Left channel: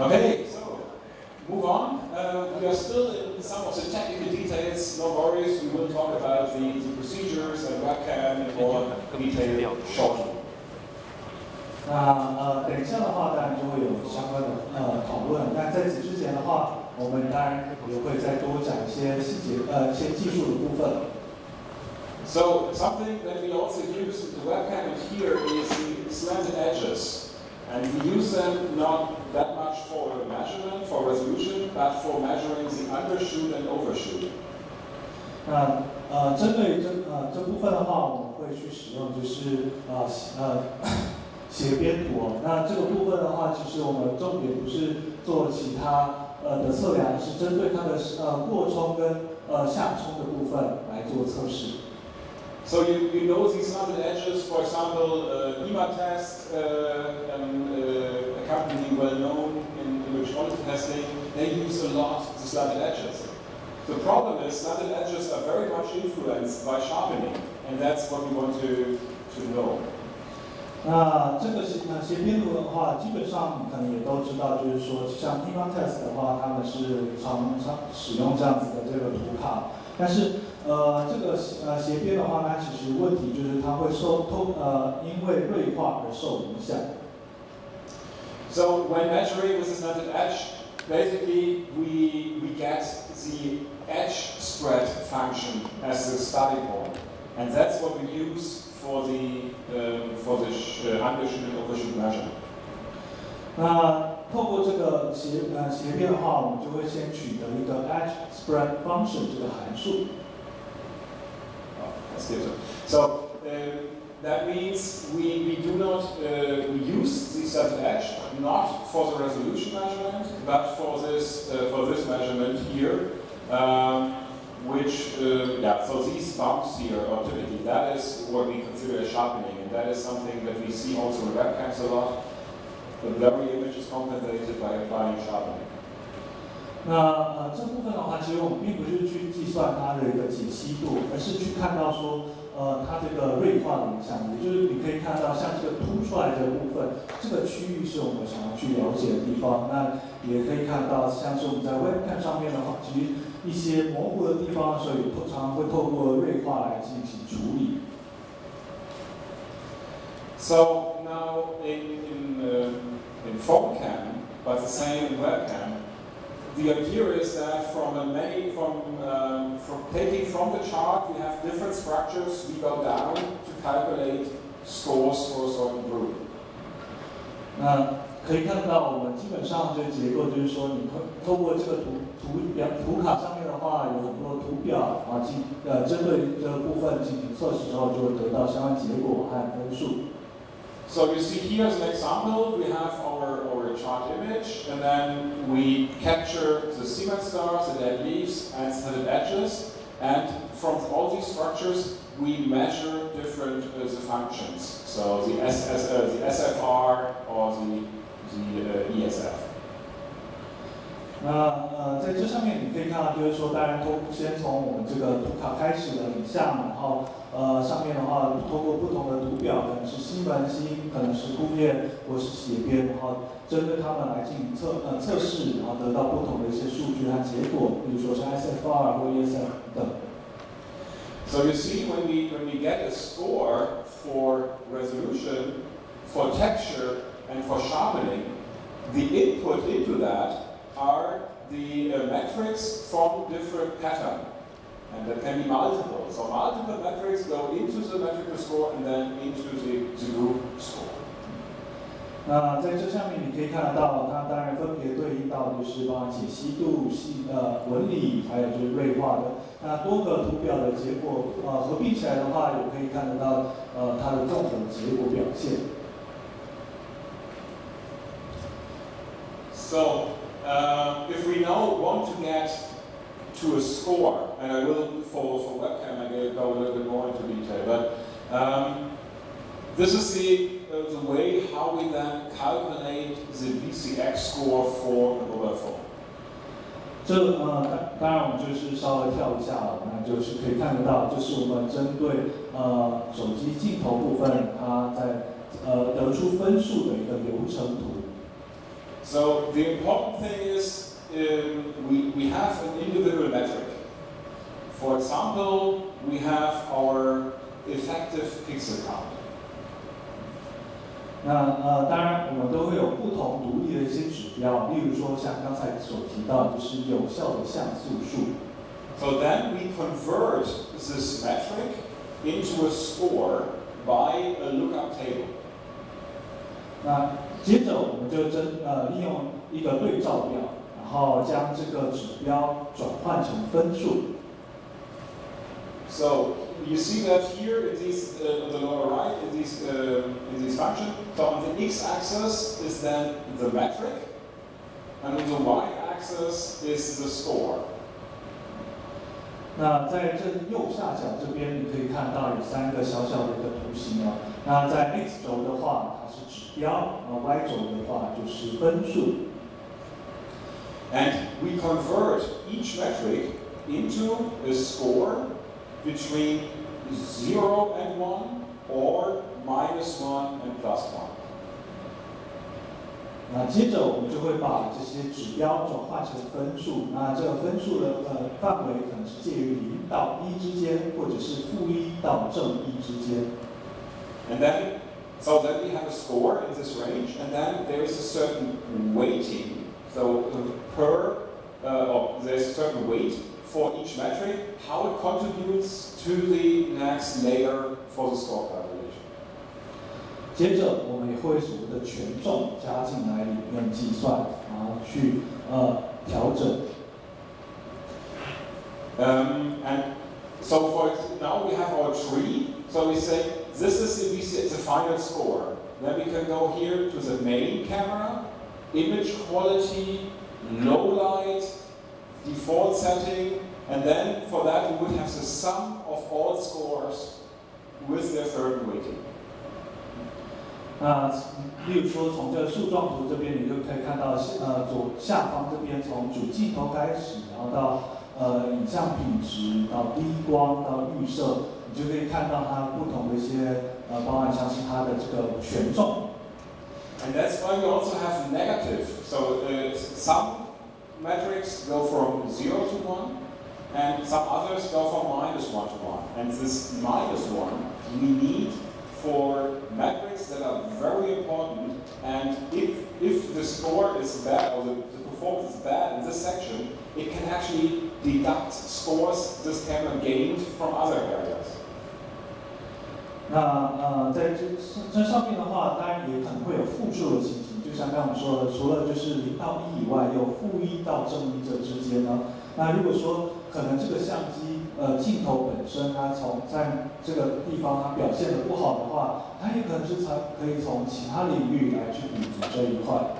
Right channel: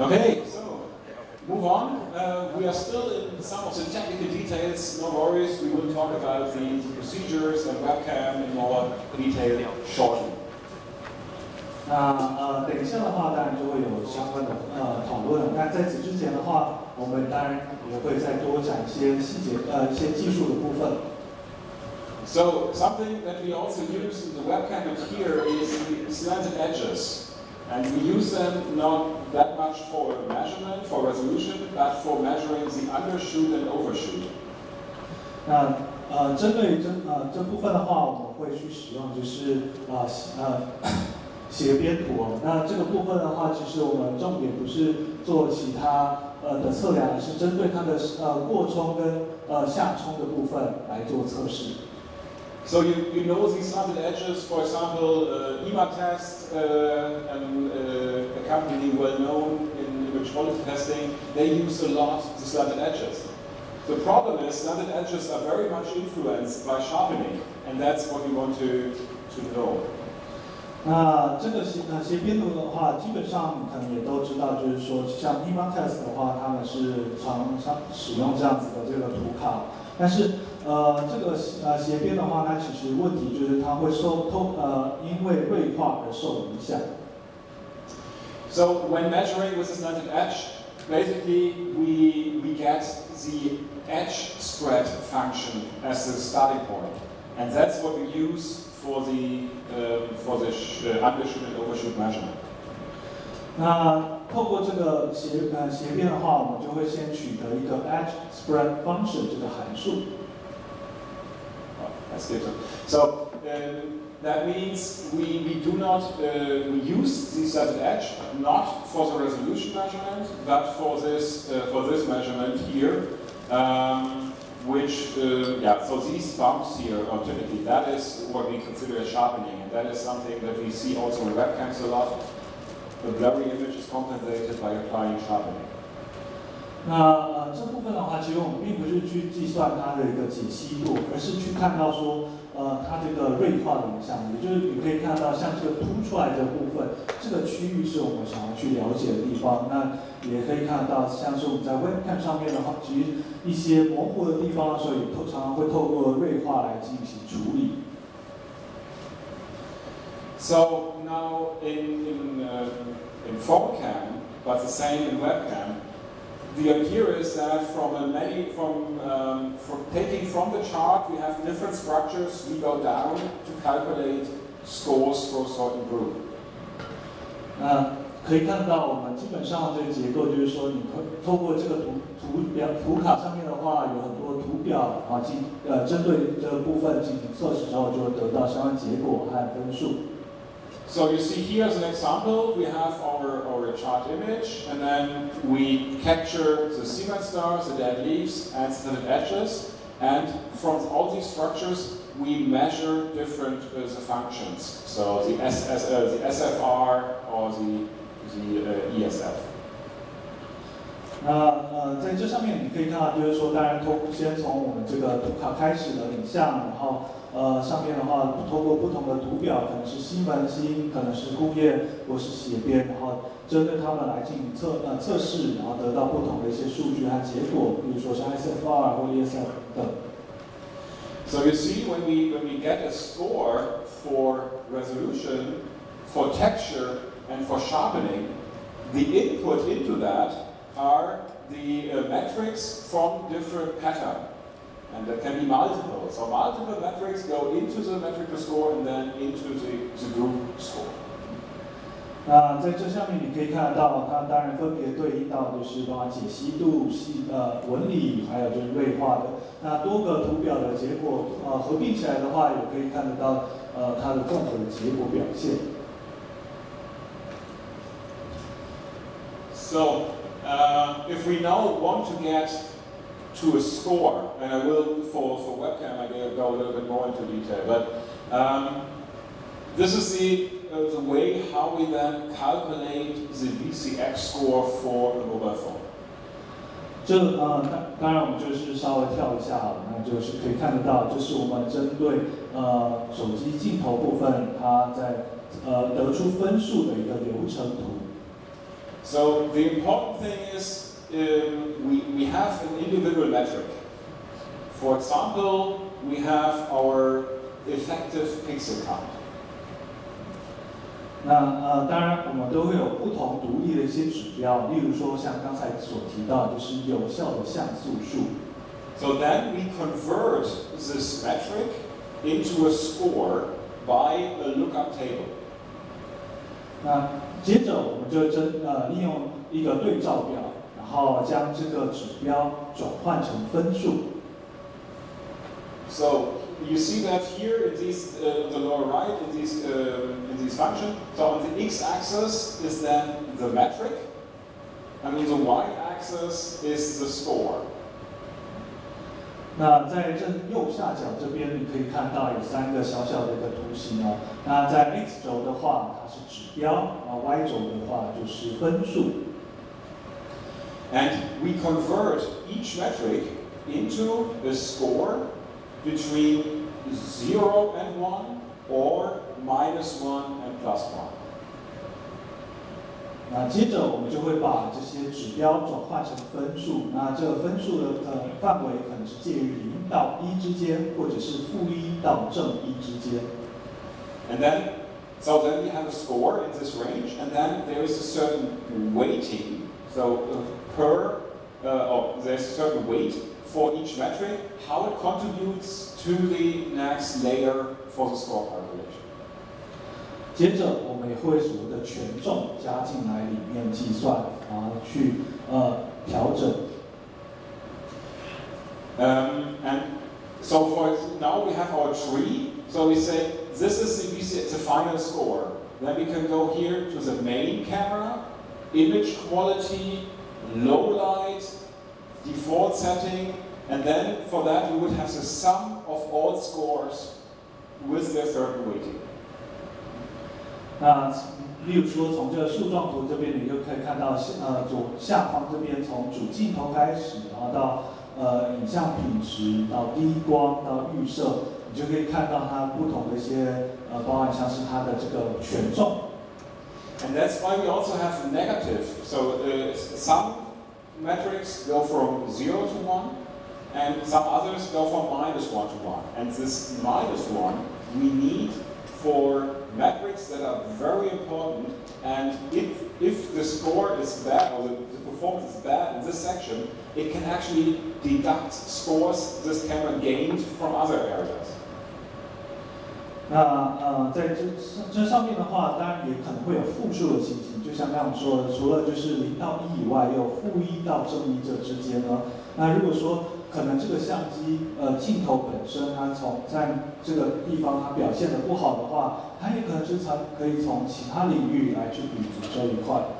Okay, so move on. We are still in some of the technical details. No worries, we will talk about the procedures and webcam in more detail shortly. 等一下的话，当然就会有相关的讨论。那在此之前的话，我们当然也会再多讲一些细节，一些技术的部分。So something that we also use in the webcam here is the slanted edges. And we use them not that much for measurement, for resolution, but for measuring the undershoot and overshoot. 那针对这部分的话，我们会去使用就是斜边图哦。那这个部分的话，其实我们重点不是做其他的测量，是针对它的过冲跟下冲的部分来做测试。 So you know these slanted edges, for example, EMA test, a company well known in image quality testing, they use a lot the slanted edges. The problem is slanted edges are very much influenced by sharpening, and that's what we want to know. 那这个斜边图的话，基本上你可能也都知道，就是说像 EMA test 的话，他们是常使用这样子的这个图卡，但是。 这个斜边的话，它其实问题就是它会因为锐化而受影响。So when measuring with a slanted edge, basically we get the edge spread function as the starting point, and that's what we use for the undershoot and overshoot measurement. 那透过这个斜边的话，我们就会先取得一个 edge spread function 这个函数。 So that means we do not we use the slanted edge not for the resolution measurement, but for this measurement here, which so these bumps here are typically that is what we consider as sharpening, and that is something that we see also in webcams a lot. The blurry image is compensated by applying sharpening. 那这部分的话，其实我们并不是去计算它的一个解析度，而是去看到说，它这个锐化的影响。也就是你可以看到，像这个凸出来的部分，这个区域是我们想要去了解的地方。那也可以看到，像是我们在 webcam 上面的话，其实一些模糊的地方的时候，也常常会透过锐化来进行处理。So now in phonecam, but the same in webcam. The idea is that from taking from the chart, we have different structures. We go down to calculate scores for a certain group. 那可以看到，我们基本上这个结构就是说，你透过这个图卡上面的话，有很多图表啊，针对这个部分进行测试之后，就会得到相关结果和分数。 So you see here as an example, we have our chart image, and then we capture the Siemens stars, the dead leaves, and slanted edges. And from all these structures, we measure different the functions. So the SFR or the ESF. 那在这上面你可以看到，就是说，当然先从我们这个图卡开始的影像，然后上面的话，通过不同的图表，可能是西门星，可能是工业或是斜边，然后针对它们来进行测试，然后得到不同的一些数据和结果，比如说是 SFR 或 ESF 等。So you see, when we get a score for resolution, for texture, and for sharpening, the input into that are the metrics from different pattern, and that can be multiple. So multiple metrics go into the metric to score and then into the group score. 那在这下面你可以看得到，它当然分别对应到就是包含解析度、纹理，还有就是锐化的。那多个图表的结果合并起来的话，也可以看得到它的综合的结果表现。So if we now want to get to a score, and I will for webcam I will go a little bit more into detail, but this is the way how we then calculate the VCX score for a mobile phone. 当然我们就是稍微跳一下，那就是可以看得到，就是我们针对手机镜头部分，它在得出分数的一个流程图。So the important thing is we have an individual metric. For example, we have our effective pixel count. 那当然我们都会有不同独立的一些指标，例如说像刚才所提到，就是有效的像素数。So then we convert this metric into a score by a lookup table. 那接着我们就利用一个对照表，然后将这个指标转换成分数。So you see that here in these, on the lower right in these functions. So on the x-axis is then the metric, and on the y-axis is the score. 那在这右下角这边，你可以看到有3个小小的一个图形哦。那在 x 轴的话，它是指标；y 轴的话就是分数。And we convert each metric into a score between 0 and 1 or -1 and +1. 那接着我们就会把这些指标转换成分数。那这个分数的范围可能是介于0到1之间，或者是-1到正1之间。And then, so then we have a score in this range, and then there is a certain weighting. So there's a certain weight for each metric, how it contributes to the next layer for the score calculation. 接着我们也会所谓的权重加进来里面计算，然后去调整。And so now we have our tree. So we say this is the final score. Then we can go here to the main camera, image quality, low light, default setting, and then for that we would have the sum of all scores with their certain weighting. 那例如说，从这个树状图这边，你就可以看到，左下方这边从主镜头开始，然后到影像品质，到低光，到预设，你就可以看到它不同的一些包含像是它的这个权重。And that's why we also have negative. So some metrics go from 0 to 1, and some others go from -1 to 1. And this -1 we need for metrics that are very important, and if the score is bad or the performance is bad in this section, it can actually deduct scores this camera gained from other areas. 那在这上面的话，当然也可能会有复数的情形，就像刚刚说的，除了就是0到1以外，也有-1到正1这之间呢。那如果说可能这个相机镜头本身它在这个地方它表现的不好的话，它也可能是可以从其他领域来去补足这一块。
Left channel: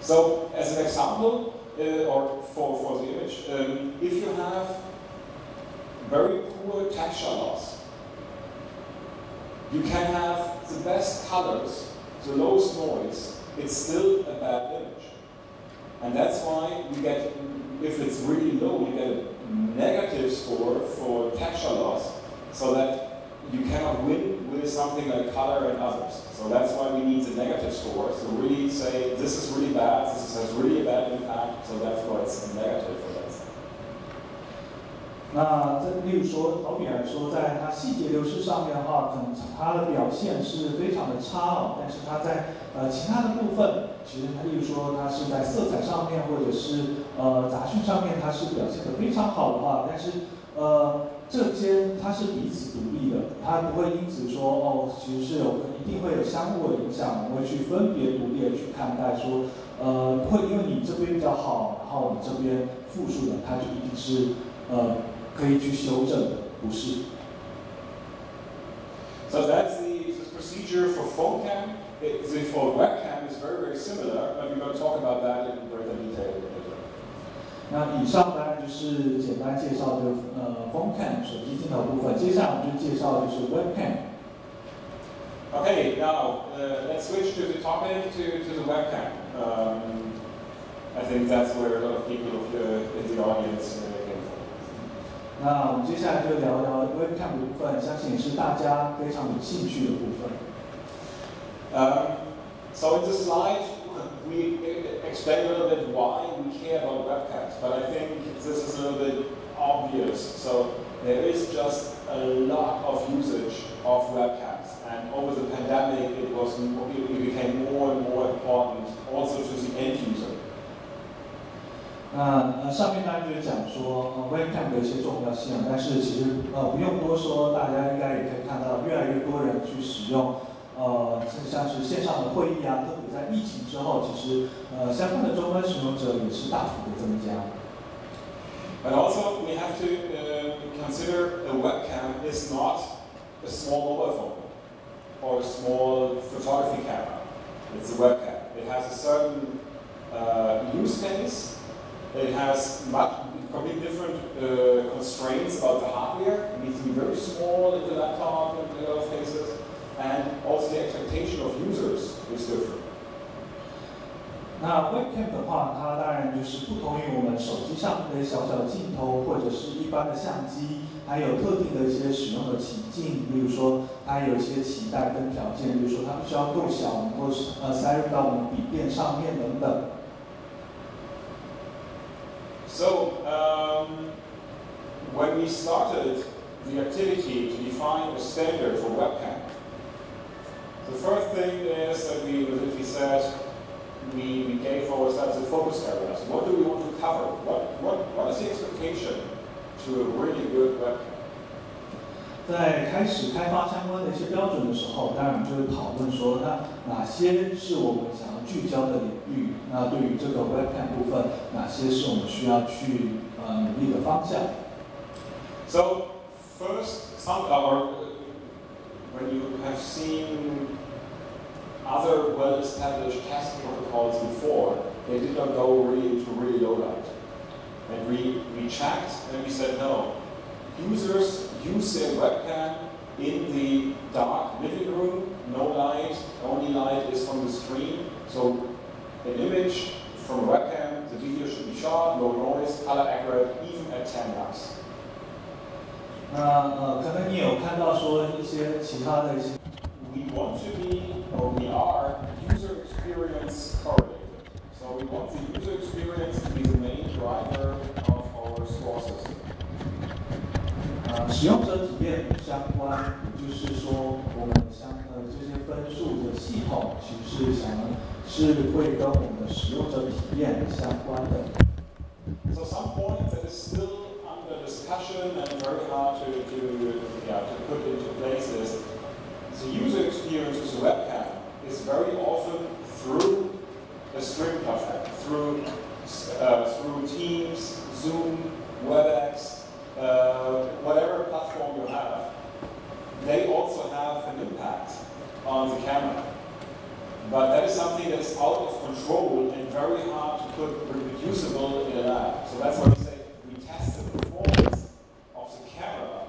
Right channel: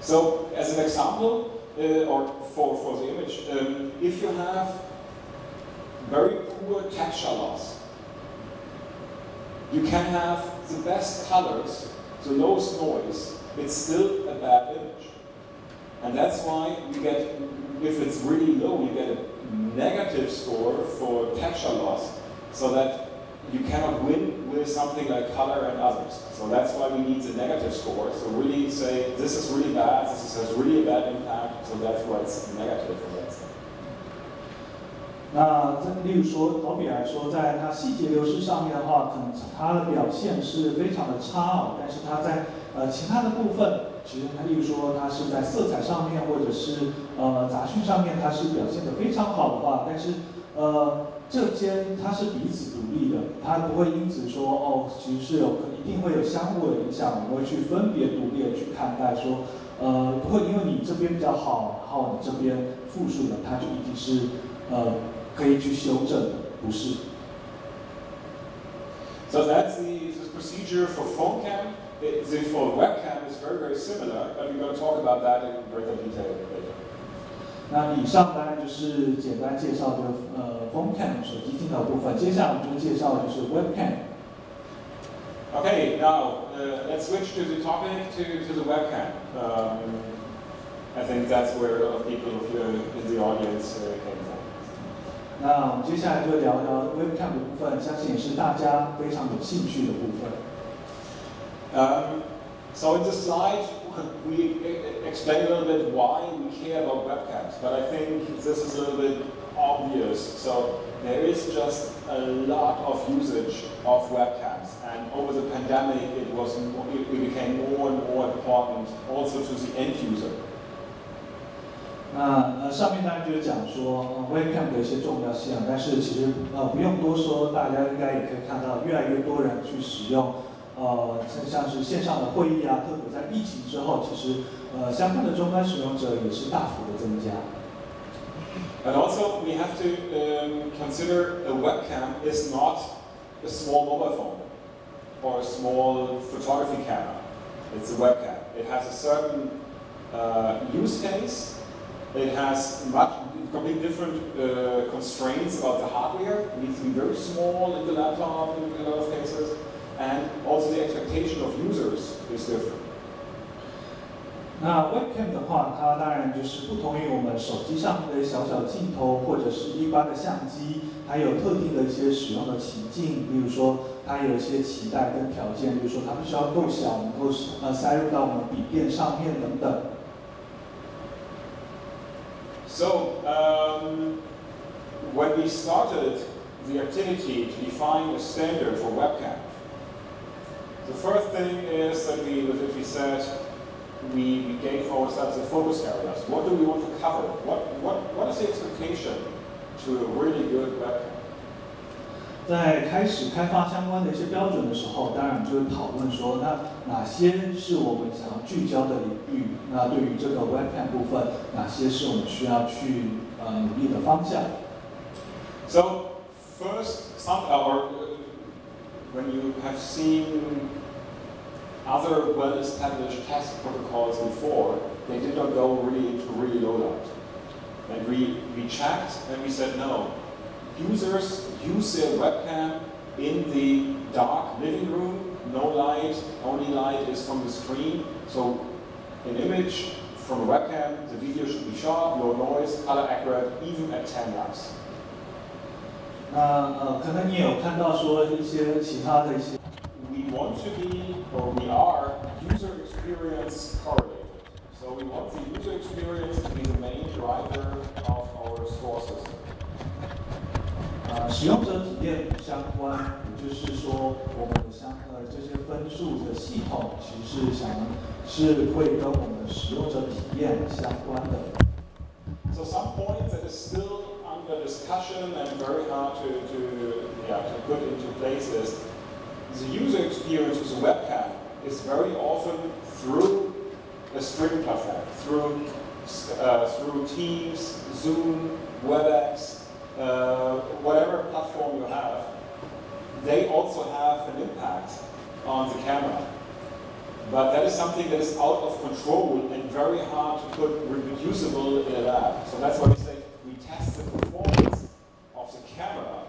So as an example, or for the image, if you have very poor texture loss, you can have the best colors, the lowest noise, it's still a bad image. And that's why you get, if it's really low, you get a negative score for texture loss, so that you cannot win with something like color and others. So that's why we need the negative score. So really say, this is really bad, this has really a bad impact, so that's why it's a negative for that side. 那例如说，好比来说，在它细节流失上面的话，可能它的表现是非常的差哦，但是它在其他的部分，其实它例如说它是在色彩上面或者是杂讯上面，它是表现得非常好的话，但是这些它是彼此独立的，它不会因此说哦，其实是一定会有相互的影响，我们会去分别独立的去看待说，不会因为你这边比较好，然后你这边负数的，它就一定是可以去修正的，不是。So that's the procedure for phone cam. For webcam is very, very similar, but we're going to talk about that in greater detail later. 那以上当然就是简单介绍这个phone cam 手機鏡頭部分，接下來我們就介紹的就是 webcam。Okay, now let's switch to the topic to the webcam. I think that's where a lot of people in the audience came from. 那我们接下来就聊聊 webcam 的部分，相信也是大家非常有兴趣的部分。So in the slide we explain a little bit why we care about webcams, but I think this is a little bit obvious. So there is just a lot of usage of webcams, and over the pandemic it became more and more important also to the end user. 那上面当然就是讲说webcam 的一些重要性，但是其实不用多说，大家应该也可以看到，越来越多人去使用像是线上的会议啊，特别在疫情之后，其实相关的终端使用者也是大幅的增加。And also we have to consider a webcam is not a small mobile phone or a small photography camera. It's a webcam. It has a certain use case. It has completely different constraints about the hardware. It needs to be very small in the laptop in a lot of cases. And also the expectation of users is different. 那 webcam 的话，它当然就是不同于我们手机上的小小镜头或者是一般的相机，还有特定的一些使用的情境，比如说它有一些期待跟条件，比如说它必须要够小，能够塞入到我们笔电上面等等。So when we started the activity to define a standard for webcam, the first thing is that we said we gave ourselves the focus areas. What do we want to cover? What is the expectation to a really good webcam? 在开始开发相关的一些标准的时候，当然就会讨论说，那哪些是我们想要聚焦的领域？那对于这个 webcam 部分，哪些是我们需要去努力的方向 ？So first, when you have seen other well-established test protocols before, they did not go really into really low light. And we checked and we said no. Users use their webcam in the dark living room, no light, only light is from the screen. So an image from a webcam, the video should be sharp, low noise, color accurate, even at 10 lux. 那可能你有看到说一些其他的一些。We want to be, or we are, user experience correlated. So we want the user experience to be the main driver of our score system. 使用者体验相关，也就是说，我们这些分数的系统，其实是会跟我们的使用者体验相关的。So some point that is still under discussion and very hard to put into place is the user experience with a webcam is very often through a streaming platform, through Teams, Zoom, WebEx. Whatever platform you have, they also have an impact on the camera. But that is something that is out of control and very hard to put reproducible in a lab. So that's why we say we test the performance of the camera.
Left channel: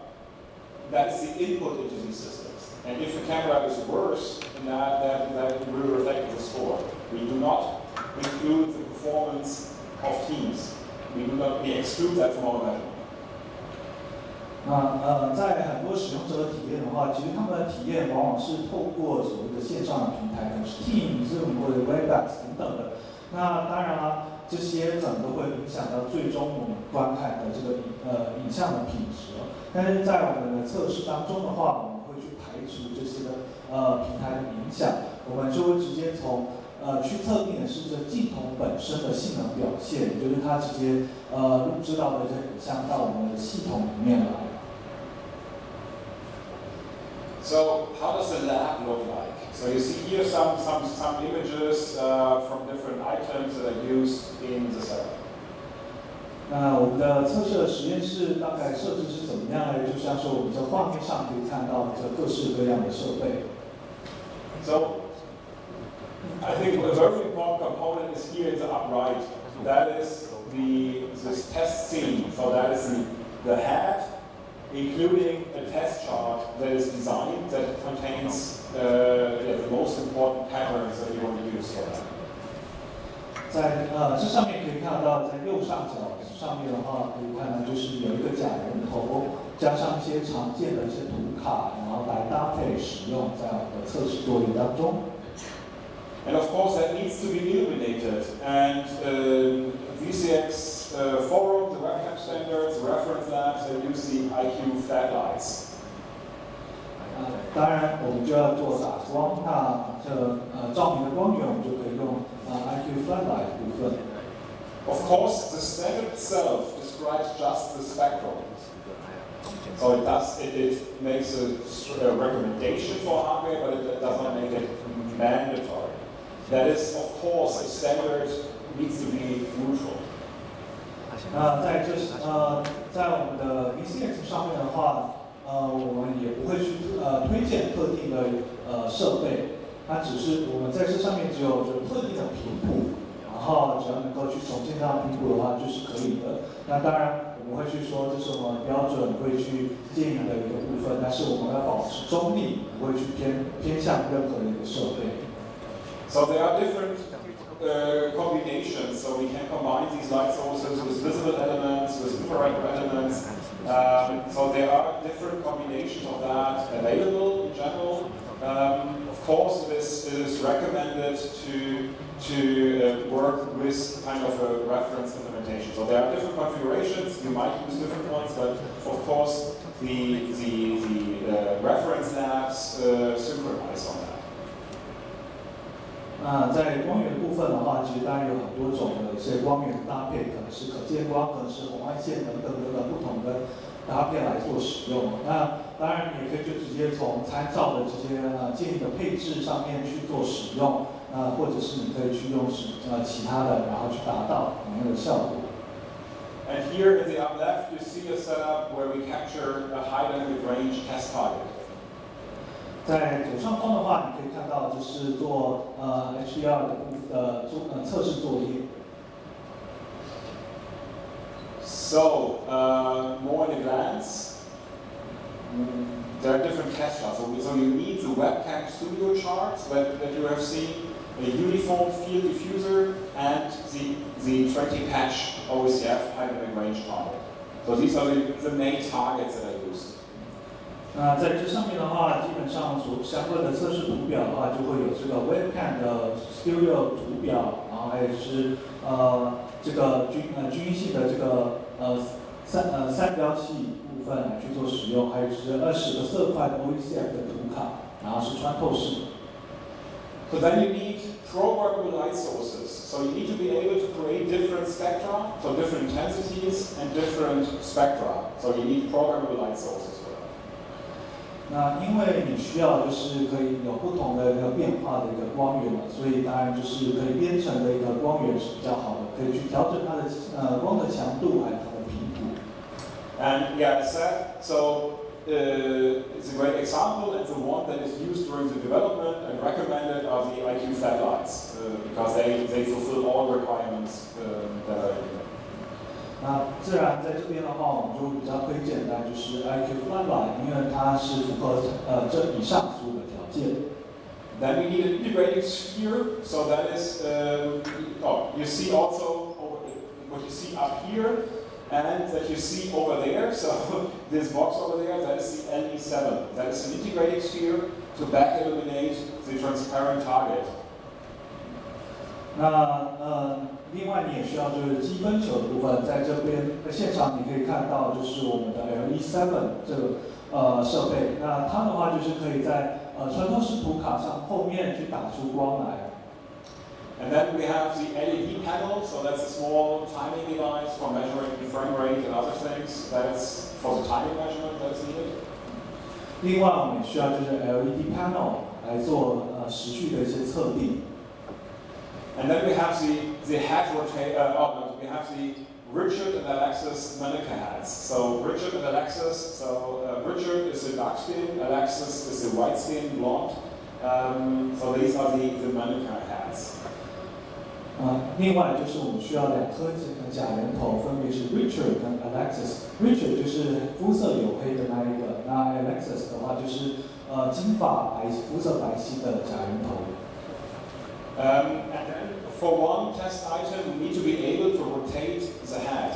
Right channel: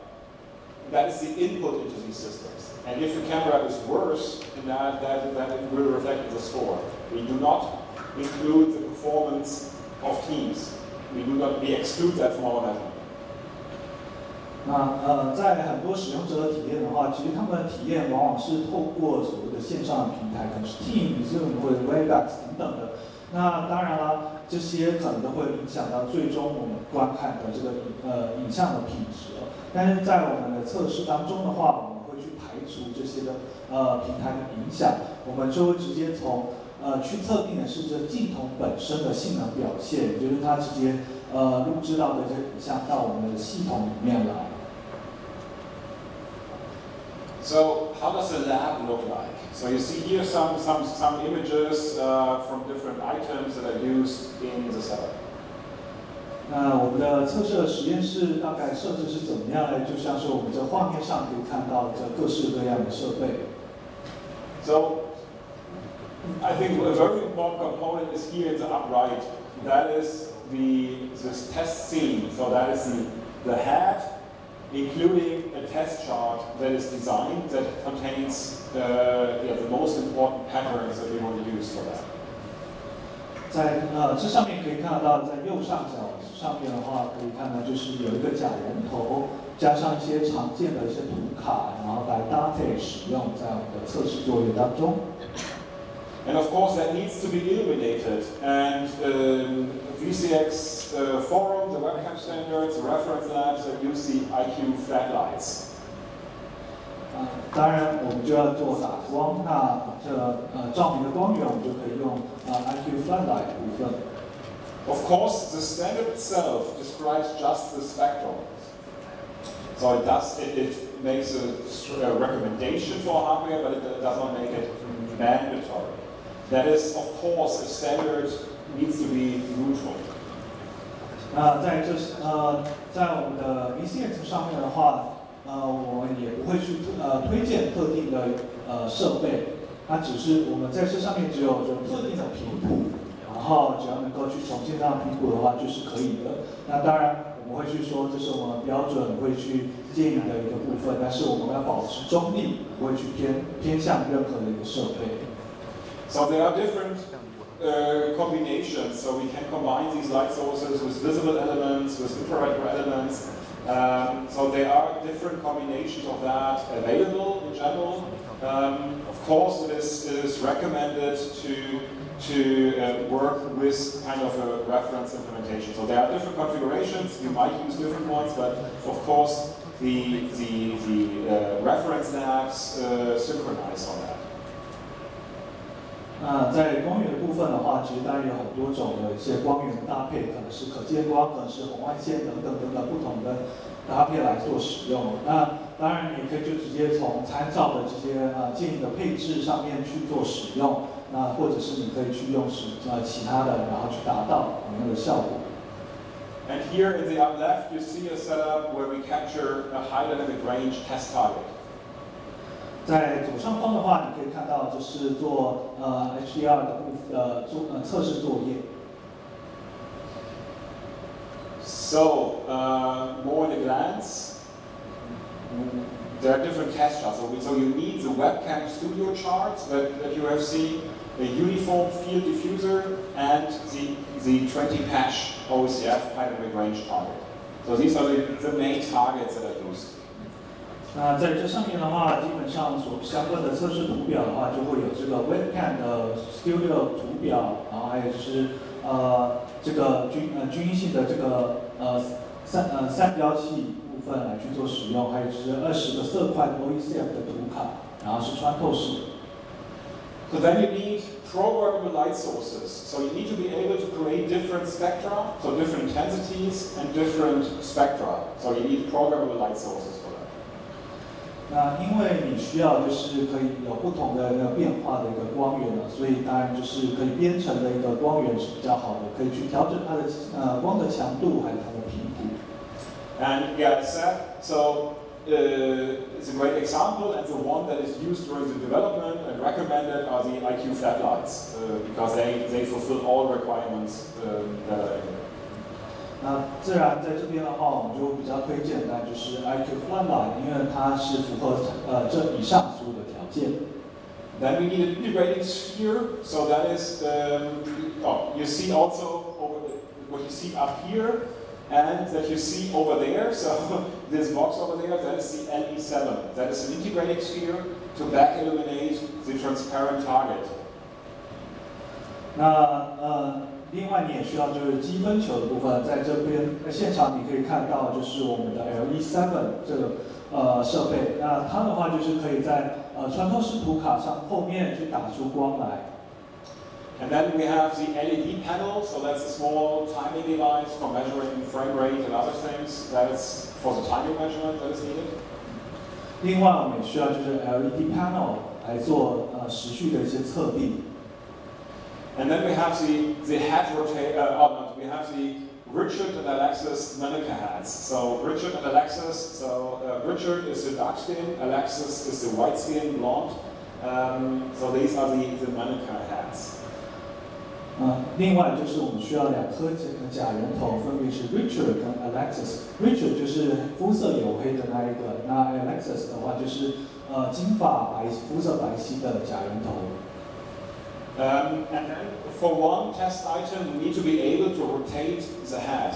That is the input into these systems. And if the camera is worse than that will reflect the score. We do not include the performance of Teams. We exclude that from our measurement. 那在很多使用者的体验的话，其实他们的体验往往是透过所谓的线上的平台，可能是 Teams、Zoom 或者 WebEx 等等的。那当然啦，这些可能都会影响到最终我们观看的这个影像的品质。但是在我们的测试当中的话，我们会去排除这些的平台的影响，我们就会直接从去测定的是这镜头本身的性能表现，也就是它直接录制到的这影像到我们的系统里面来。So how does the lab look like? So you see here some images from different items that are used in the setup. 那我们的测试的实验室大概设置是怎么样呢？就像是我们在画面上可以看到这各式各样的设备。So I think a very important component is here in the upright. That is this test scene. So that is the head, including a test chart that is designed that contains the most important patterns that we want to use for that. 在这上面可以看到，在右上角上面的话，可以看到就是有一个假人头，加上一些常见的一些图卡，然后来搭配使用在我们的测试作业当中。And of course, that needs to be illuminated. And VCX forum, the webcam standards, reference labs, and use the IQ flat lights. 当然，我们就要做打光，那照明的光源，我们就可以用IQ flat light 部分。Of course, the standard itself describes just the spectrum. So it makes a recommendation for hardware, but it does not make it mandatory. That is, of course, the standard needs to be neutral. 那在我们的 VCX 上面的话，我们也不会去推荐特定的设备，那只是我们在这上面只有特定的频谱，然后只要能够去重现这样频谱的话就是可以的。那当然我们会去说这是我们标准会去建议的一个部分，但是我们要保持中立，不会去偏向任何的一个设备。So there are different combinations. So we can combine these light sources with visible elements, with infrared elements. So there are different combinations of that available in general. Of course, it is recommended to work with kind of a reference implementation. So there are different configurations. You might use different ones, but of course the reference labs synchronize on that. 那在光源部分的话，其实当然有很多种的一些光源搭配，可能是可见光，可能是红外线等等不同的搭配来做使用。那当然也可以就直接从参照的这些建议的配置上面去做使用，那或者是你可以去用其他的，然后去达到同样的效果。And here in the upper left, you see a setup where we capture a high dynamic range test target. 在左上方的话，你可以看到就是做HDR 的测试作业。So more in a glance, there are different test charts. So you need the webcam studio charts that you have seen, a uniform field diffuser, and the 20-patch OCF high dynamic range target. So these are the main targets that are used. 那在这上面的话，基本上所相关的测试图表的话，就会有这个 webcam 的 studio 图表，然后还有就是这个均性的这个三标器部分来去做使用，还有就是20个色块的 OCF 的图卡，然后是穿透式。So then you need programmable light sources. So you need to be able to create different spectra, so different intensities and different spectra. So you need programmable light sources. 那因为你需要就是可以有不同的一个变化的一个光源了，所以当然就是可以编程的一个光源是比较好的，可以去调整它的光的强度还有它的频谱。And yeah, so it's a great example, and the one that is used during the development and recommended are the IQ flat lights because they fulfill all requirements that are in there. 那自然在这边的话，我们就比较推荐的就是 IQ flat light， 因为它是符合这以上所有的条件。Then we need an integrating sphere, so that is you see also what you see up here and that you see over there. So this box over there, that is the LE7. That is an integrating sphere to back illuminate the transparent target. 那另外你也需要就是积分球的部分，在这边现场你可以看到就是我们的 LE7 这个设备，那它的话就是可以在穿透式图卡上后面去打出光来。And then we have the LED panel, so that's a small timing device for measuring frame rate and other things. That's for the timing measurement that is needed. 另外我们也需要就是 LED panel 来做时序的一些测定。And then we have the head rotate. We have the Richard and Alexis Manuka hats. So Richard and Alexis. So Richard is the dark skin, Alexis is the white skin, blonde. So these are the Manuka hats. 另外就是我们需要2颗假人头，分别是 Richard 跟 Alexis。Richard 就是肤色黝黑的那一个，那 Alexis 的话就是金发肤色白皙的假人头。And then for one test item, you need to be able to rotate the head.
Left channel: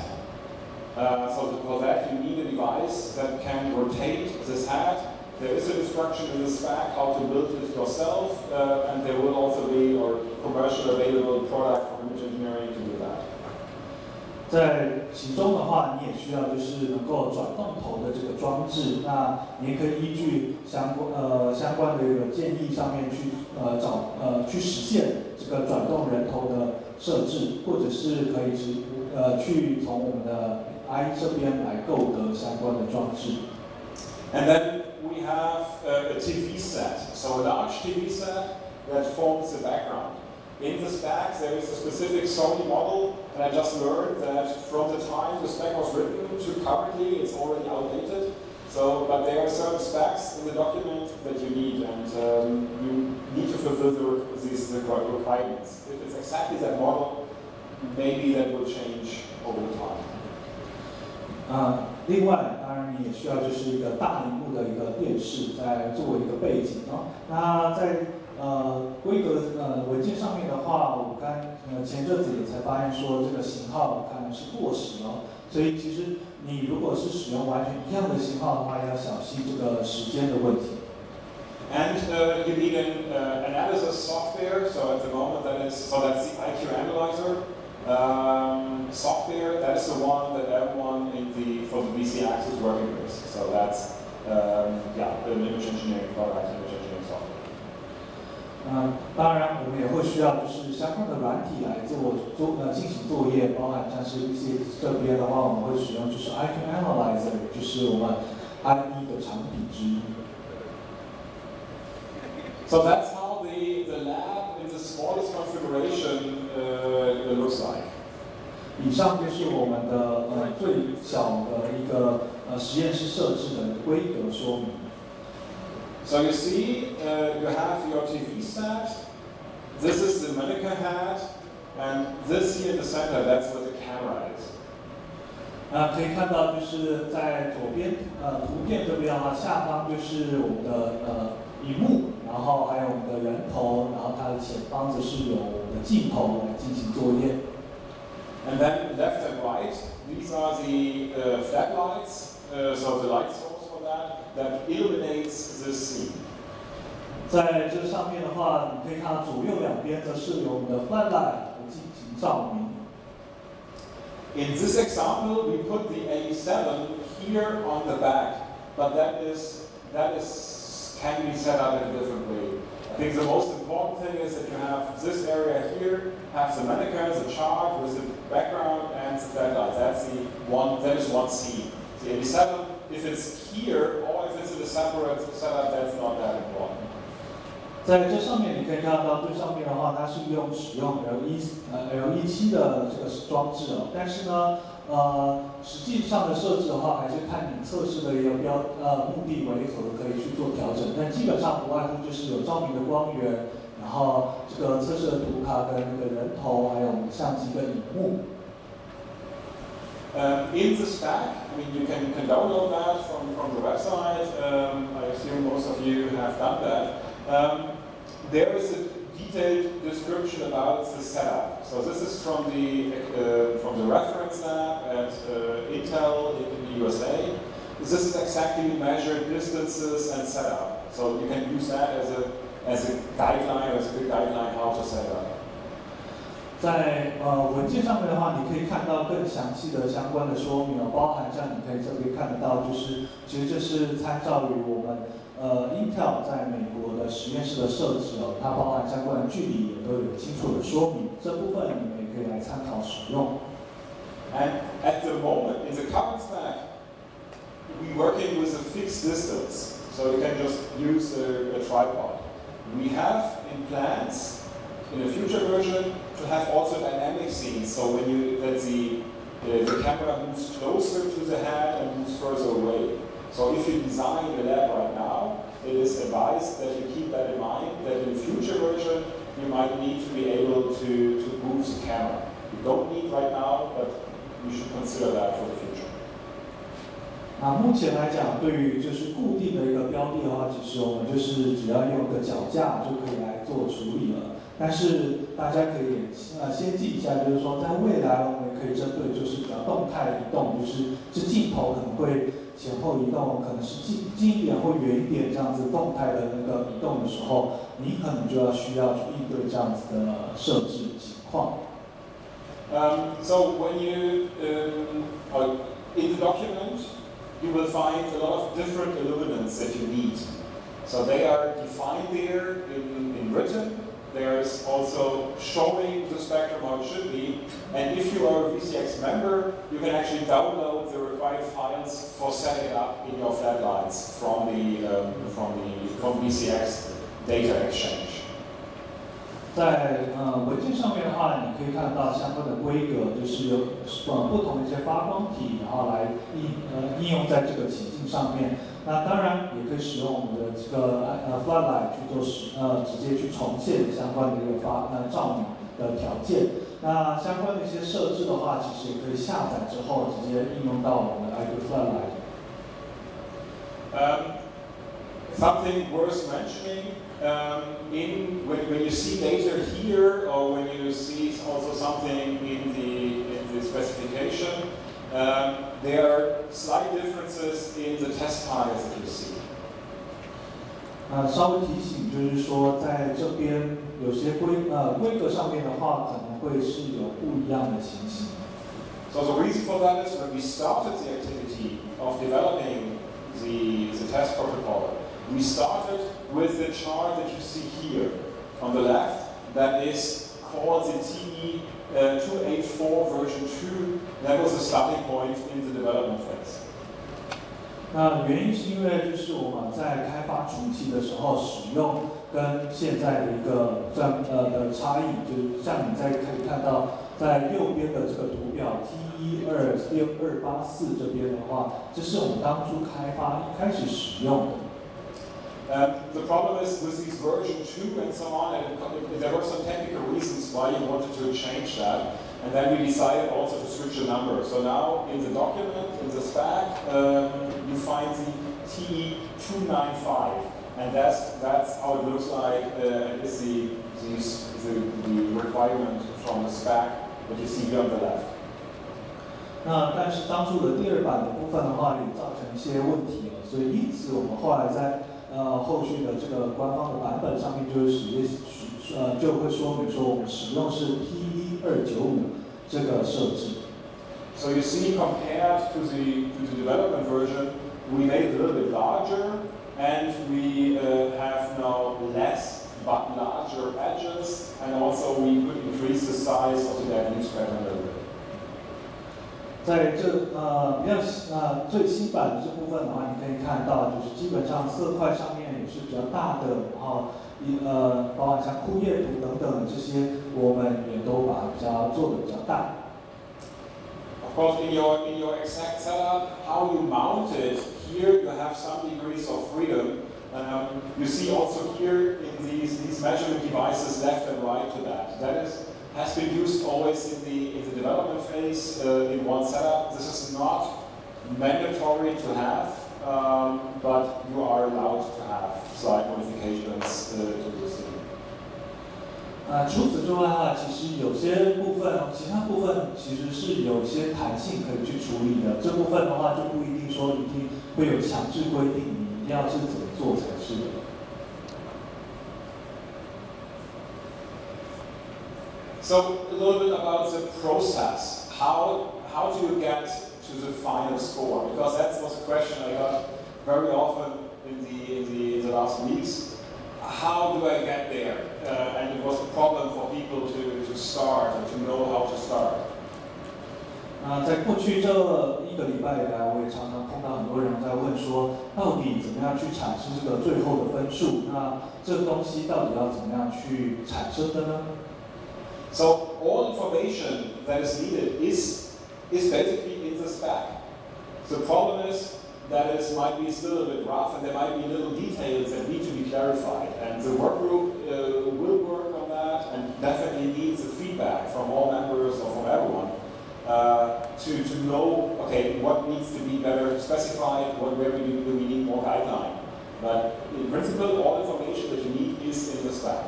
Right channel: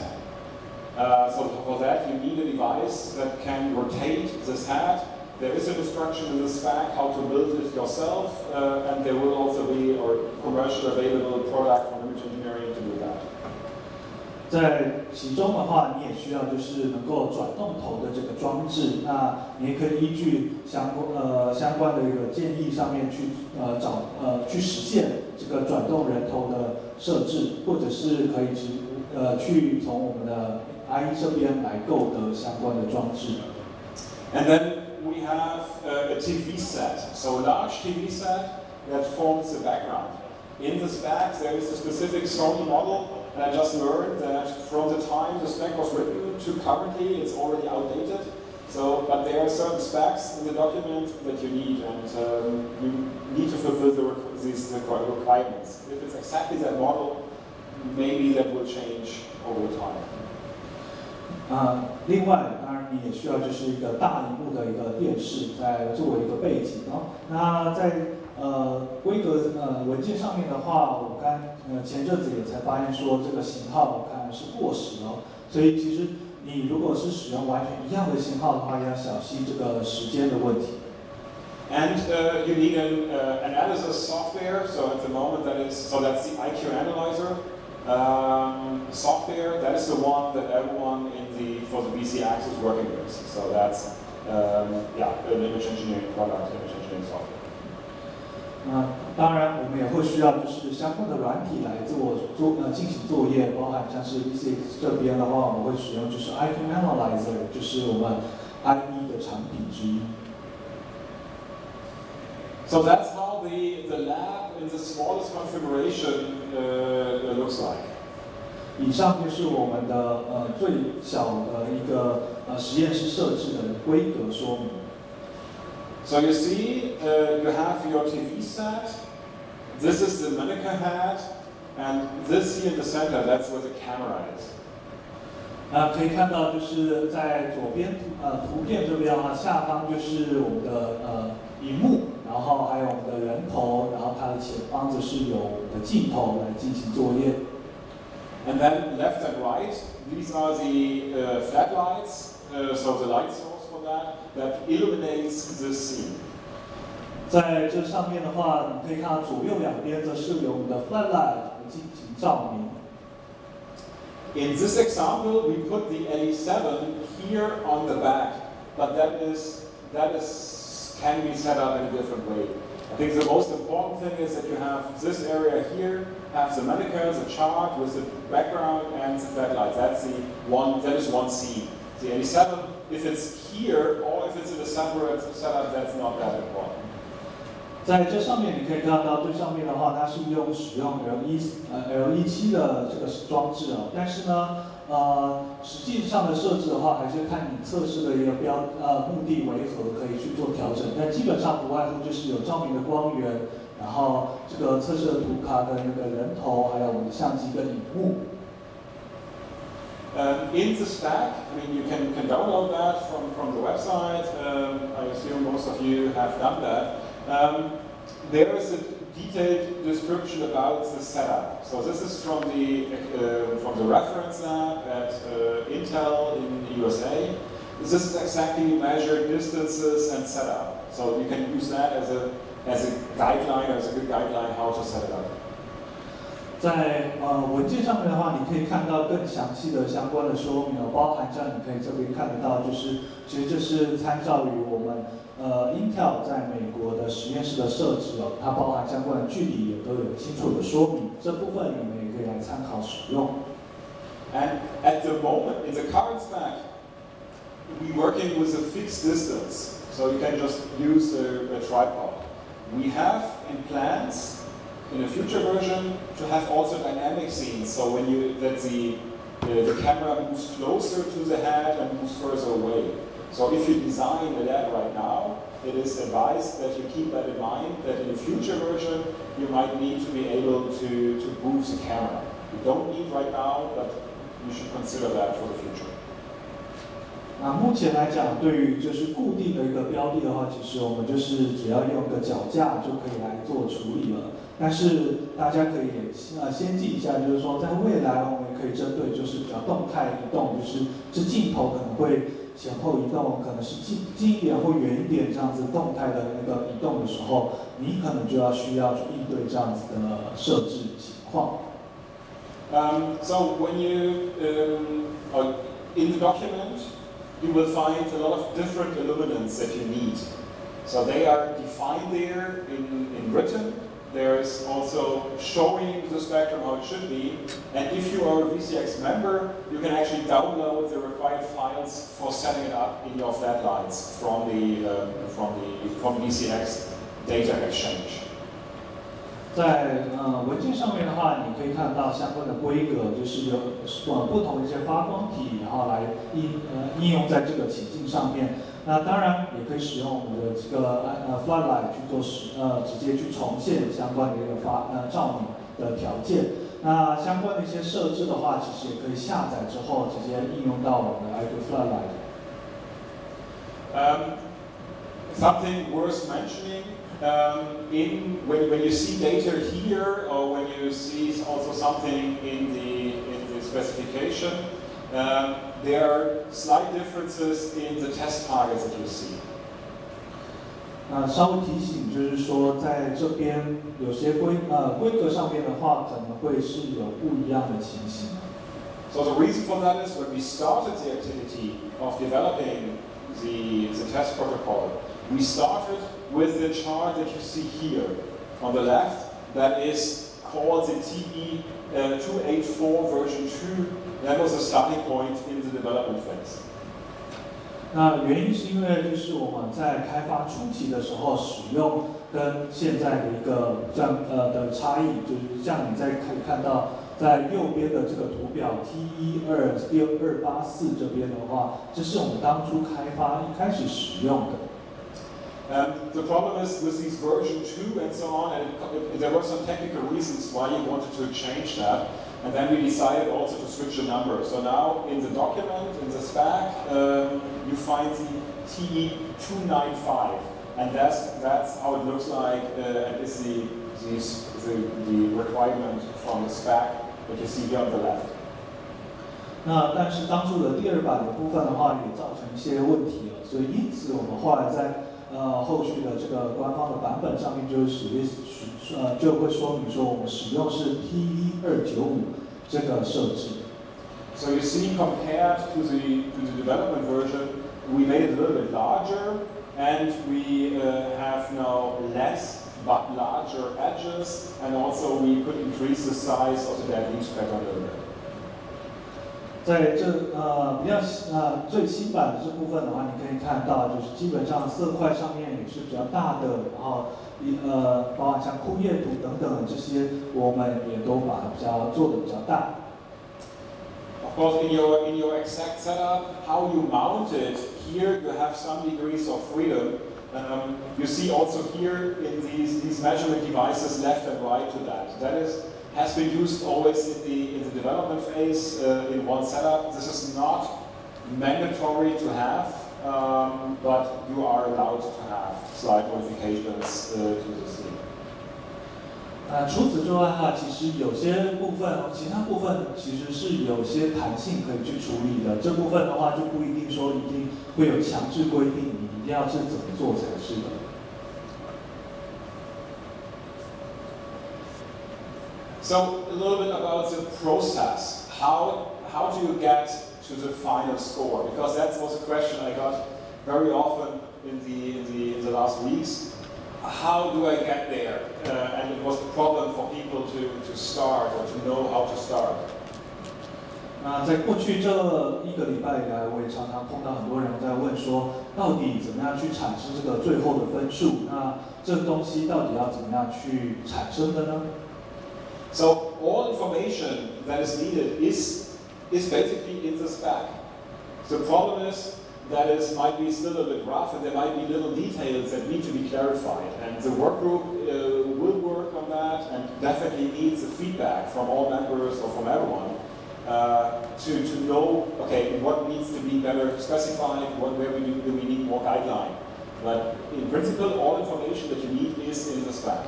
So for that, you need a device that can rotate this head there is a instruction in the spec how to build it yourself, and there will also be a commercial available product from image engineering to do that. 在其中的话，你也需要就是能够转动头的这个装置，那你也可以依据相关的一个建议上面去去实现这个转动人头的设置，或者是可以去从我们的 I 这边来购得相关的装置。And then we have a TV set, so a large TV set that forms the background. In the spec, there is a specific Sony model, and I just learned that from the time the spec was written to currently, it's already outdated. So, but there are certain specs in the document that you need, and you need to fulfill these requirements. If it's exactly that model, maybe that will change over time. 另外，当然你也需要就是一个大荧幕的一个电视，在作为一个背景哦。那在规格文件上面的话，我前阵子也才发现说这个型号看来是过时哦，所以其实你如果是使用完全一样的型号的话，要小心这个时间的问题。And you need an analysis software. So at the moment that's the IQ analyzer. Software, that is the one that everyone for the VCX is working with. So that's an image engineering product, image engineering software. 当然我们也会需要就是相关的软体来进行作业，包含像是VCX这边的话，我们会使用就是 IQ analyzer， 就是我们 IE 的产品之一。So that's how the lab in the smallest configuration looks like. 以上就是我们的最小的一个实验室设置的规格说明。So you see, you have your TV set. This is the mannequin head, and this here in the center, that's where the camera is. 可以看到就是在左边图片这边啊，下方就是我们的荧幕。然后还有我们的人头，然后它的前方则是有我们的镜头来进行作业。And then left and right, these are the floodlights, so the light source for that illuminates the scene. 在这上面的话，你可以看到左右两边则是有我们的 floodlight 来进行照明。In this example, we put the A7 here on the back, but that can be set up in a different way. I think the most important thing is that you have this area here, have the mannequins, the chart with the background and the floodlights. That is one scene. The 87, if it's here or if it's in a separate setup, that's not that important. 在这上面你可以看到最上面的话，它是使用 L17 的这个装置哦，但是呢，实际上的设置的话，还是看你测试的一个目的为何可以去做调整。但基本上不外乎就是有照明的光源，然后这个测试的图卡跟那个人头，还有我们的相机跟荧幕。In the spec, I mean, you can download that from the website. I assume most of you have done that. There is a detailed description about the setup. So this is from the reference lab at Intel in the USA. This is exactly measured distances and setup. So you can use that as a guideline, as a good guideline how to set it up. 在文件上面的话，你可以看到更详细的相关的说明哦，包含像你可以这边看得到，就是其实这是参照于我们Intel 在美国的实验室的设置哦，它包含相关的距离也都有清楚的说明，这部分你们也可以来参考使用。And at the moment, in the current spec, we're working with a fixed distance, so you can just use a tripod. We have in plans in a future version to have also dynamic scenes, so when the camera moves closer to the head and moves further away. So if you design a lab right now, it is advised that you keep that in mind, that in a future version you might need to be able to move the camera. You don't need right now, but you should consider that for the future. 那目前来讲，对于就是固定的一个标的的话，其实我们就是只要用个脚架就可以来做处理了。但是大家可以先记一下，就是说在未来我们也可以针对就是比较动态移动，就是这镜头可能会前后移动，可能是近一点或远一点这样子动态的那个移动的时候，你可能就需要去应对这样子的设置情况。So when you, or in the document, you will find a lot of different illuminants that you need. So they are defined there in written. There's also showing the spectrum how it should be. And if you are a VCX member, you can actually download the required files for setting it up in your flat lights from VCX data exchange. 在文件上面的话，你可以看到相关的规格，就是有不同的一些发光体，然后来应用在这个情境上面。那当然也可以使用我们的这个floodlight 去做直接去重现相关的一个照明的条件。那相关的一些设置的话，其实也可以下载之后直接应用到我们的 floodlight。Something worth mentioning. When you see data here, or when you see also something in the specification, there are slight differences in the test targets that you see. 稍微提醒就是说，在这边有些规格上面的话，可能会是有不一样的情形。So the reason for that is when we started the activity of developing the test protocol, we started with the chart that you see here on the left, that is called the TE284 version 2. That was the starting point in the development phase. 那原因是因为就是我们在开发初期的时候使用跟现在的一个的差异，就是像你可以看到在右边的这个图表 T12284这边的话，这是我们当初开发一开始使用的。The problem is with these version 2 and so on, and there were some technical reasons why you wanted to change that, and then we decided also to switch the number. So now in the document, in the spec, you find the TE295, and that's how it looks like, and is the requirement from the spec that you see here on the left. 那但是当初的第二版的部分的话，也造成一些问题了，所以因此我们后来在后续的这个官方的版本上面就会说明说我们使用是 P1295这个设置。So you see, compared to the development version, we made it a little bit larger, and we have now less but larger edges, and also we could increase the size of the dead leaf pattern a little bit. 在这比较最新版的这部分的话，你可以看到，就是基本上色块上面也是比较大的，然后包含像枯叶图等等这些，我们也都把它做的比较大。Of course, in your exact setup, how you mount it, here you have some degrees of freedom. You see also here in these measurement devices left and right to that. That has been used always in the development phase in one setup. This is not mandatory to have, but you are allowed to have slight modifications to the scene. 除此之外的话，其实有些部分，其他部分其实是有些弹性可以去处理的。这部分的话就不一定说一定会有强制规定，你一定要是怎么做才是的。So a little bit about the process. How do you get to the final score? Because that was a question I got very often in the last weeks. How do I get there? And it was a problem for people to start or to know how to start. 那在过去这1个礼拜以来，我也常常碰到很多人在问说，到底怎么样去产生这个最后的分数？那这个东西到底要怎么样去产生的呢？ So all information that is needed is basically in the spec. The problem is that it might be still a bit rough, and there might be little details that need to be clarified. And the work group will work on that, and definitely needs the feedback from all members or from everyone to know, okay, what needs to be better specified, where do we need more guideline. But in principle, all information that you need is in the spec.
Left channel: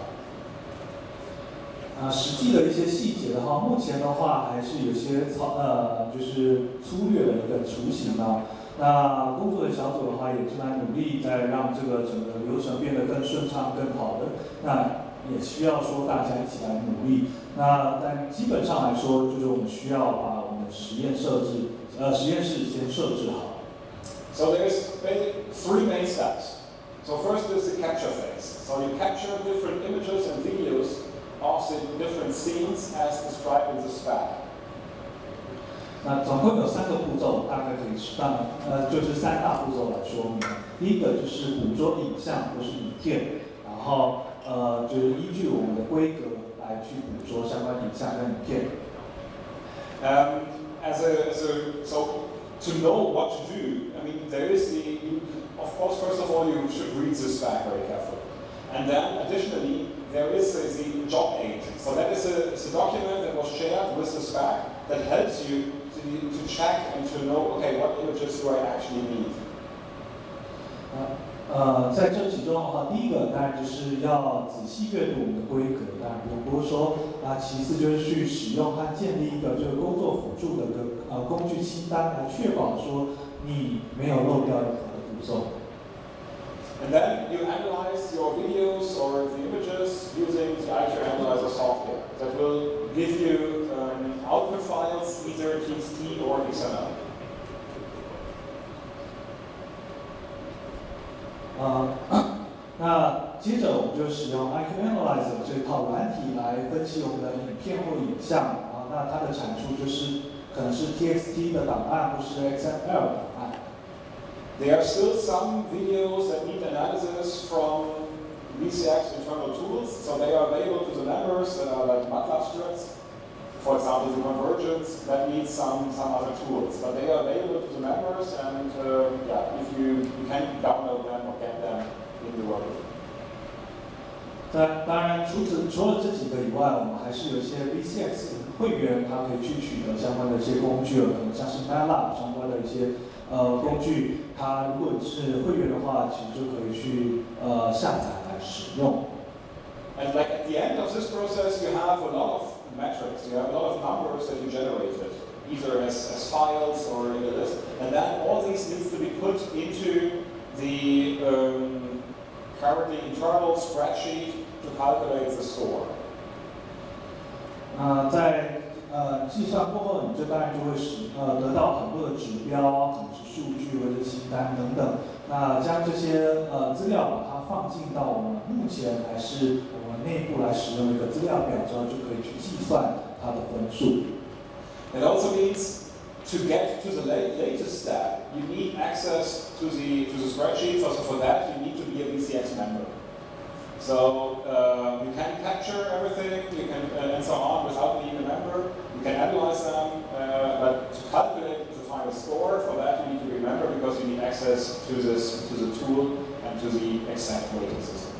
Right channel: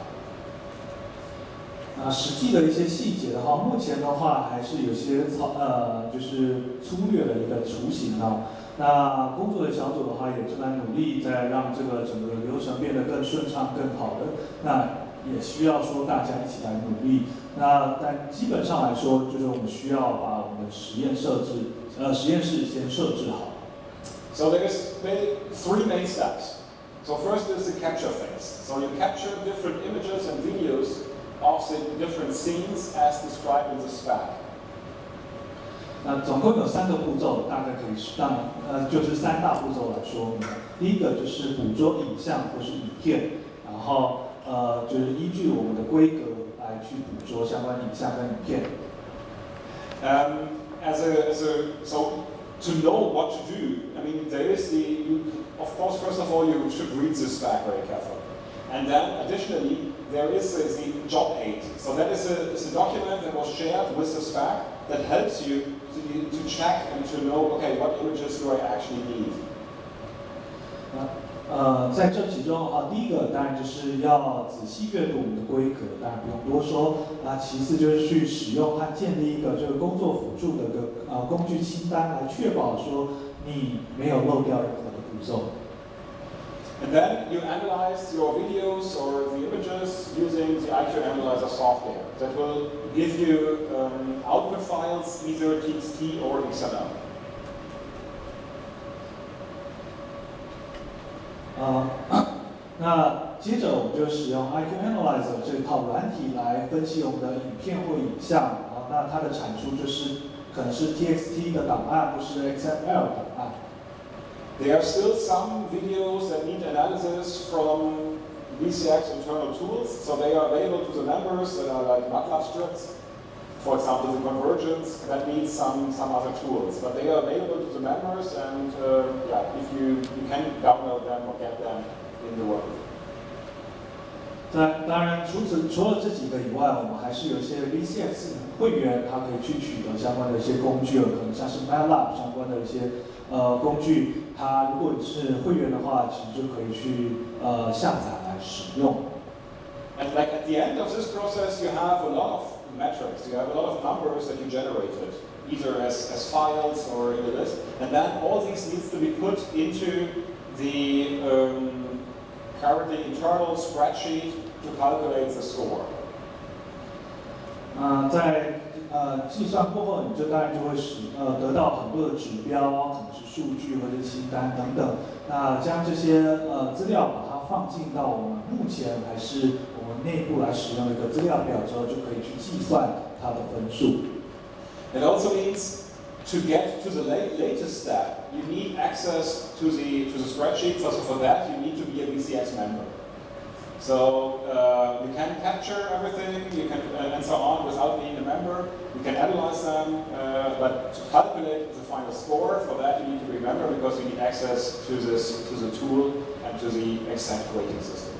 实际的一些细节的话，目前的话还是有些就是粗略的一个雏形呢。那工作的小组的话，也正在努力在让这个整个流程变得更顺畅、更好的。那也需要说大家一起来努力。但基本上来说，就是我们需要把我们的实验室先设置好。So there's maybe 3 main steps. So first is the capture phase. So you capture different images and videos of the different scenes as described in the spec. 那总共有3个步骤，大概可以就是3大步骤来说明。第一个就是捕捉影像或是影片，然后就是依据我们的规格来去捕捉相关影像跟影片。So to know what to do, I mean, there is of course, first of all, you should read the spec very carefully. And then, additionally, there is the job aid. So that is a document that was shared with the spec that helps you to check and to know, okay, what images do I actually need? 在这其中的话，第一个当然就是要仔细阅读我们的规格，当然不用多说。其次就是去使用和建立一个这个工作辅助的工具清单，来确保说你没有漏掉任何的步骤。And then you analyze your videos or the images using the IQ Analyzer software that will give you output files, either TXT or XML. 那接着我们就使用 IQ Analyzer 这一套软体来分析我们的影片或影像，那它的产出可能是 TXT 的档案或是 XML 档案。There are still some videos that need analysis from VCX internal tools, so they are available to the members that are like MATLAB scripts. For example, the convergence that needs some other tools, but they are available to the members, and if you can download them or get them in the workbook. 当然，除了这几个以外，我们还是有一些 VCX 会员，他可以去取得相关的一些工具，可能像是 MATLAB 相关的一些工具。它如果你是会员的话，其实就可以去下载来使用。And like at the end of this process, you have a lot of metrics. You have a lot of numbers that you generated, either as files or in a list, and then all these needs to be put into the currently internal spreadsheet to calculate the score. 在计算过后，你就当然就会得到很多的指标，可能是数据或者清单等等。那将这些资料把它放进到我们目前还是我们内部来使用的一个资料表之后，就可以去计算它的分数。It also means to get to the latest step, you need access to the spreadsheet. So for that, you need to be a VCX member. So you can capture everything, you can and so on without being a member. You can analyze them, but to calculate the final score, for that you need to be a member because you need access to the tool and to the exact weighting system.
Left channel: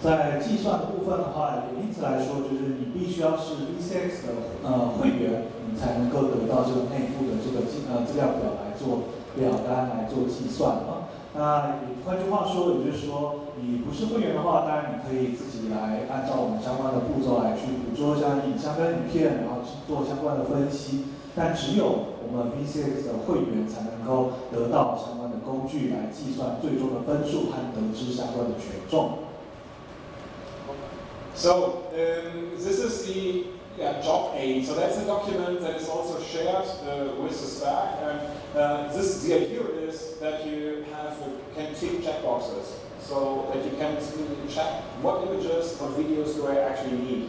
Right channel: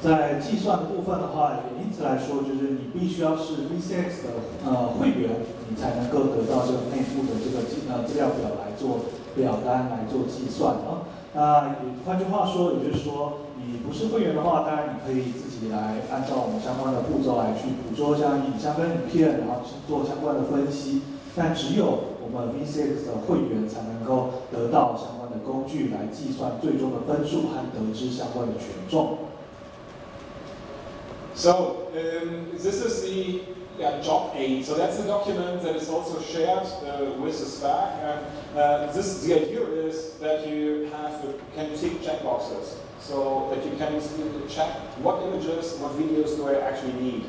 在计算的部分的话，也因此来说，就是你必须要是 VCX 的会员，你才能够得到这个内部的这个资料表来做表单来做计算啊。那换句话说，也就是说，你不是会员的话，当然你可以自己来按照我们相关的步骤来去捕捉像影像跟影片，然后去做相关的分析。但只有我们 VCX 的会员才能够得到相关的工具来计算最终的分数和得知相关的权重。So this is the job aid. So that's a document that is also shared with the spec. And the idea is that you can tick checkboxes so that you can check what images, what videos do I actually need.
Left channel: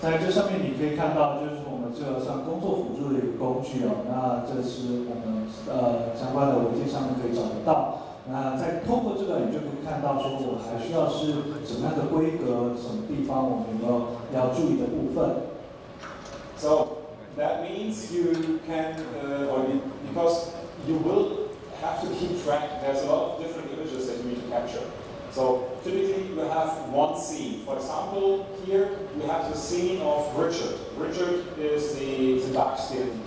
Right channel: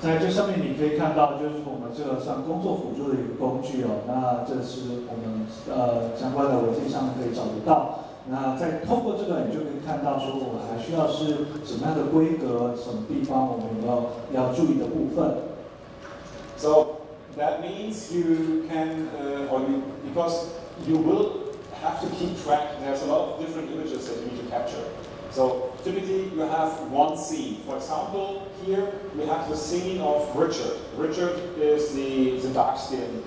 在这上面你可以看到，就是我们这个算工作辅助的一个工具哦。那这是我们相关的文件上面可以找得到。那再透过这个，你就可以看到说，我们还需要是什么样的规格，什么地方我们要注意的部分。So that means you can, because you will have to keep track. There's a lot of different images that you need to capture. So typically you have one scene. For example, here you have the scene of Richard. Richard is the dark-skinned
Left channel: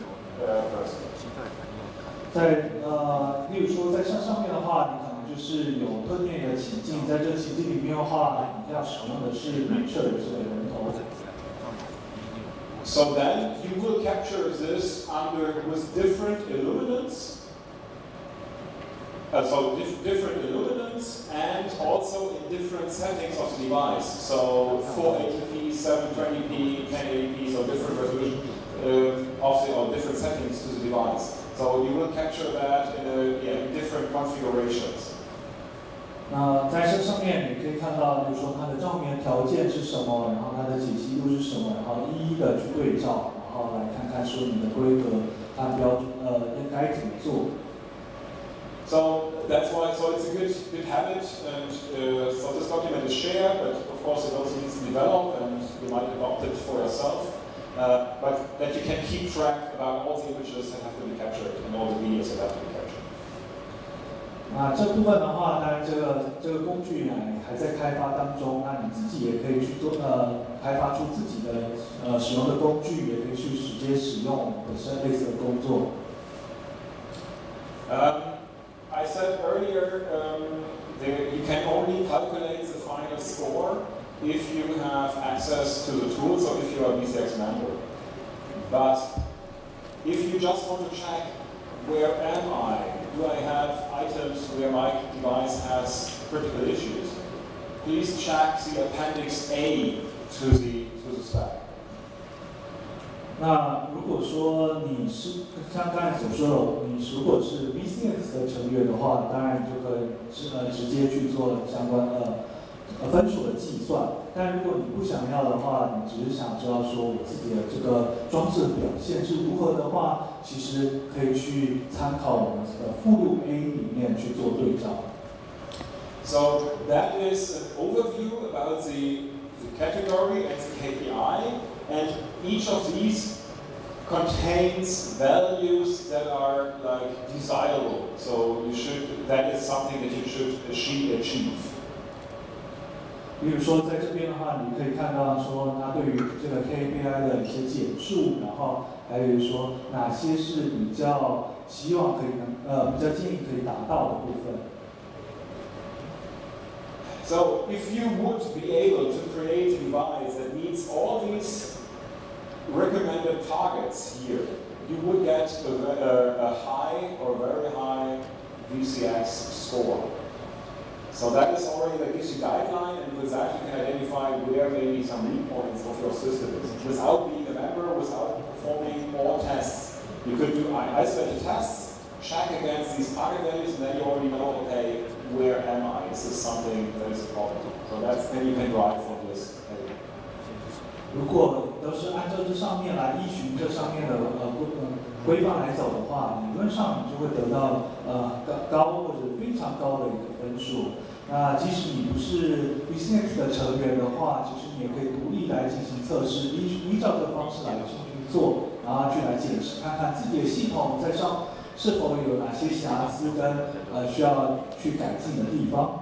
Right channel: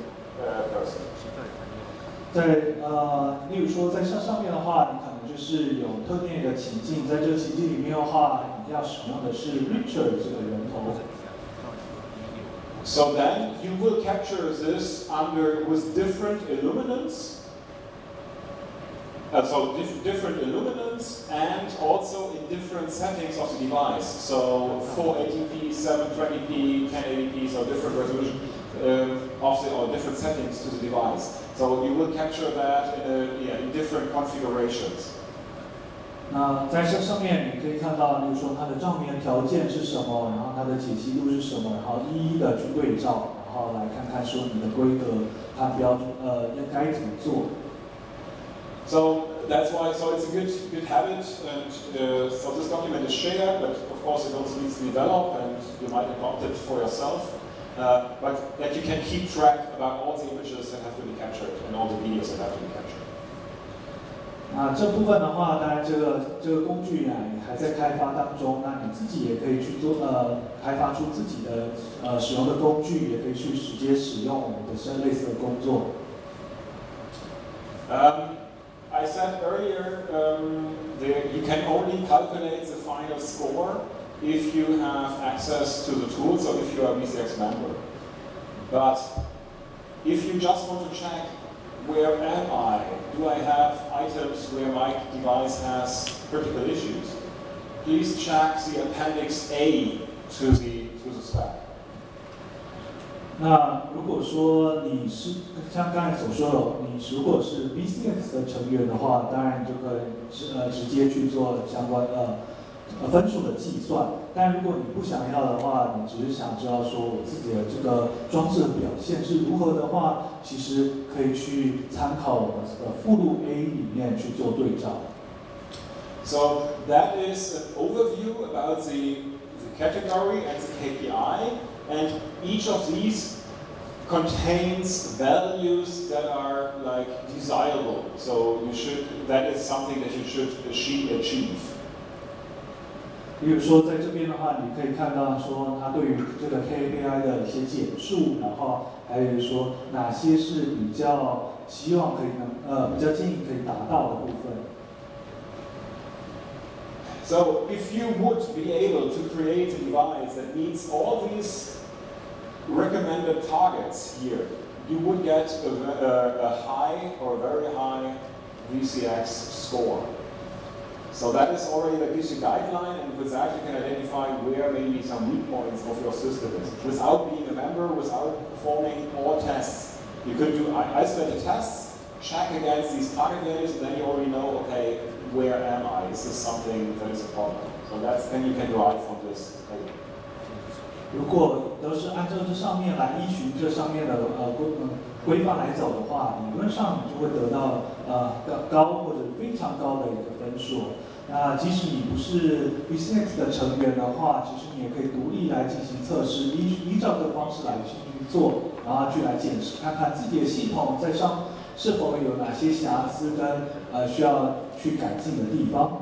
person. 例如说在上面的话，你可能就是有特定的情境，在这个情境里面的话，你要使用的是 Richard 这个人头。So then you will capture this with different illuminance. Different illuminance and also in different settings of the device. So 480p, 720p, 1080p, so different resolution or different settings to the device. So you will capture that in different configurations. 那在这上面你可以看到，比如说它的照明条件是什么，然后它的解析度是什么，然后一一的去对照，然后来看看说你的规格它标准应该怎么做。 So that's why. So it's a good habit, and so this document is shared, but of course it also needs to develop, and you might adopt it for yourself. But that you can keep track about all the images that have to be captured and all the videos that have to be captured. 那这部分的话，当然这个工具还在开发当中，那你自己也可以去做开发出自己的使用的工具，也可以去直接使用本身类似的工作。I said earlier you can only calculate the final score if you have access to the tool, so if you are a VCX member. But if you just want to check where am I, do I have items where my device has critical issues, please check the Appendix A to the spec. 那如果说你是像刚才所说的，你如果是 VCX 的成员的话，当然你就可以直接去做相关的分数的计算。但如果你不想要的话，你只是想知道说我自己的这个装置的表现是如何的话，其实可以去参考我们的附录 A 里面去做对照。So that is an overview about the category and the KPI. And each of these contains values that are like desirable. So that is something that you should achieve. 比如说在这边的话，你可以看到说它对于这个 KPI 的一些简述，然后还有说哪些是比较希望可以比较建议可以达到的部分。 So if you would be able to create a device that meets all these recommended targets here, you would get a high or very high VCX score. So that is already, that gives you guideline, and with that you can identify where maybe some weak points of your system is. Without being a member, without performing all tests, you could do isolated tests, check against these target values, and then you already know, okay, where am I? Is this something that is a problem? So then you can derive from this. 如果都是按照这上面来依循这上面的规范来走的话，理论上你就会得到高或者非常高的一个分数。那即使你不是 VCX 的成员的话，其实你也可以独立来进行测试，依照这个方式来去做，然后去来检视，看看自己的系统在上是否有哪些瑕疵跟需要去改进的地方。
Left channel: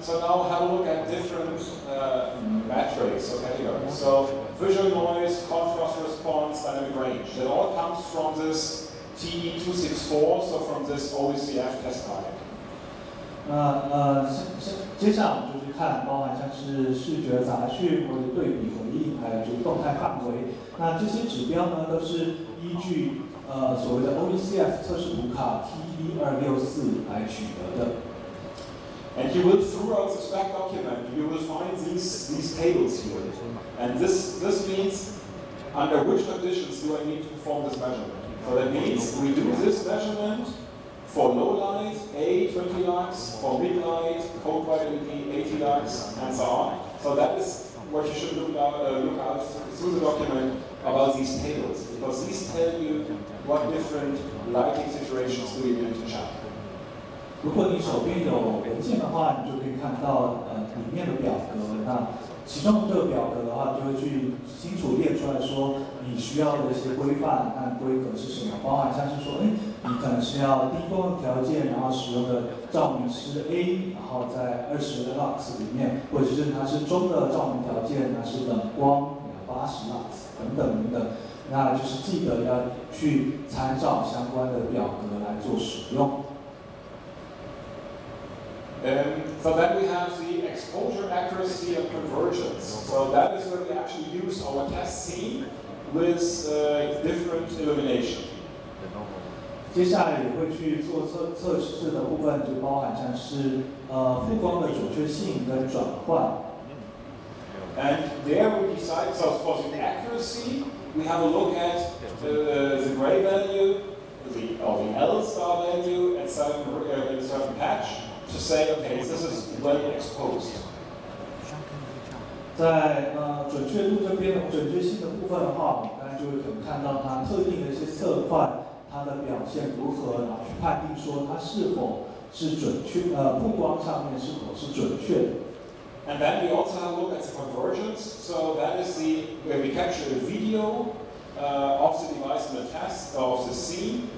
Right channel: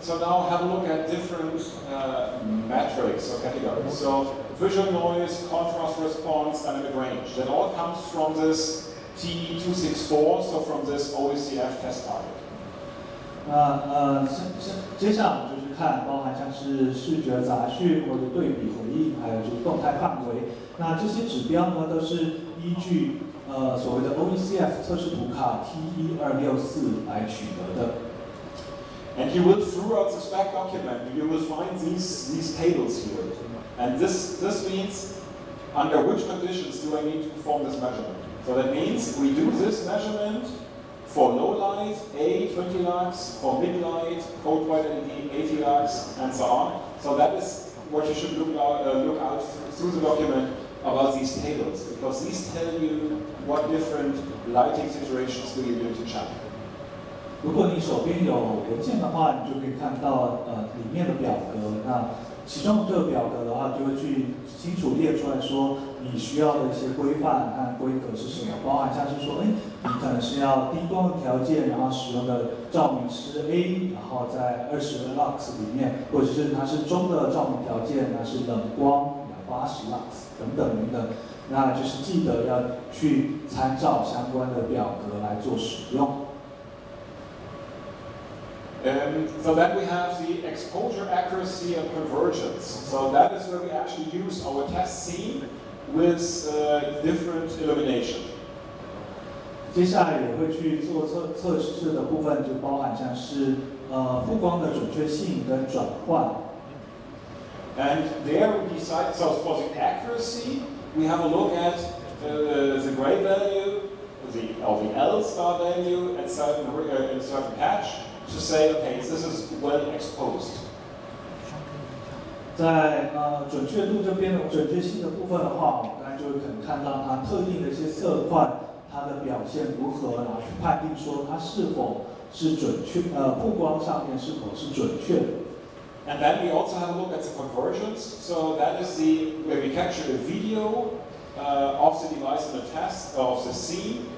So now have a look at different metrics or categories. So visual noise, contrast response, dynamic range. That all comes from this TE264, so from this OECF test target. 接下来我们就去看，包含像是视觉杂讯或者对比回应，还有就是动态范围。那这些指标呢，都是依据所谓的 OECF 测试图卡 T1264来取得的。 And you will, throughout the spec document, you will find these tables here. And this means under which conditions do I need to perform this measurement. So that means we do this measurement for low light, A 20 lux, for mid light, code white LED 80 lux, and so on. So that is what you should look out through the document about these tables, because these tell you what different lighting situations do you need to check. 如果你手边有文件的话，你就可以看到里面的表格。那其中这个表格的话，就会去清楚列出来说你需要的一些规范和规格是什么，包含像是说，你可能是要低光的条件，然后使用的照明是 A， 然后在20 lux 里面，或者是它是中的照明条件，那是冷光80 lux 等等等等。那就是记得要去参照相关的表格来做使用。 So then we have the exposure accuracy and convergence. So So that is where we actually use our test scene with different illumination. 接下来也会去做测试的部分，就包含像是曝光的准确性跟转换。And there we decide. So for the accuracy, we have a look at the gray value, the L star value at in a certain patch to say, okay, this is well exposed. 在准确度这边的准确性的部分的话，我们刚才就会可能看到它特定的一些色块，它的表现如何，然后去判定说它是否是准确，曝光上面是否是准确的。And then we also have a look at the convergence. So that is where we capture a video of the device in the test of the scene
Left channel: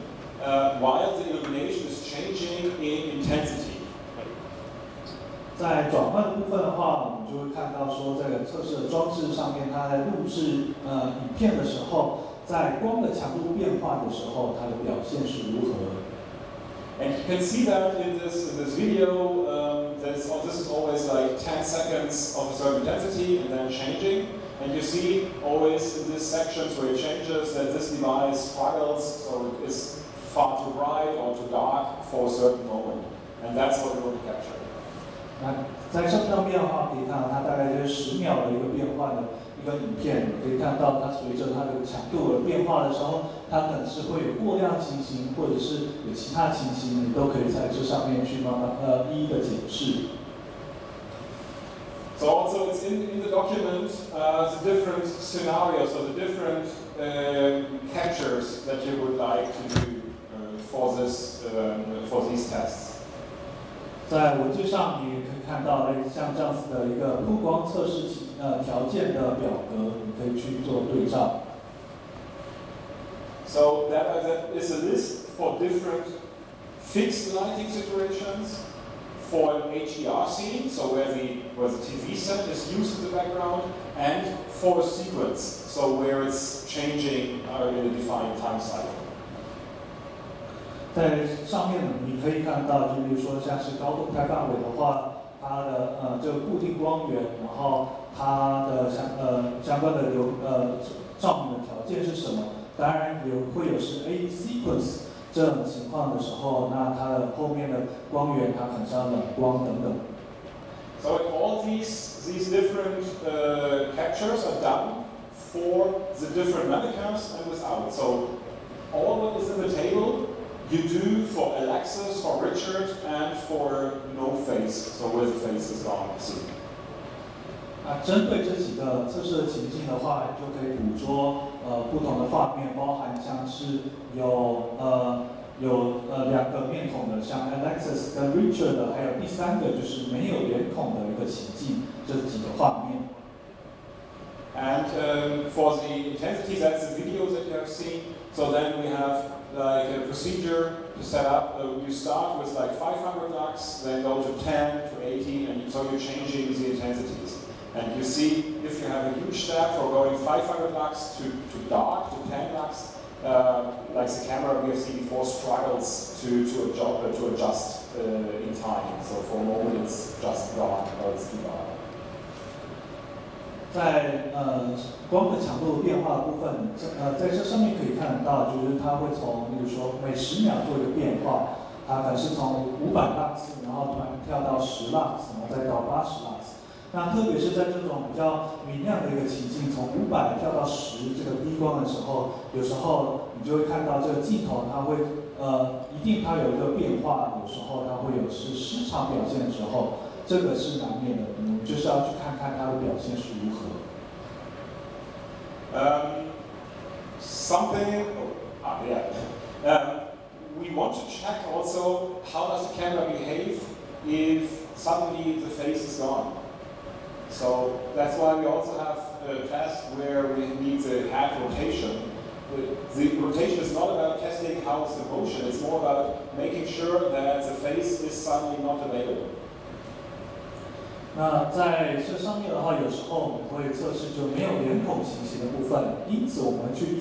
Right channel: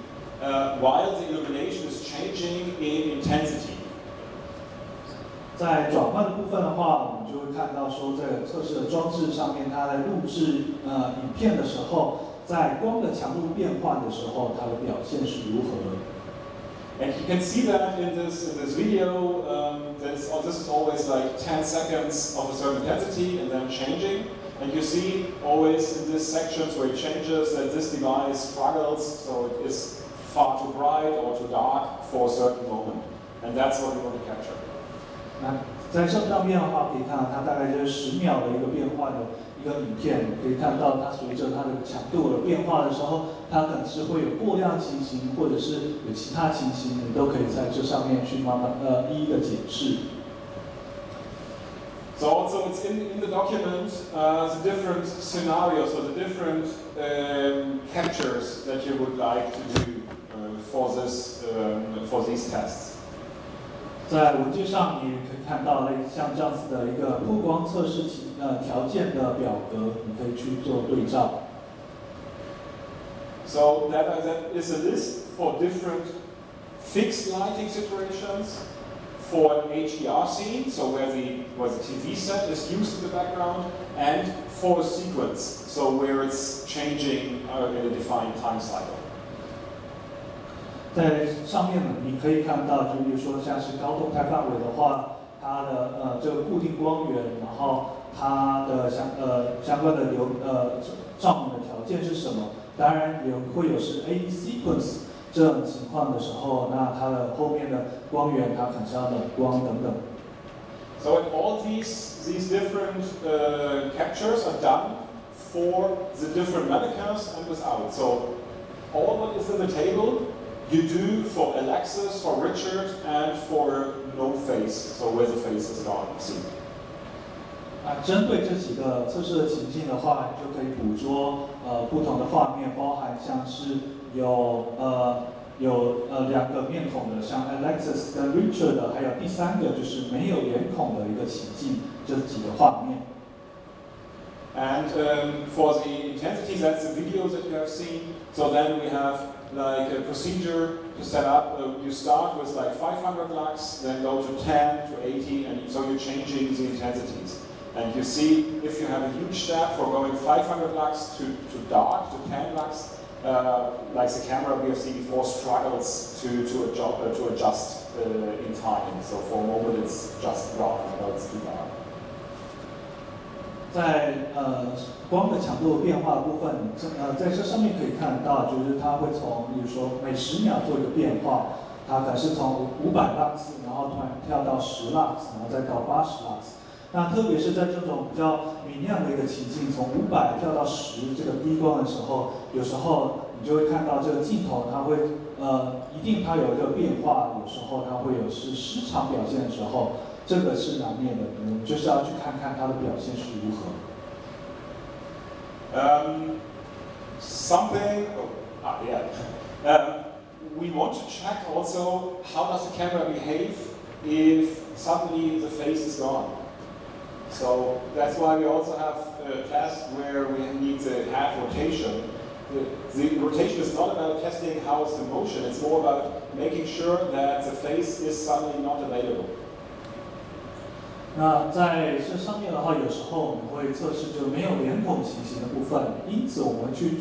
while the illumination is changing in intensity. 在转换的部分的话，我们就会看到说，在测试的装置上面，它在录制影片的时候，在光的强度变换的时候，它的表现是如何的。And you can see that in this video. This is always like 10 seconds of a certain intensity and then changing. And you see always in these sections where it changes that this device struggles, so it is far too bright or too dark for a certain moment. And that's what we want to capture. 那在上面的话，可以看到它大概就是10秒的一个变换的一个影片，可以看到它随着它的强度而变化的时候，它可能是会有过亮情形，或者是有其他情形，你都可以在这上面去慢慢一一的检视。So also it's in the document the different scenarios or the different captures that you would like to do for these tests. 在文件上你可以看到，像这样子的一个曝光测试条件的表格，你可以去做对照。So that is a list for different fixed lighting situations, for an HDR scene, so where the TV set is used in the background, and for a sequence, so where it's changing in a defined time cycle. 在上面呢，你可以看到，就比如说像是高动态范围的话，它的这个固定光源，然后它的相关的照明的条件是什么？当然也会有是 A sequence 这种情况的时候，那它的后面的光源它可能是要冷光等等。So all these different captures are done for the different mannequins and without. So all what is in the table you do for Alexis, for Richard, and for no face, so where the face is gone. 针对这几个测试的情境的话，你就可以捕捉不同的画面，包含像是有2个面孔的，像 Alexis 跟 Richard 的，还有第3个就是没有脸孔的一个情境，这几个画面。And for the intensity, that's the video that you have seen. So then we have like a procedure to set up. You start with like 500 lux, then go to 10 to 80, and so you're changing the intensities. And you see if you have a huge step for going 500 lux to dark to 10 lux, like the camera we have seen before struggles to adjust in time. So for a moment it's just dark, or it's too dark. 在光的强度变化的部分，在这上面可以看得到，就是它会从，比如说每10秒做一个变化，它可能是从500 lux， 然后突然跳到10 lux， 然后再到80 lux。那特别是在这种比较明亮的一个情境，从500跳到10这个低光的时候，有时候你就会看到这个镜头它会一定它有一个变化，有时候它会有是失常表现的时候。这个是难免的，我们就是要去看看它的表现是如何。We want to check also how does the camera behave if suddenly the face is gone. So that's why we also have a test where we need the head rotation. The rotation is not about testing how it's the motion, it's more about making sure that the face is suddenly not available. 那在这上面的话，有时候我们会测试就没有脸孔情形的部分，因此我们去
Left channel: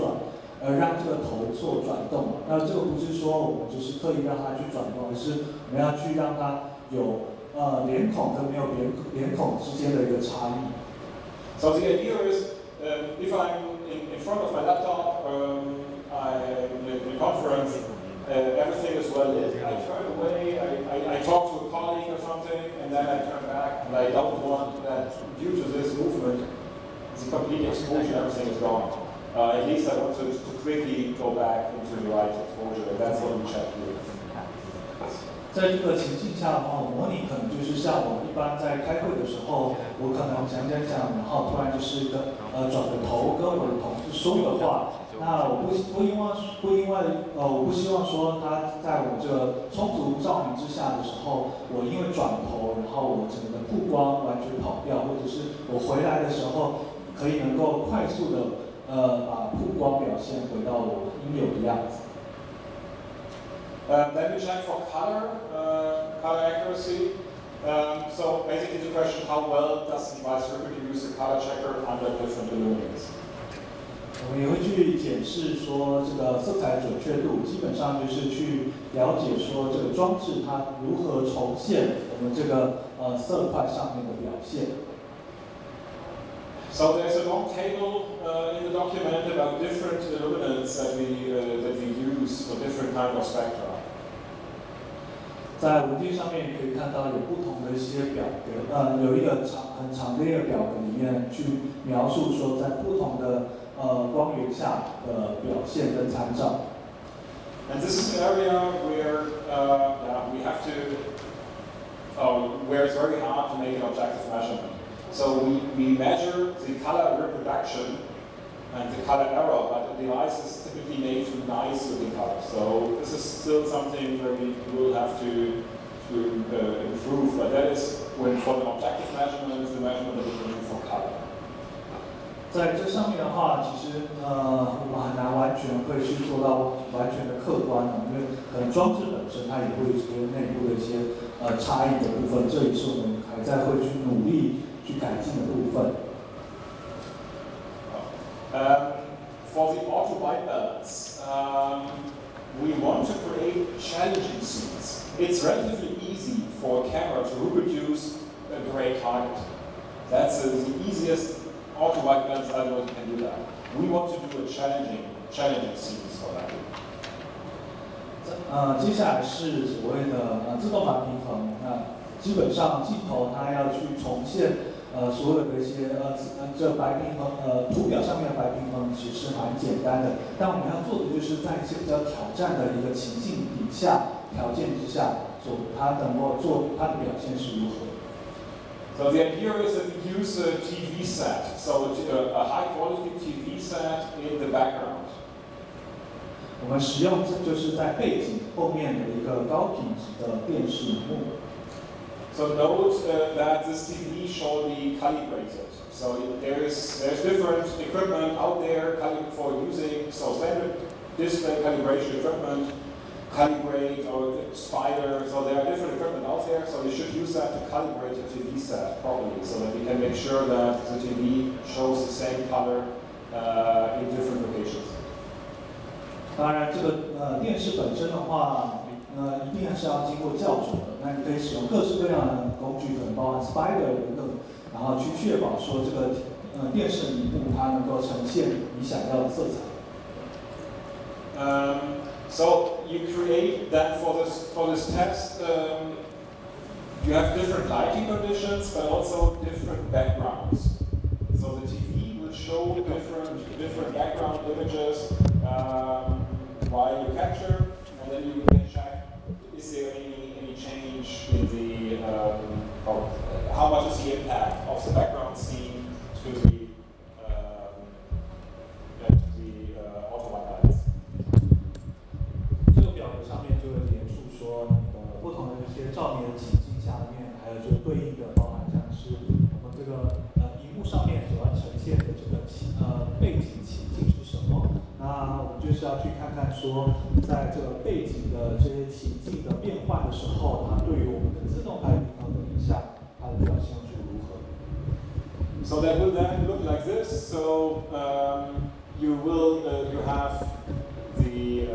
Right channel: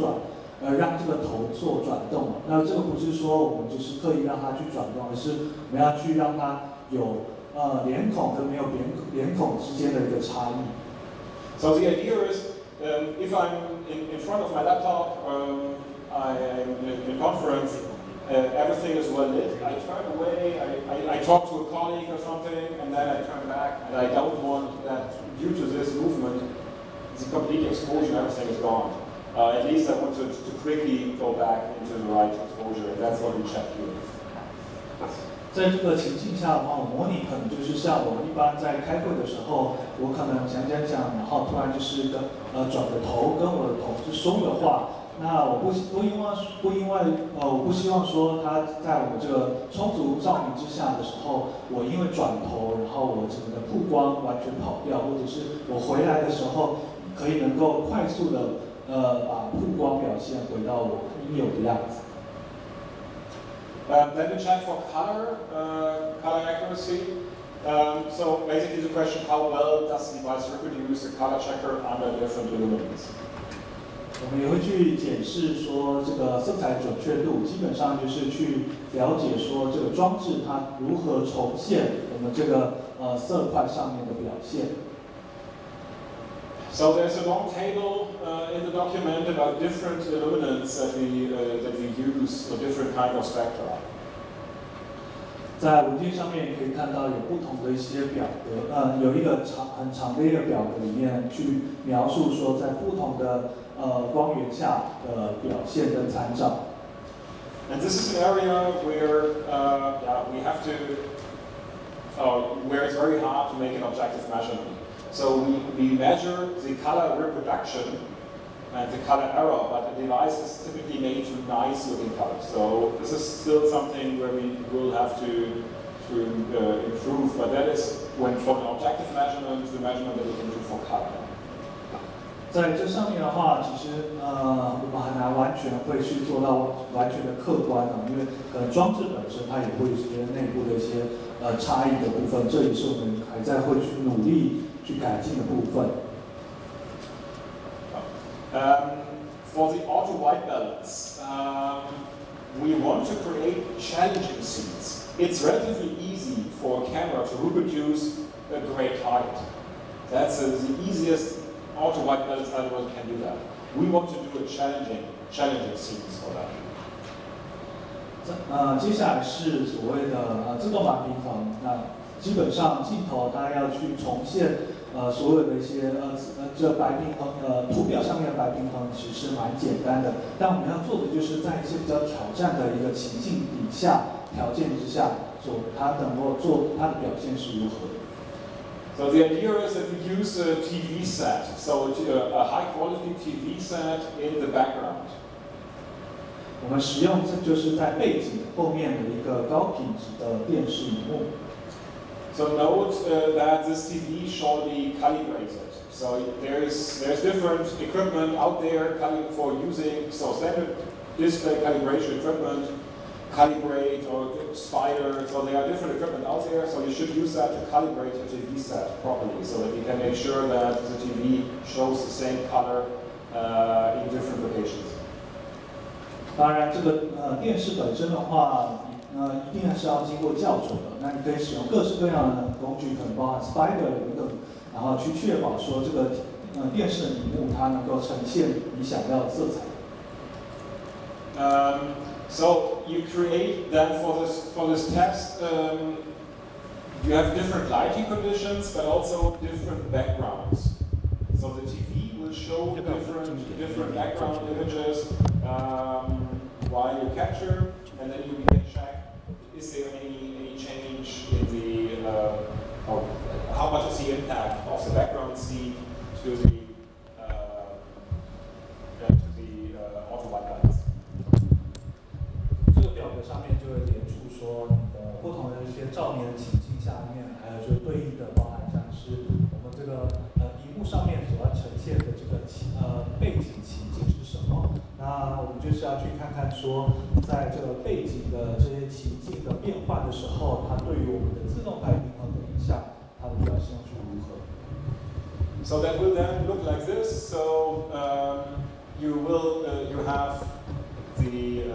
让这个头做转动。那这个不是说我们就是刻意让它去转动，而是我们要去让它有脸孔跟没有脸孔之间的一个差异。So the idea is, if I'm in front of my laptop, I'm in a conference, everything is well lit. I turn away, I talk to a colleague or something, and then I turn back, and I don't want that, due to this movement, the complete exposure, everything is gone. At least I want to quickly go back into the right exposure, and that's what we check here. 在这个情境下的话，模拟可能就是像我一般在开会的时候，我可能讲，然后突然就是转个头跟我的同事说个话。那我不希望说他在我们这个充足照明之下的时候，我因为转头，然后我整个的曝光完全跑掉，或者是我回来的时候可以能够快速的把曝光表现回到我应有的样子。Then we check for color accuracy. So basically the question, how well does the device reproduce the color checker under different illuminance? 我们也会去检视说这个色彩准确度，基本上就是去了解说这个装置它如何重现我们这个色块上面的表现。So there's a long table in the document about different illuminants that we use for different kind of spectra. 在文件上面可以看到有不同的一些表格，有一个很长的一个表格里面去描述说在不同的光源下的表现跟参照。And this is an area where we have to, where it's very hard to make an objective measurement. So we measure the color reproduction and the color error, but the device is typically made to nice looking colors. So this is still something where we will have to improve, but that is when for an objective measurement, the measurement that we can do for color. 在这上面的话，其实我们很难完全会去做到完全的客观因为可能装置本身它也会有一些内部的一些差异的部分，这也是我们还在会去努力去改进的部分。For the auto white balance, we want to create challenging scenes. It's relatively easy for a camera to reproduce a gray target. That's the easiest auto white balance algorithm can do that. We want to do a challenging scenes for that. 接下来是所谓的自动白平衡。那基本上镜头它要去重现所有的一些这白平衡图表上面的白平衡其实是蛮简单的，但我们要做的就是在一些比较挑战的一个情境底下条件之下，它能够做它的表现是如何。So the idea is that we use a TV set, so a high-quality TV set in the background. 我们使用这就是在背景后面的一个高品质的电视荧幕。So note that this TV shall be calibrated. So there's different equipment out there for using standard display calibration equipment. Calibrate or spider, so there are different equipment out there, so you should use that to calibrate your TV set properly, so that you can make sure that the TV shows the same color in different locations. 当然，这个电视本身的话，一定还是要经过校准的。那你可以使用各式各样的工具，可能包含 spider 等等，然后去确保说这个电视的荧幕它能够呈现你想要的色彩。So you create that for this test. You have different lighting conditions, but also different backgrounds. So the TV will show different background images while you capture, and then you can check: is there any change in the how much is the impact of the background scene to the auto white balance? 这个表格上面就会列出说你的不同的一些照明的情境下面，还有就对应的包含像是我们这个荧幕上面所要呈现的这个背景情境是什么。那我们就是要去看看说，在这个背景的这些情境的变换的时候，它对于我们的自动白平衡的影响，它的表现是如何。So that will then look like this. So you have the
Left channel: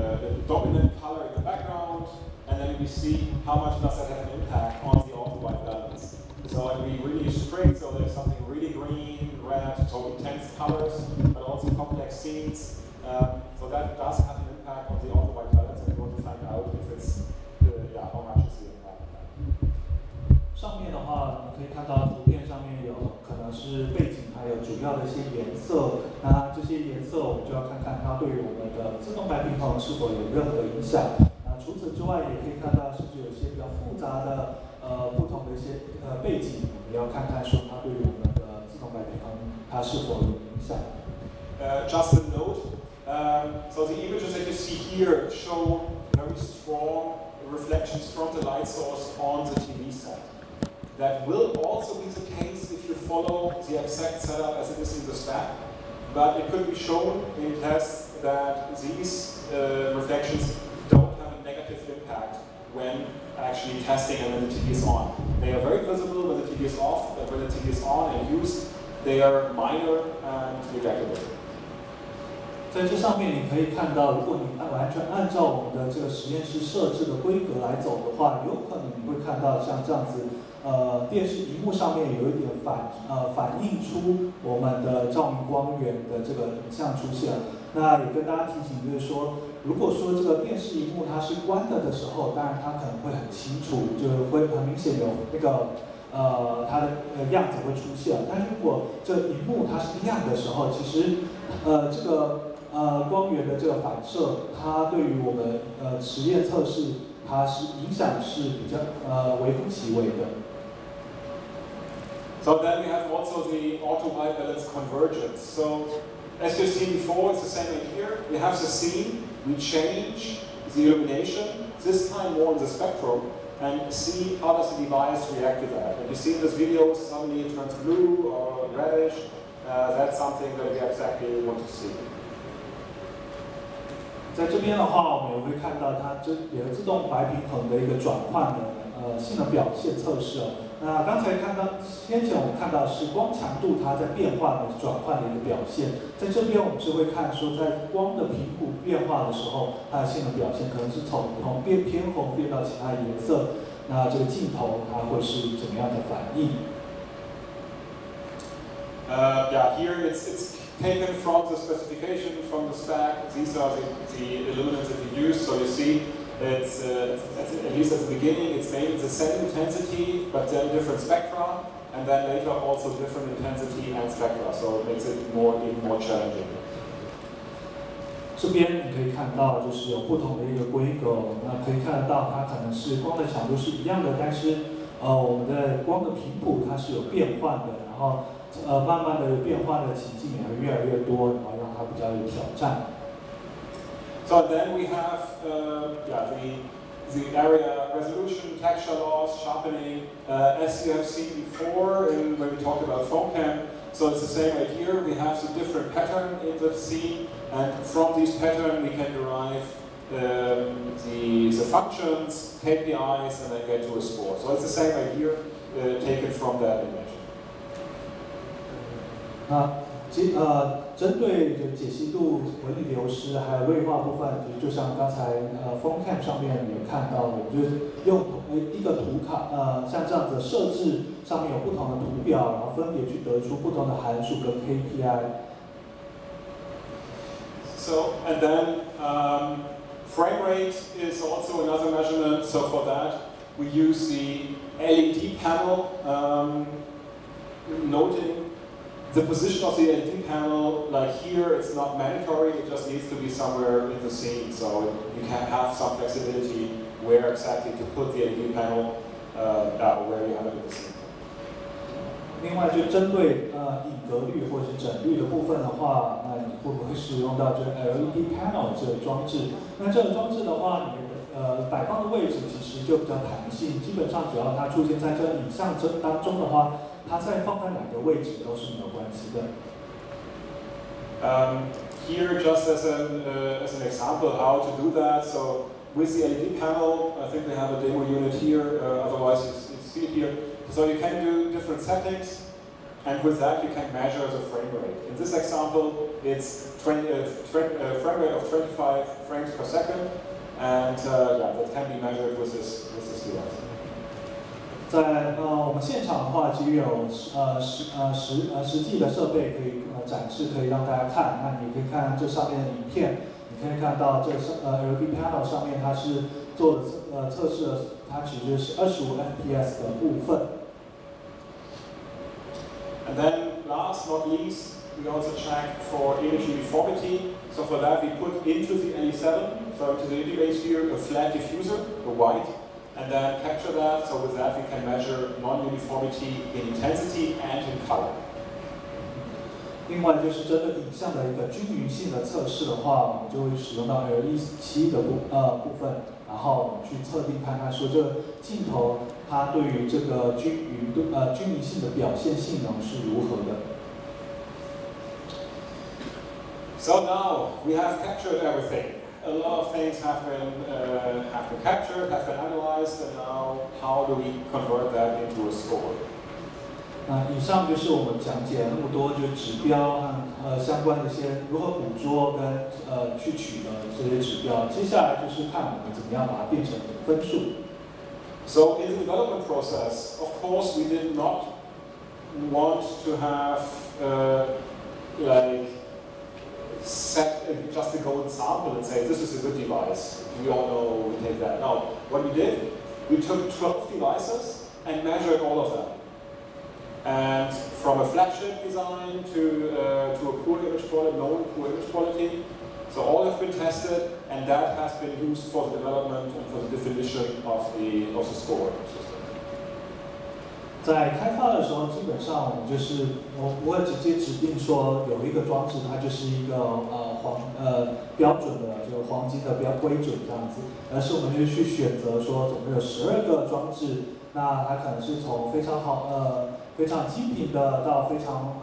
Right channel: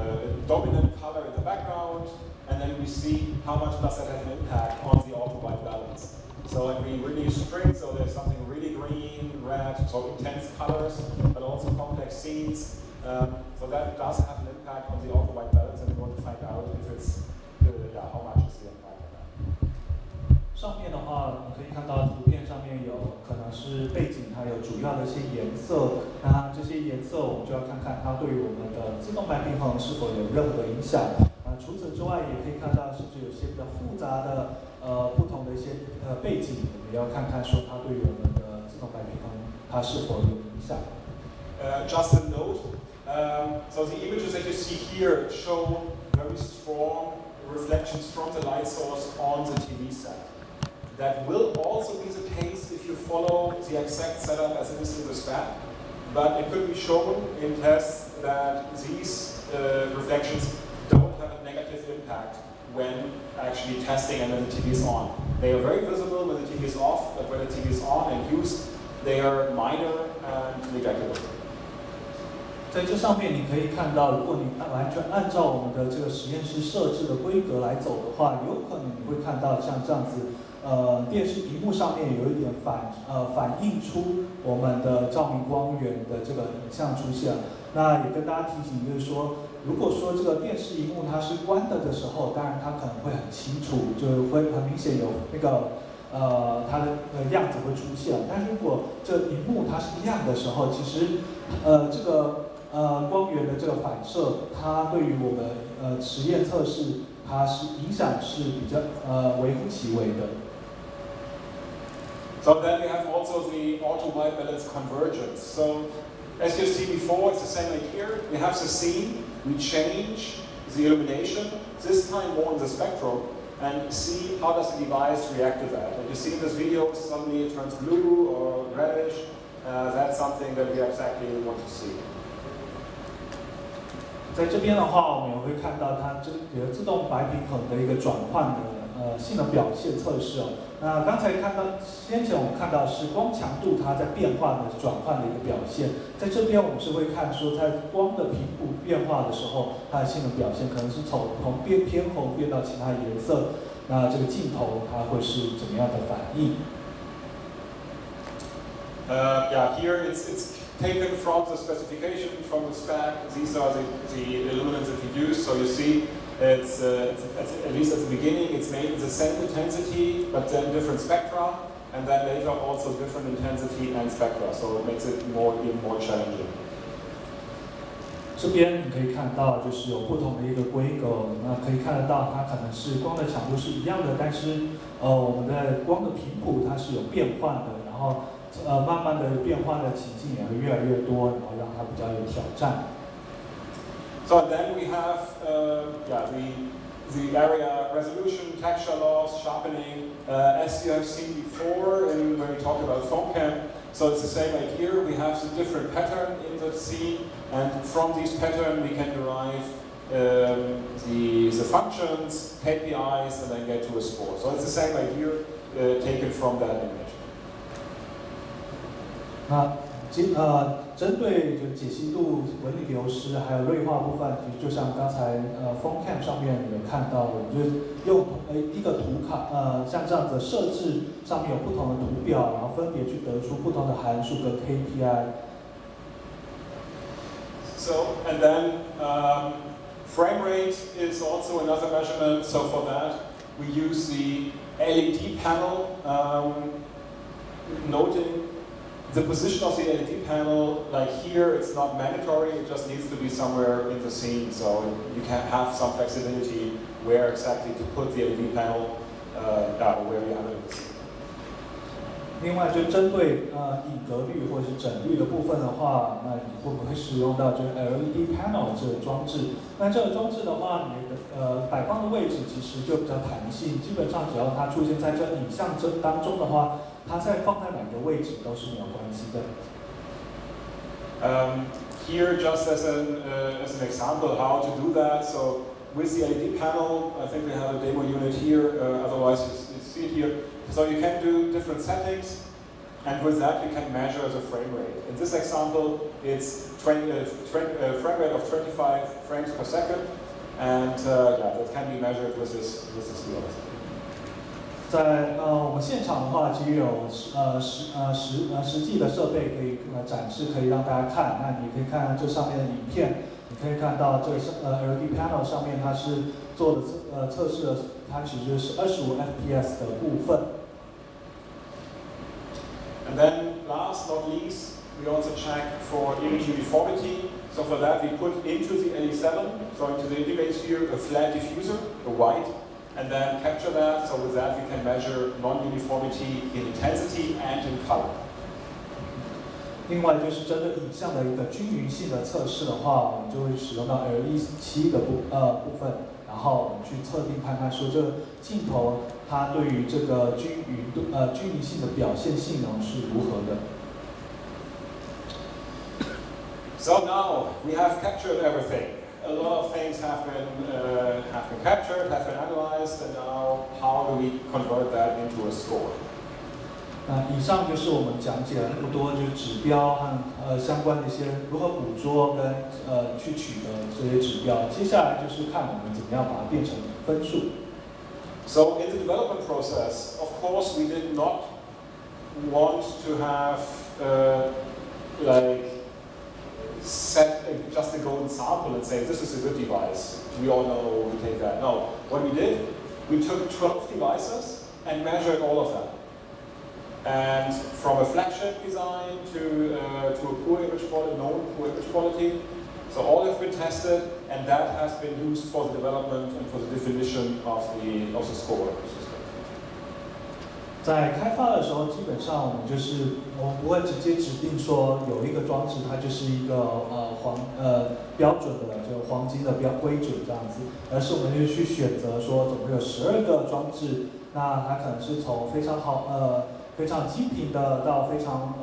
dominant color in the background, and then we see how much does that have an impact on the auto white balance. So and we really strict, so there's something really green, red, so intense colors, but also complex scenes. So that does have an impact on the auto-white balance, and we want to find out if it's, how much is the impact of that. 上面的话，你可以看到图片上面有可能是背景，还有主要的一些颜色。那这些颜色我们就要看看它对于我们的自动白平衡是否有任何的影响。除此之外，也可以看到甚至有些比较复杂的不同的一些背景，我们要看看说它对于我们的自动白平衡它是否有影响。Just a note. So the images that you see here show very strong reflections from the light source on the TV set. That will also be the case if you follow the exact setup as it is in the spec, but it could be shown in tests that these reflections don't have a negative impact when actually testing and when the TV is on. They are very visible when the TV is off, but when the TV is on and used, they are minor and negligible. 在这上面你可以看到，如果你完全按照我们的这个实验室设置的规格来走的话，有可能你会看到像这样子，电视荧幕上面有一点反映出我们的照明光源的这个影像出现。那也跟大家提醒，就是说，如果说这个电视荧幕它是关的时候，当然它可能会很清楚，就会很明显有那个它的样子会出现。但如果这荧幕它是亮的时候，其实这个光源的这个反射，它对于我们实验测试，它是影响是比较微乎其微的。So then we have also the auto-white balance convergence. So as you've seen before, it's the same idea. We have the scene, we change the illumination, this time more in the spectrum, and see how does the device react to that. And you see in this video, suddenly it turns blue or reddish. That's something that we exactly want to see. 在这边的话，我们也会看到它这有个自动白平衡的一个转换的性能表现测试哦。那刚才先前我们看到是光强度它在变化的转换的一个表现，在这边我们是会看说在光的频谱变化的时候，它的性能表现可能是从偏红变到其他颜色，那这个镜头它会是怎么样的反应？Here it's taken from the specification, from the spec. These are the illuminants that we use. So you see, it's at least at the beginning, it's made the same intensity, but then different spectra, and then later also different intensity and spectra. So it makes it even more challenging. 这边你可以看到，就是有不同的一个规格，那可以看得到它可能是光的强度是一样的，但是我们的光的频谱它是有变换的，然后慢慢的变化的情境也会越来越多，然后让它比较有挑战。So then we have the area resolution, texture loss, sharpening, as you have seen before when we talked about phone cam. So it's the same idea. We have the different pattern in the scene, and from these patterns we can derive the functions, KPIs, and then get to a score. So it's the same idea taken from that image. 那针对解析度、纹理流失还有锐化部分，就像刚才phone cam 上面有看到，我们就用一个图卡，像这样子设置上面有不同的图表，然后分别去得出不同的函数跟 KPI。So and then frame rate is also another measurement. So for that we use the LED panel, noting the position of the LED panel, like here, it's not mandatory, it just needs to be somewhere in the scene, so you can have some flexibility where exactly to put the LED panel, where you have it in the scene. 另外，就针对影格率或者是整率的部分的话，那你会不会使用到这个 LED panel 这个装置？那这个装置的话，你的摆放的位置其实就比较弹性，基本上只要它出现在这影像当中的话，它再放在哪个位置都是没有关系的。Here, just as an example how to do that. So with the LED panel, I think we have a demo unit here. Otherwise, you see it here. So you can do different settings, and with that you can measure the frame rate. In this example, it's frame rate of 25 frames per second, and that can be measured with this device. 在我们现场的话，其实有实际的设备可以展示，可以让大家看。那你可以看这上面的影片，你可以看到这LED panel 上面它是做的测试的，它其实是25 FPS 的部分。And then, last not least, we also check for image uniformity. So for that, we put into the LE7, so into the interface here, a flat diffuser, a white, and then capture that. So with that, we can measure non-uniformity in intensity and in color. 另外就是针对影像的一个均匀性的测试的话，我们就会使用到 LE7的部分，然后我们去测定看看说这个镜头它对于这个均匀性的表现性能是如何的。So now we have captured everything. A lot of things have been captured, have been analyzed, and now how do we convert that into a score? 那以上就是我们讲解了那么多，就是指标和相关的一些如何捕捉跟去取得这些指标。接下来就是看我们怎么样把它变成分数。So in the development process, of course, we did not want to have like set just a golden sample and say this is a good device. We all know we take that. No, what we did, we took 12 devices and measured all of them. And from a flagship design to a poor image quality, known poor image quality, so all have been tested, and that has been used for the development and for the definition of the score system. 在开发的时候，基本上我们就是我不会直接指定说有一个装置它就是一个标准的这个黄金的规准这样子，而是我们就去选择说总共有12个装置，那它可能是从非常非常精品的到非常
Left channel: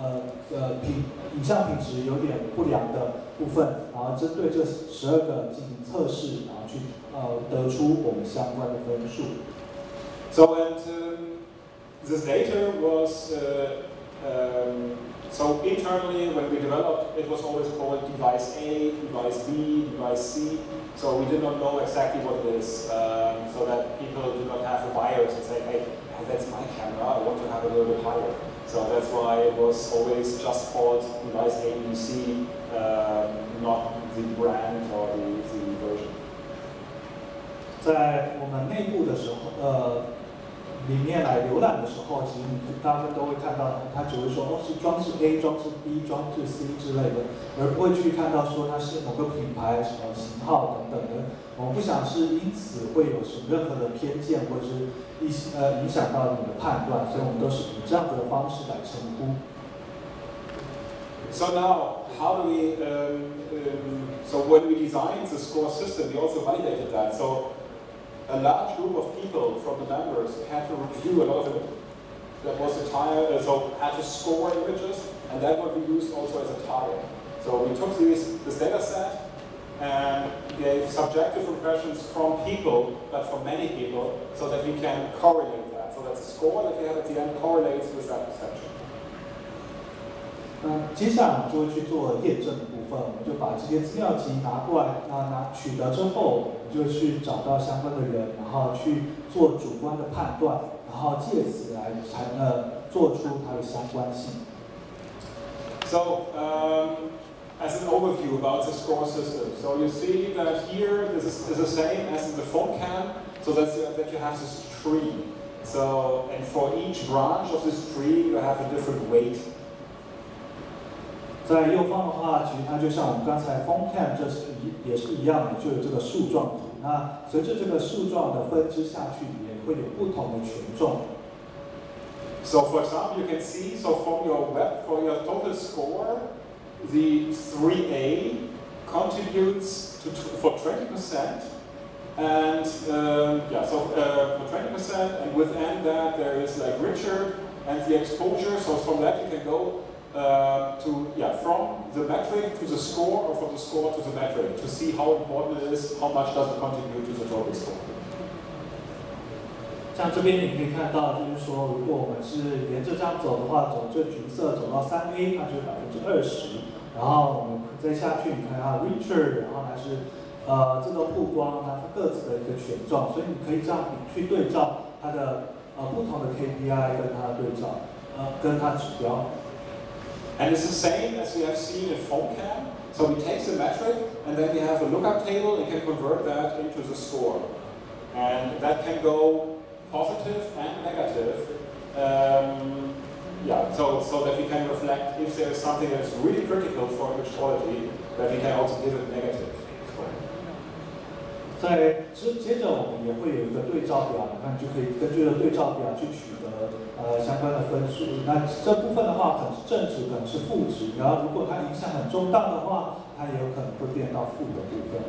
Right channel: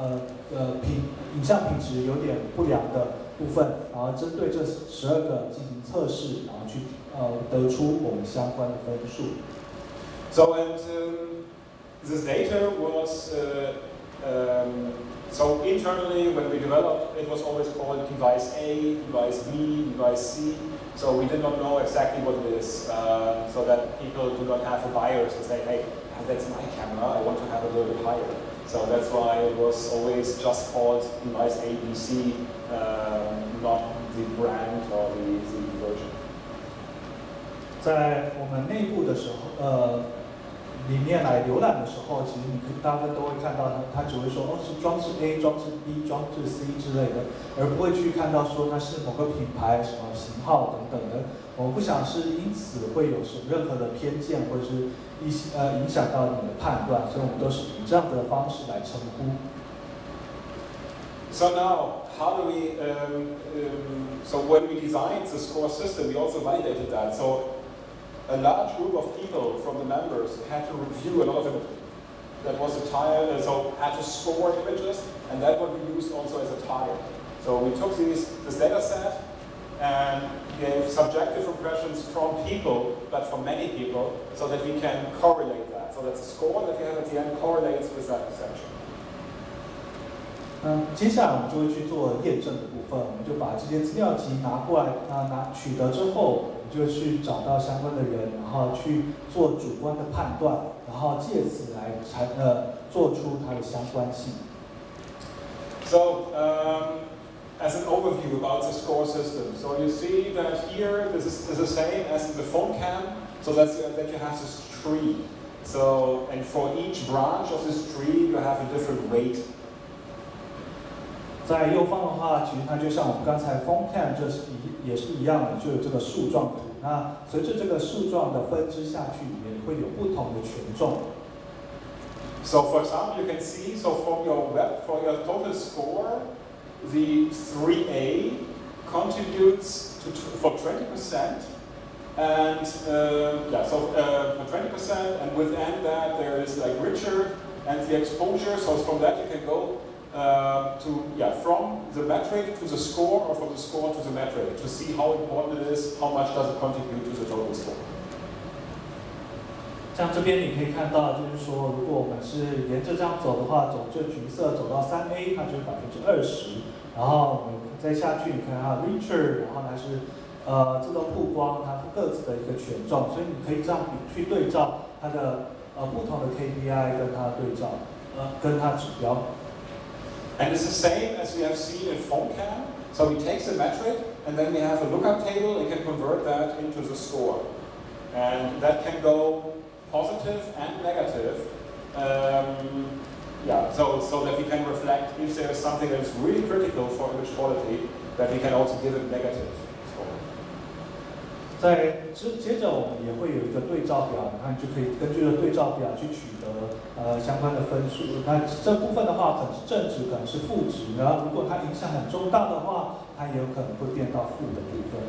影像品质有点不良的部分，然后针对这12个进行测试，然后去得出我们相关的分数。So this data was so internally when we developed, it was always called device A, device B, device C. So we did not know exactly what it is, so that people do not have a bias and say, hey, that's my camera, I want to have a little bit higher. So that's why it was always just called device A, B, C, not the brand or the version. 在我们内部的时候，里面来浏览的时候，其实你大部分都会看到它只会说是装置 A、装置 B、装置 C 之类的，而不会去看到说它是某个品牌、什么型号等等的。我们不想是因此会有什么任何的偏见或者是影响到你的判断，所以我们都是以这样的方式来称呼。So now, how do we? So when we designed the score system, we also validated that. So a large group of people from the members had to review a lot of images. That was the tire, so had to score images, and that what we used also as a tire. So we took this data set and gave subjective impressions from people, but from many people, so that we can correlate that. So that the score that we have at the end correlates with that perception. 接下来我们就会去做验证的部分，我们就把这些资料集拿过来，取得之后，我们就去找到相关的人，然后去做主观的判断，然后借此来做出它的相关性。So as an overview about the score system, so you see that here this is the same as in the phone cam, so that you have this tree. So and for each branch of this tree you have a different weight. 在右方的话，其实它就像我们刚才 phone cam 也是一样的，就有这个树状图。那随着这个树状的分支下去，也会有不同的权重。So for example, you can see, so for your total score, the 3A contributes for 20%, and for 20%, and within that there is like Richard and the exposure. So from that you can go from the metric to the score, or from the score to the metric, to see how important it is, how much does it contribute to the total score. 像这边你可以看到，就是说，如果我们是沿着这样走的话，走这橘色走到3A， 它就是20%。然后我们再下去，你看它 Richard， 然后还是自动曝光，它各自的一个权重，所以你可以这样去对照它的不同的 KPI 跟它对照，跟它指标。And it's the same as we have seen in PhoneCam. So we take the metric and then we have a lookup table and can convert that into the score. And that can go positive and negative. So that we can reflect if there is something that's really critical for image quality, that we can also give it negative. 接着我们也会有一个对照表，那你就可以根据对照表去取得相关的分数。那这部分的话，可能是正值，可能是负值，然后如果它影响很重大的话，它也有可能会变到负的部分。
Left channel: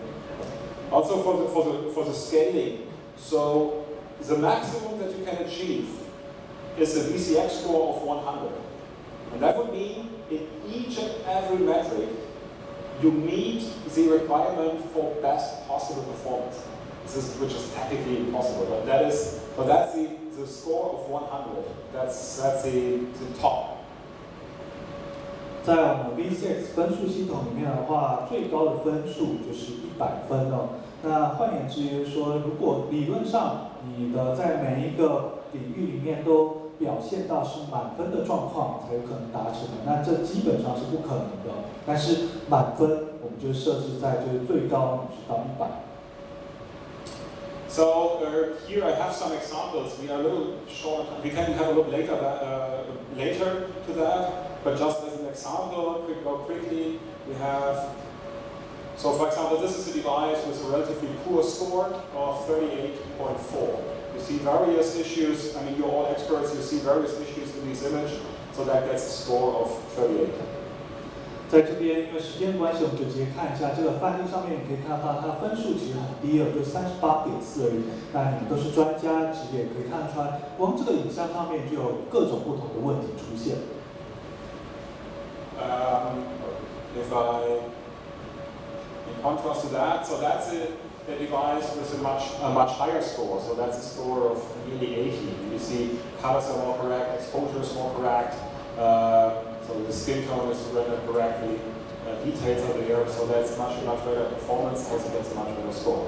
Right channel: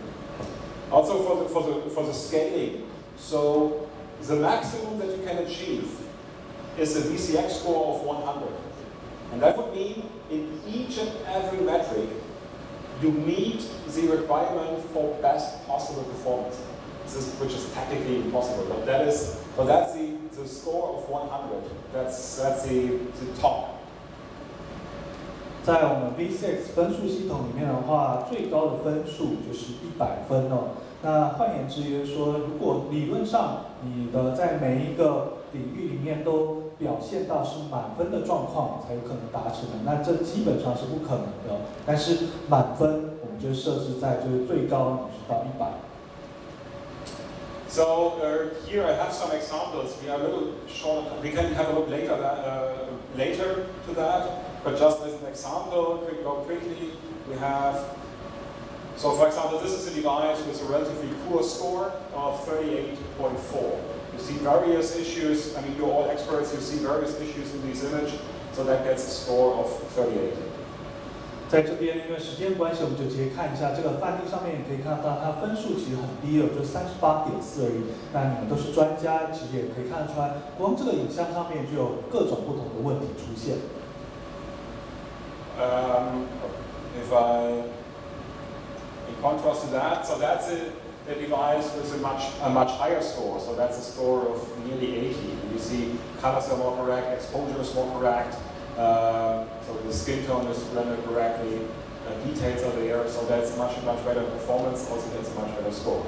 Also for the scaling, so the maximum that you can achieve is a VCX score of 100, and that would mean in each and every metric you meet the requirement for best possible performance, which is technically impossible. But that's the score of 100. That's the top. 在我们 VCX 分数系统里面的话，最高的分数就是100分哦。那换言之，就是说，如果理论上你的在每一个领域里面都表现到是满分的状况，才有可能达成的。那这基本上是不可能的。但是满分我们就设置在就是最高你是到100。So here I have some examples. We are a little short. We can have a look later to that. But just as an example, quickly, we have. So for example, this is a device with a relatively poor score of 38.4. You see various issues. I mean, you're all experts. You see various issues in this image, so that gets a score of 38. 在这边，因为时间关系，我们就直接看一下这个范例上面，你可以看到它分数其实很低了，就38.4而已。那你们都是专家，其实也可以看出来，光这个影像上面就有各种不同的问题出现。In contrast to that, so that's a device with a much higher score. So that's a score of nearly 80. And you see colors are more correct, exposure is more correct. So the skin tone is rendered correctly, details are there. So that's much better performance. Also gets a much better score.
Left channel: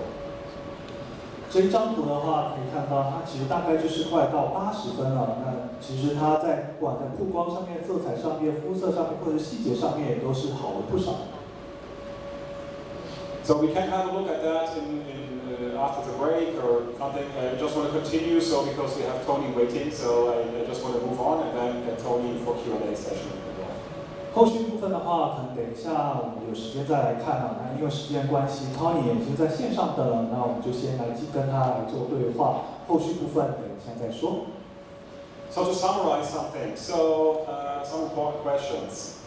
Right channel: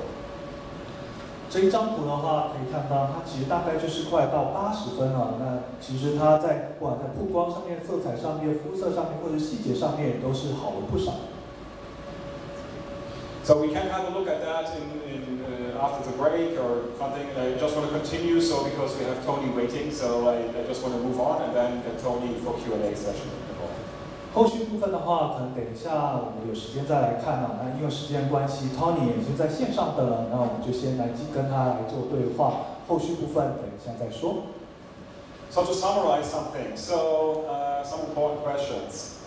这一张图的话，可以看到它其实大概就是快到80分了。那其实它在不管在曝光上面、色彩上面、肤色上面或者细节上面，也都是好了不少。So we can have a look at that after the break or something. I just want to continue, so because we have Tony waiting, so I just want to move on and then get Tony for Q&A session. 后续部分的话，可能等一下我们有时间再来看啊。那因为时间关系 ，Tony 也已经在线上的了，那我们就先来跟他来做对话。后续部分等一下再说。So to summarize something, some important questions.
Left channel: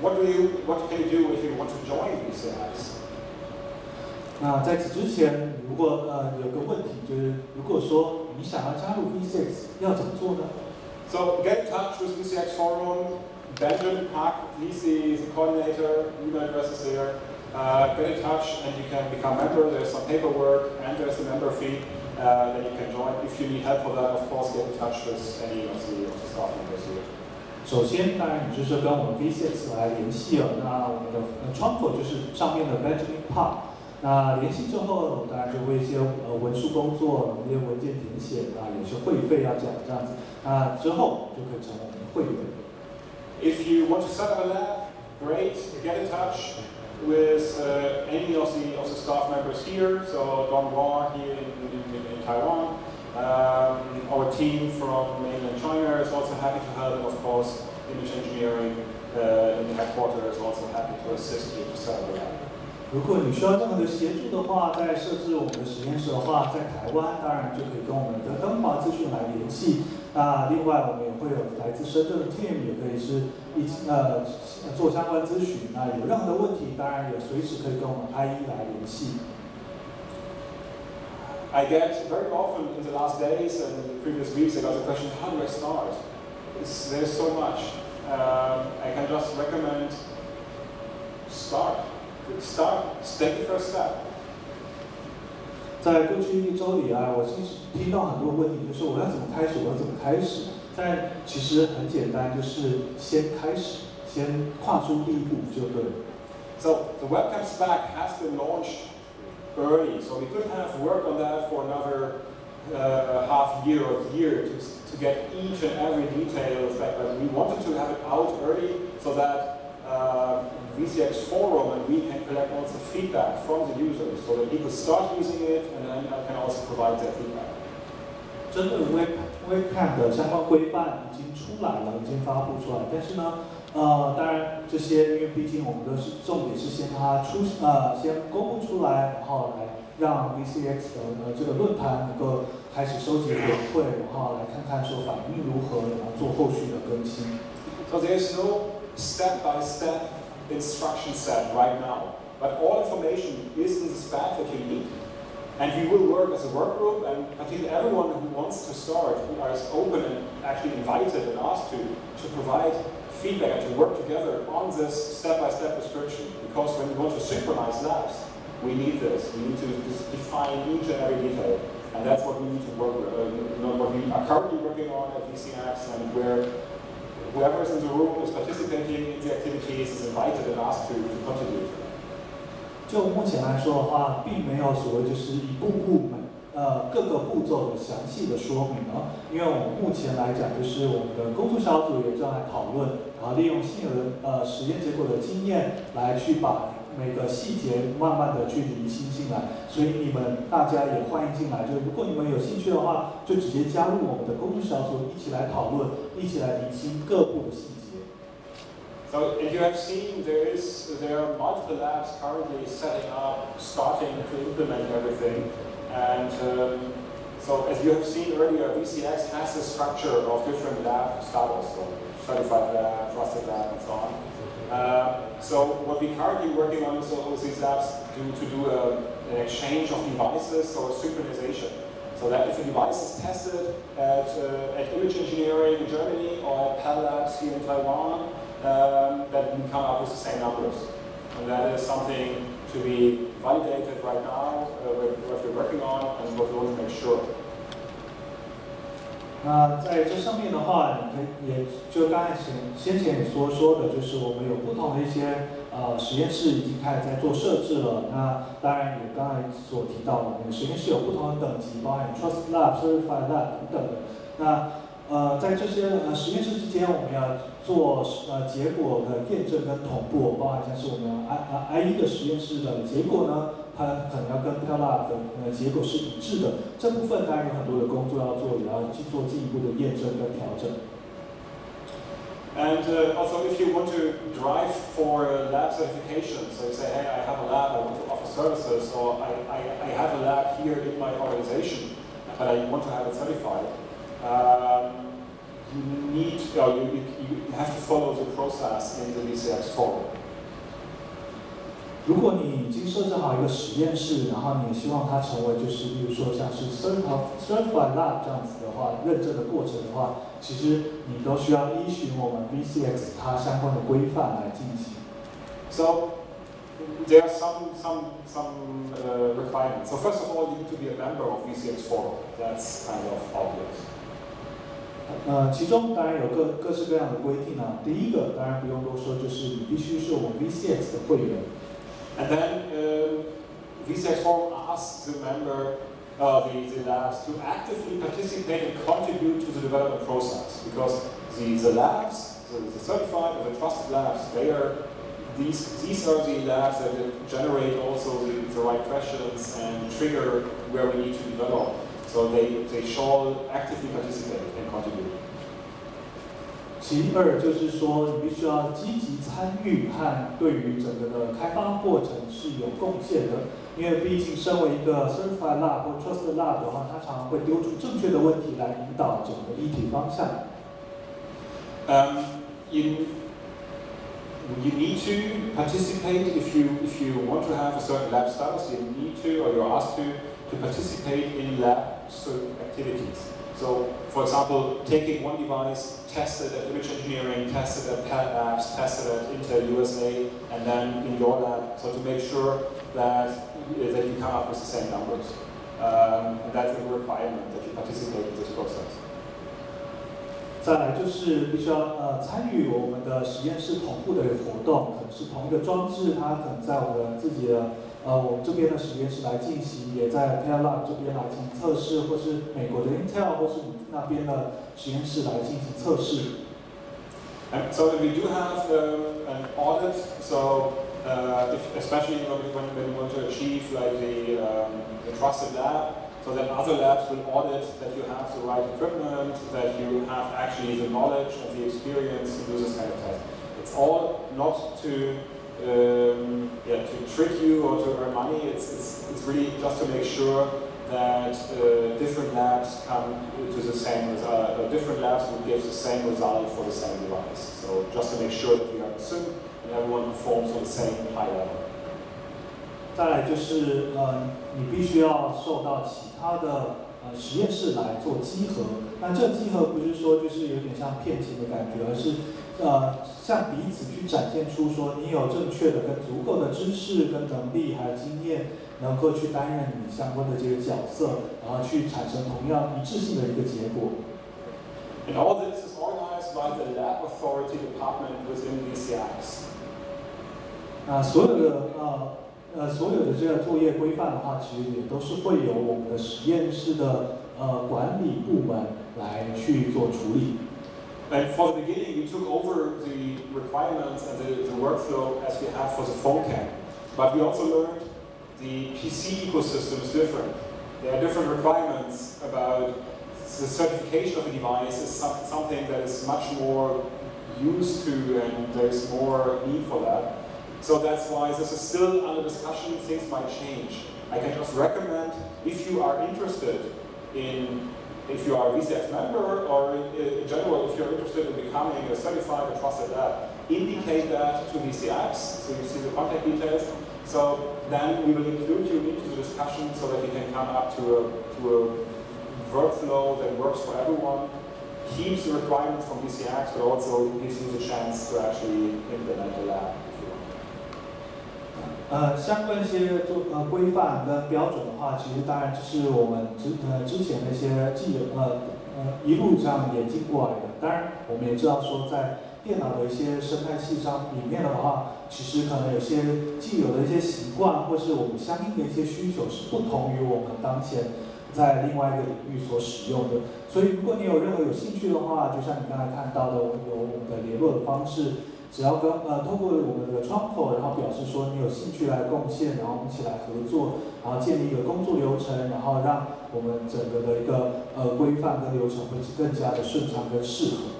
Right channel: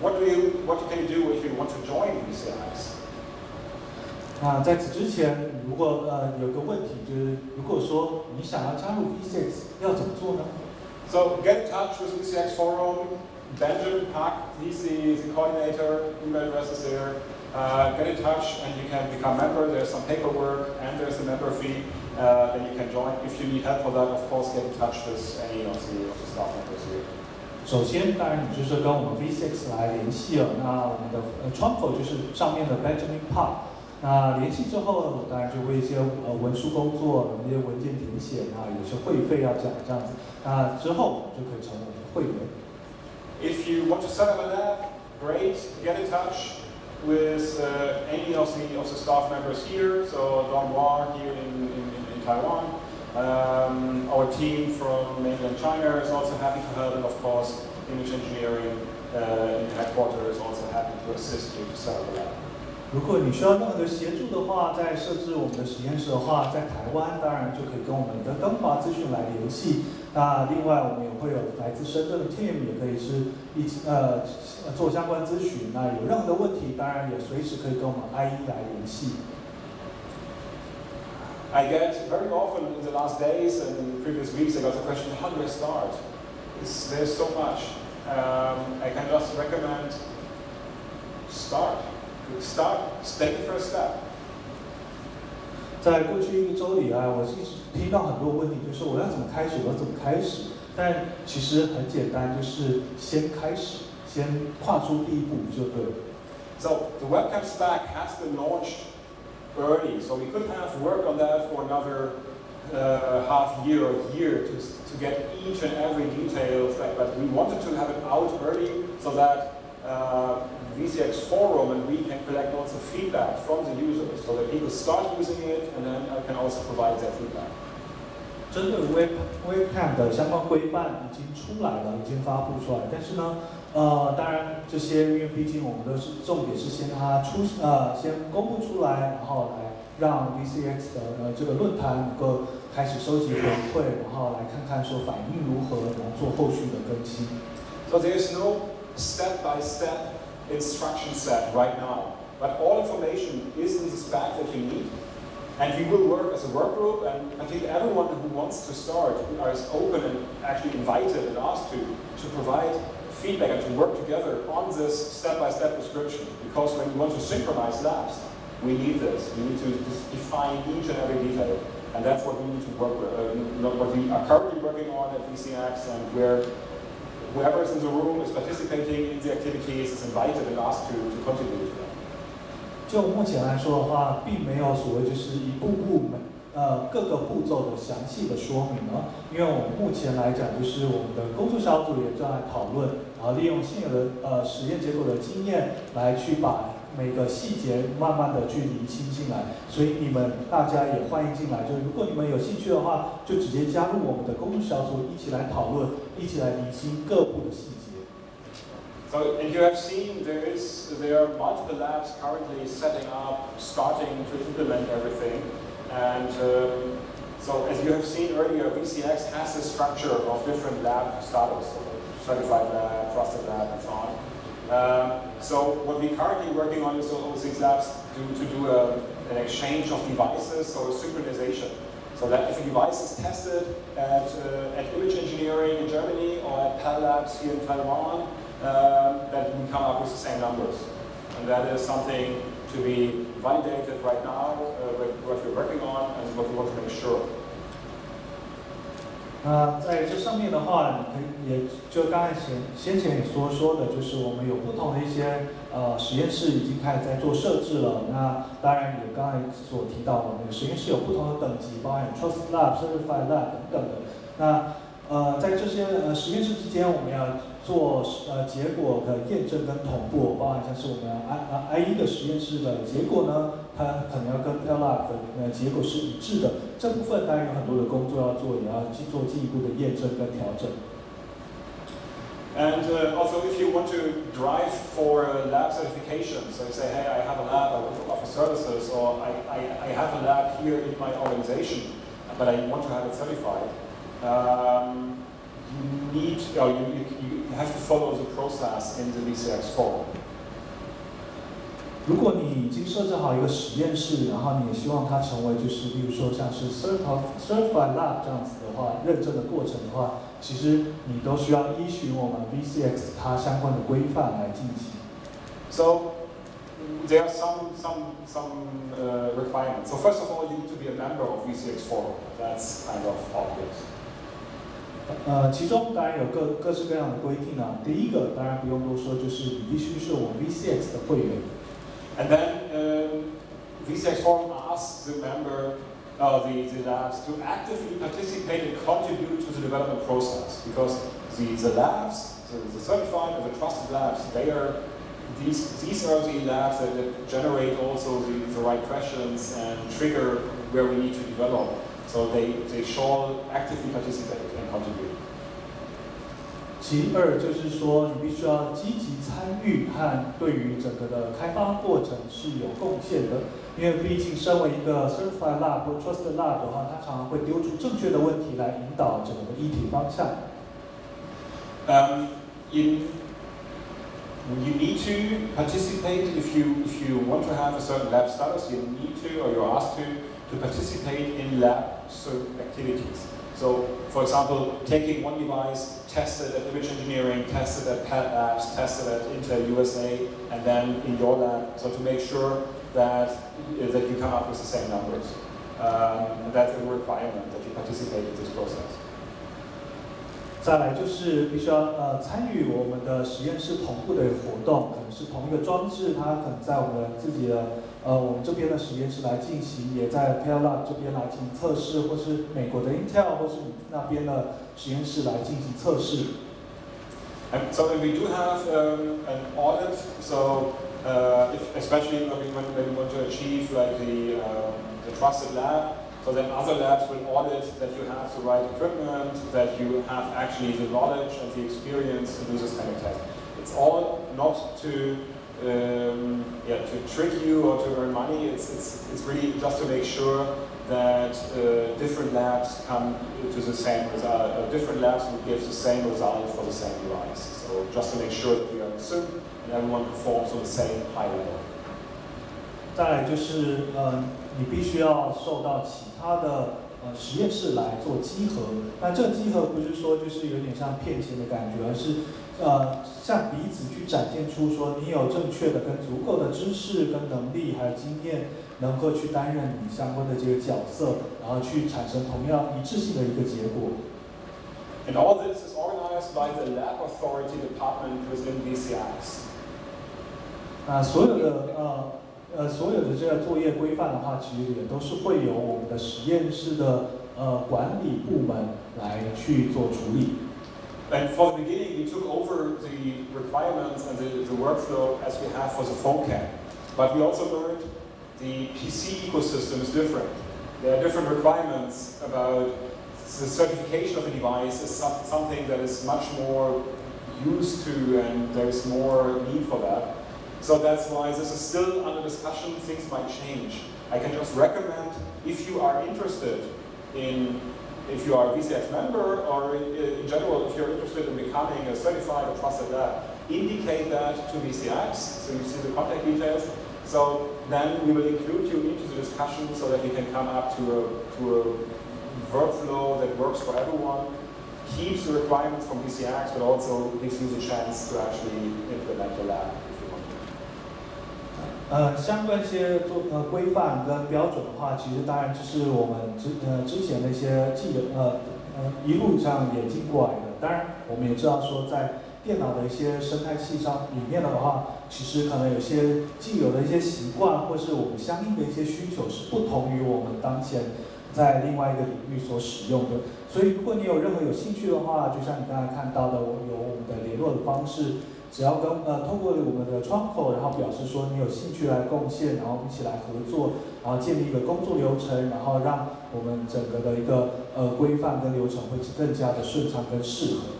What can you do if you want to join VCX? 那在此之前，如果有个问题就是，如果说你想要加入 VCX， 要怎么做呢？ So get in touch with VCX Forum. Benjamin Park, he's the coordinator. Email address is there. Get in touch and you can become a member. There's some paperwork and there's a member fee. Then you can join. If you need help for that, of course, get in touch with any of the staff members here. 首先，当然你就是跟我们 VCX 来联系了。那我们的窗口就是上面的 Benjamin Park。那联系之后，当然就会一些文书工作、一些文件填写，那有些会费要讲这样子。那之后就可以成为我们的会员。If you want to set up a lab, great. Get in touch with any of the staff members here. So Don War here in Taiwan. Our team from mainland China is also happy to help, and of course, image engineering in the headquarters is also happy to assist you to set up a lab. 如果你需要任何的协助的话，在设置我们的实验室的话，在台湾当然就可以跟我们的登华资讯来联系。那另外我们也会有来自深圳的 team， 也可以是做相关咨询。那有任何的问题，当然也随时可以跟我们 IE 来联系。I get very often in the last days and in the previous weeks, I got the question, how do I start? There's so much. I can just recommend start. Take the first step. 在过去1周里啊，我其实听到很多问题，就是我要怎么开始，我要怎么开始？但其实很简单，就是先开始，先跨出第一步就对了。So the webcam stack has been launched early, so we could have worked on that for another half year or year to get each and every detail. But we wanted to have it out early so that VCX forum and we can collect also feedback from the users, so that people start using it and then I can also provide their feedback. 针对 Webcam 的相关规范已经出来了，已经发布出来。但是呢，当然这些，因为毕竟我们的重点是先先公布出来，然后来让 VCX 的这个论坛能够开始收集回馈，然后来看看说反应如何，然后做后续的更新。So there's no step-by-step instruction set right now, but all information is in the spec that you need. And we will work as a work group, and I think everyone who wants to start, who is open and actually invited and asked to provide feedback and to work together on this step-by-step description. Because when you want to synchronize labs, we need this. We need to define each and every detail. And that's what we need to work with, what we are currently working on at VCX, and where whoever is in the room is participating in the activities is invited and asked to contribute. 就目前来说的话，并没有所谓就是一步步各个步骤的详细的说明呢，因为我们目前来讲，就是我们的工作小组也正在讨论，然后利用现有的实验结果的经验来去把每个细节慢慢的去厘清进来，所以你们大家也欢迎进来，就是如果你们有兴趣的话，就直接加入我们的工作小组，一起来讨论，一起来厘清各步的细节。So, and you have seen there are multiple labs currently setting up, starting to implement everything. And so, as you have seen earlier, VCX has a structure of different lab status, so certified lab, trusted lab, and so on. So, what we're currently working on is all these labs to do an exchange of devices, so a synchronization. So that if a device is tested at Image Engineering in Germany or at PAL Labs here in Taiwan, that we come up with the same numbers. And that is something to be validated right now, what we're working on and what we want to make sure. 那在这上面的话，你可以也就刚才先前也说的，就是我们有不同的一些实验室已经开始在做设置了。那当然也刚才所提到，我们实验室有不同的等级，包含 Trust Lab、Certified Lab 等等的。那在这些实验室之间，我们要做结果的验证跟同步，包含像是我们I1的实验室的结果呢，它可能要跟 PAL Lab 的结果是一致的。这部分当然有很多的工作要做，也要去做进一步的验证跟调整。And also, if you want to drive for lab certification, so you say, hey, I have a lab, I want to offer services, or I have a lab here in my organization, but I want to have it certified. You have to follow the process in the VCX forum. 如果你已经设置好一个实验室，然后你也希望它成为就是，比如说像是 Certified Lab 这样子的话，认证的过程的话，其实你都需要依循我们 VCX 它相关的规范来进行。So there are some requirements. So first of all, you need to be a member of VCX forum. That's kind of obvious. 其中当然有各式各样的规定啊。第一个当然不用多说，就是你必须是我们 VCX 的会员。And then VCX forum asks the member, the labs, to actively participate and contribute to the development process, because the labs, the certified or the trusted labs, these are the labs that generate also the right questions and trigger where we need to develop. So they shall actively participate and contribute. 其二就是说，你必须要积极参与和对于整个的开发过程是有贡献的，因为毕竟身为一个 Certified Lab 或 Trusted Lab 的话，它常常会丢出正确的问题来引导整个议题方向。You need to participate if you want to have a certain lab status. You need to, or you're asked to participate in lab activities. So, for example, taking one device, tested at Image Engineering, tested at PAL Labs, tested at Intel USA, and then in your lab, so to make sure that you come up with the same numbers. And that's a requirement that you participate in this process. 再来就是必须要参与我们的实验室同步的活动，可能是同一个装置，它可能在我们自己的我们这边的实验室来进行，也在 Parallel 这边来进行测试，或是美国的 Intel 或是你那边的实验室来进行测试。And so we do have an audit. So especially when we want to achieve like the trusted lab. So then other labs will audit that you have the right equipment, that you have actually the knowledge and the experience to do this kind of test. It's all not to trick you or to earn money. It's really just to make sure that different labs come to the same result. Different labs will give the same result for the same device. So just to make sure that we are in sync and everyone performs on the same high level. 再来就是你必须要受到其他的实验室来做稽核。那这个稽核不是说就是有点像骗钱的感觉，而是向彼此去展现出说你有正确的跟足够的知识跟能力还有经验，能够去担任你相关的这个角色，然后去产生同样一致性的一个结果。And all this is organized by the lab authority department within VCX. 所有的这个作业规范的话，其实也都是会由我们的实验室的管理部门来去做处理。And for the beginning, we took over the requirements and the workflow as we have for the phone cam. But we also learned the PC ecosystem is different. There are different requirements about the certification of a device is something that is much more used to, and there's more need for that. So that's why this is still under discussion. Things might change. I can just recommend, if you are interested in, if you are a VCX member, or in general, if you're interested in becoming a certified or trusted lab, indicate that to VCX, so you see the contact details. So then we will include you into the discussion so that we can come up to a workflow that works for everyone, keeps the requirements from VCX, but also gives you the chance to actually implement the lab. 相关一些规范跟标准的话，其实当然就是我们之前那些一路上演进过来的。当然，我们也知道说，在电脑的一些生态系上里面的话，其实可能有些既有的一些习惯，或是我们相应的一些需求是不同于我们当前在另外一个领域所使用的。所以，如果你有任何有兴趣的话，就像你刚才看到的，有我们的联络的方式。 只要通过我们的窗口，然后表示说你有兴趣来贡献，然后我们一起来合作，然后建立一个工作流程，然后让我们整个的一个规范跟流程会更加的顺畅跟适合。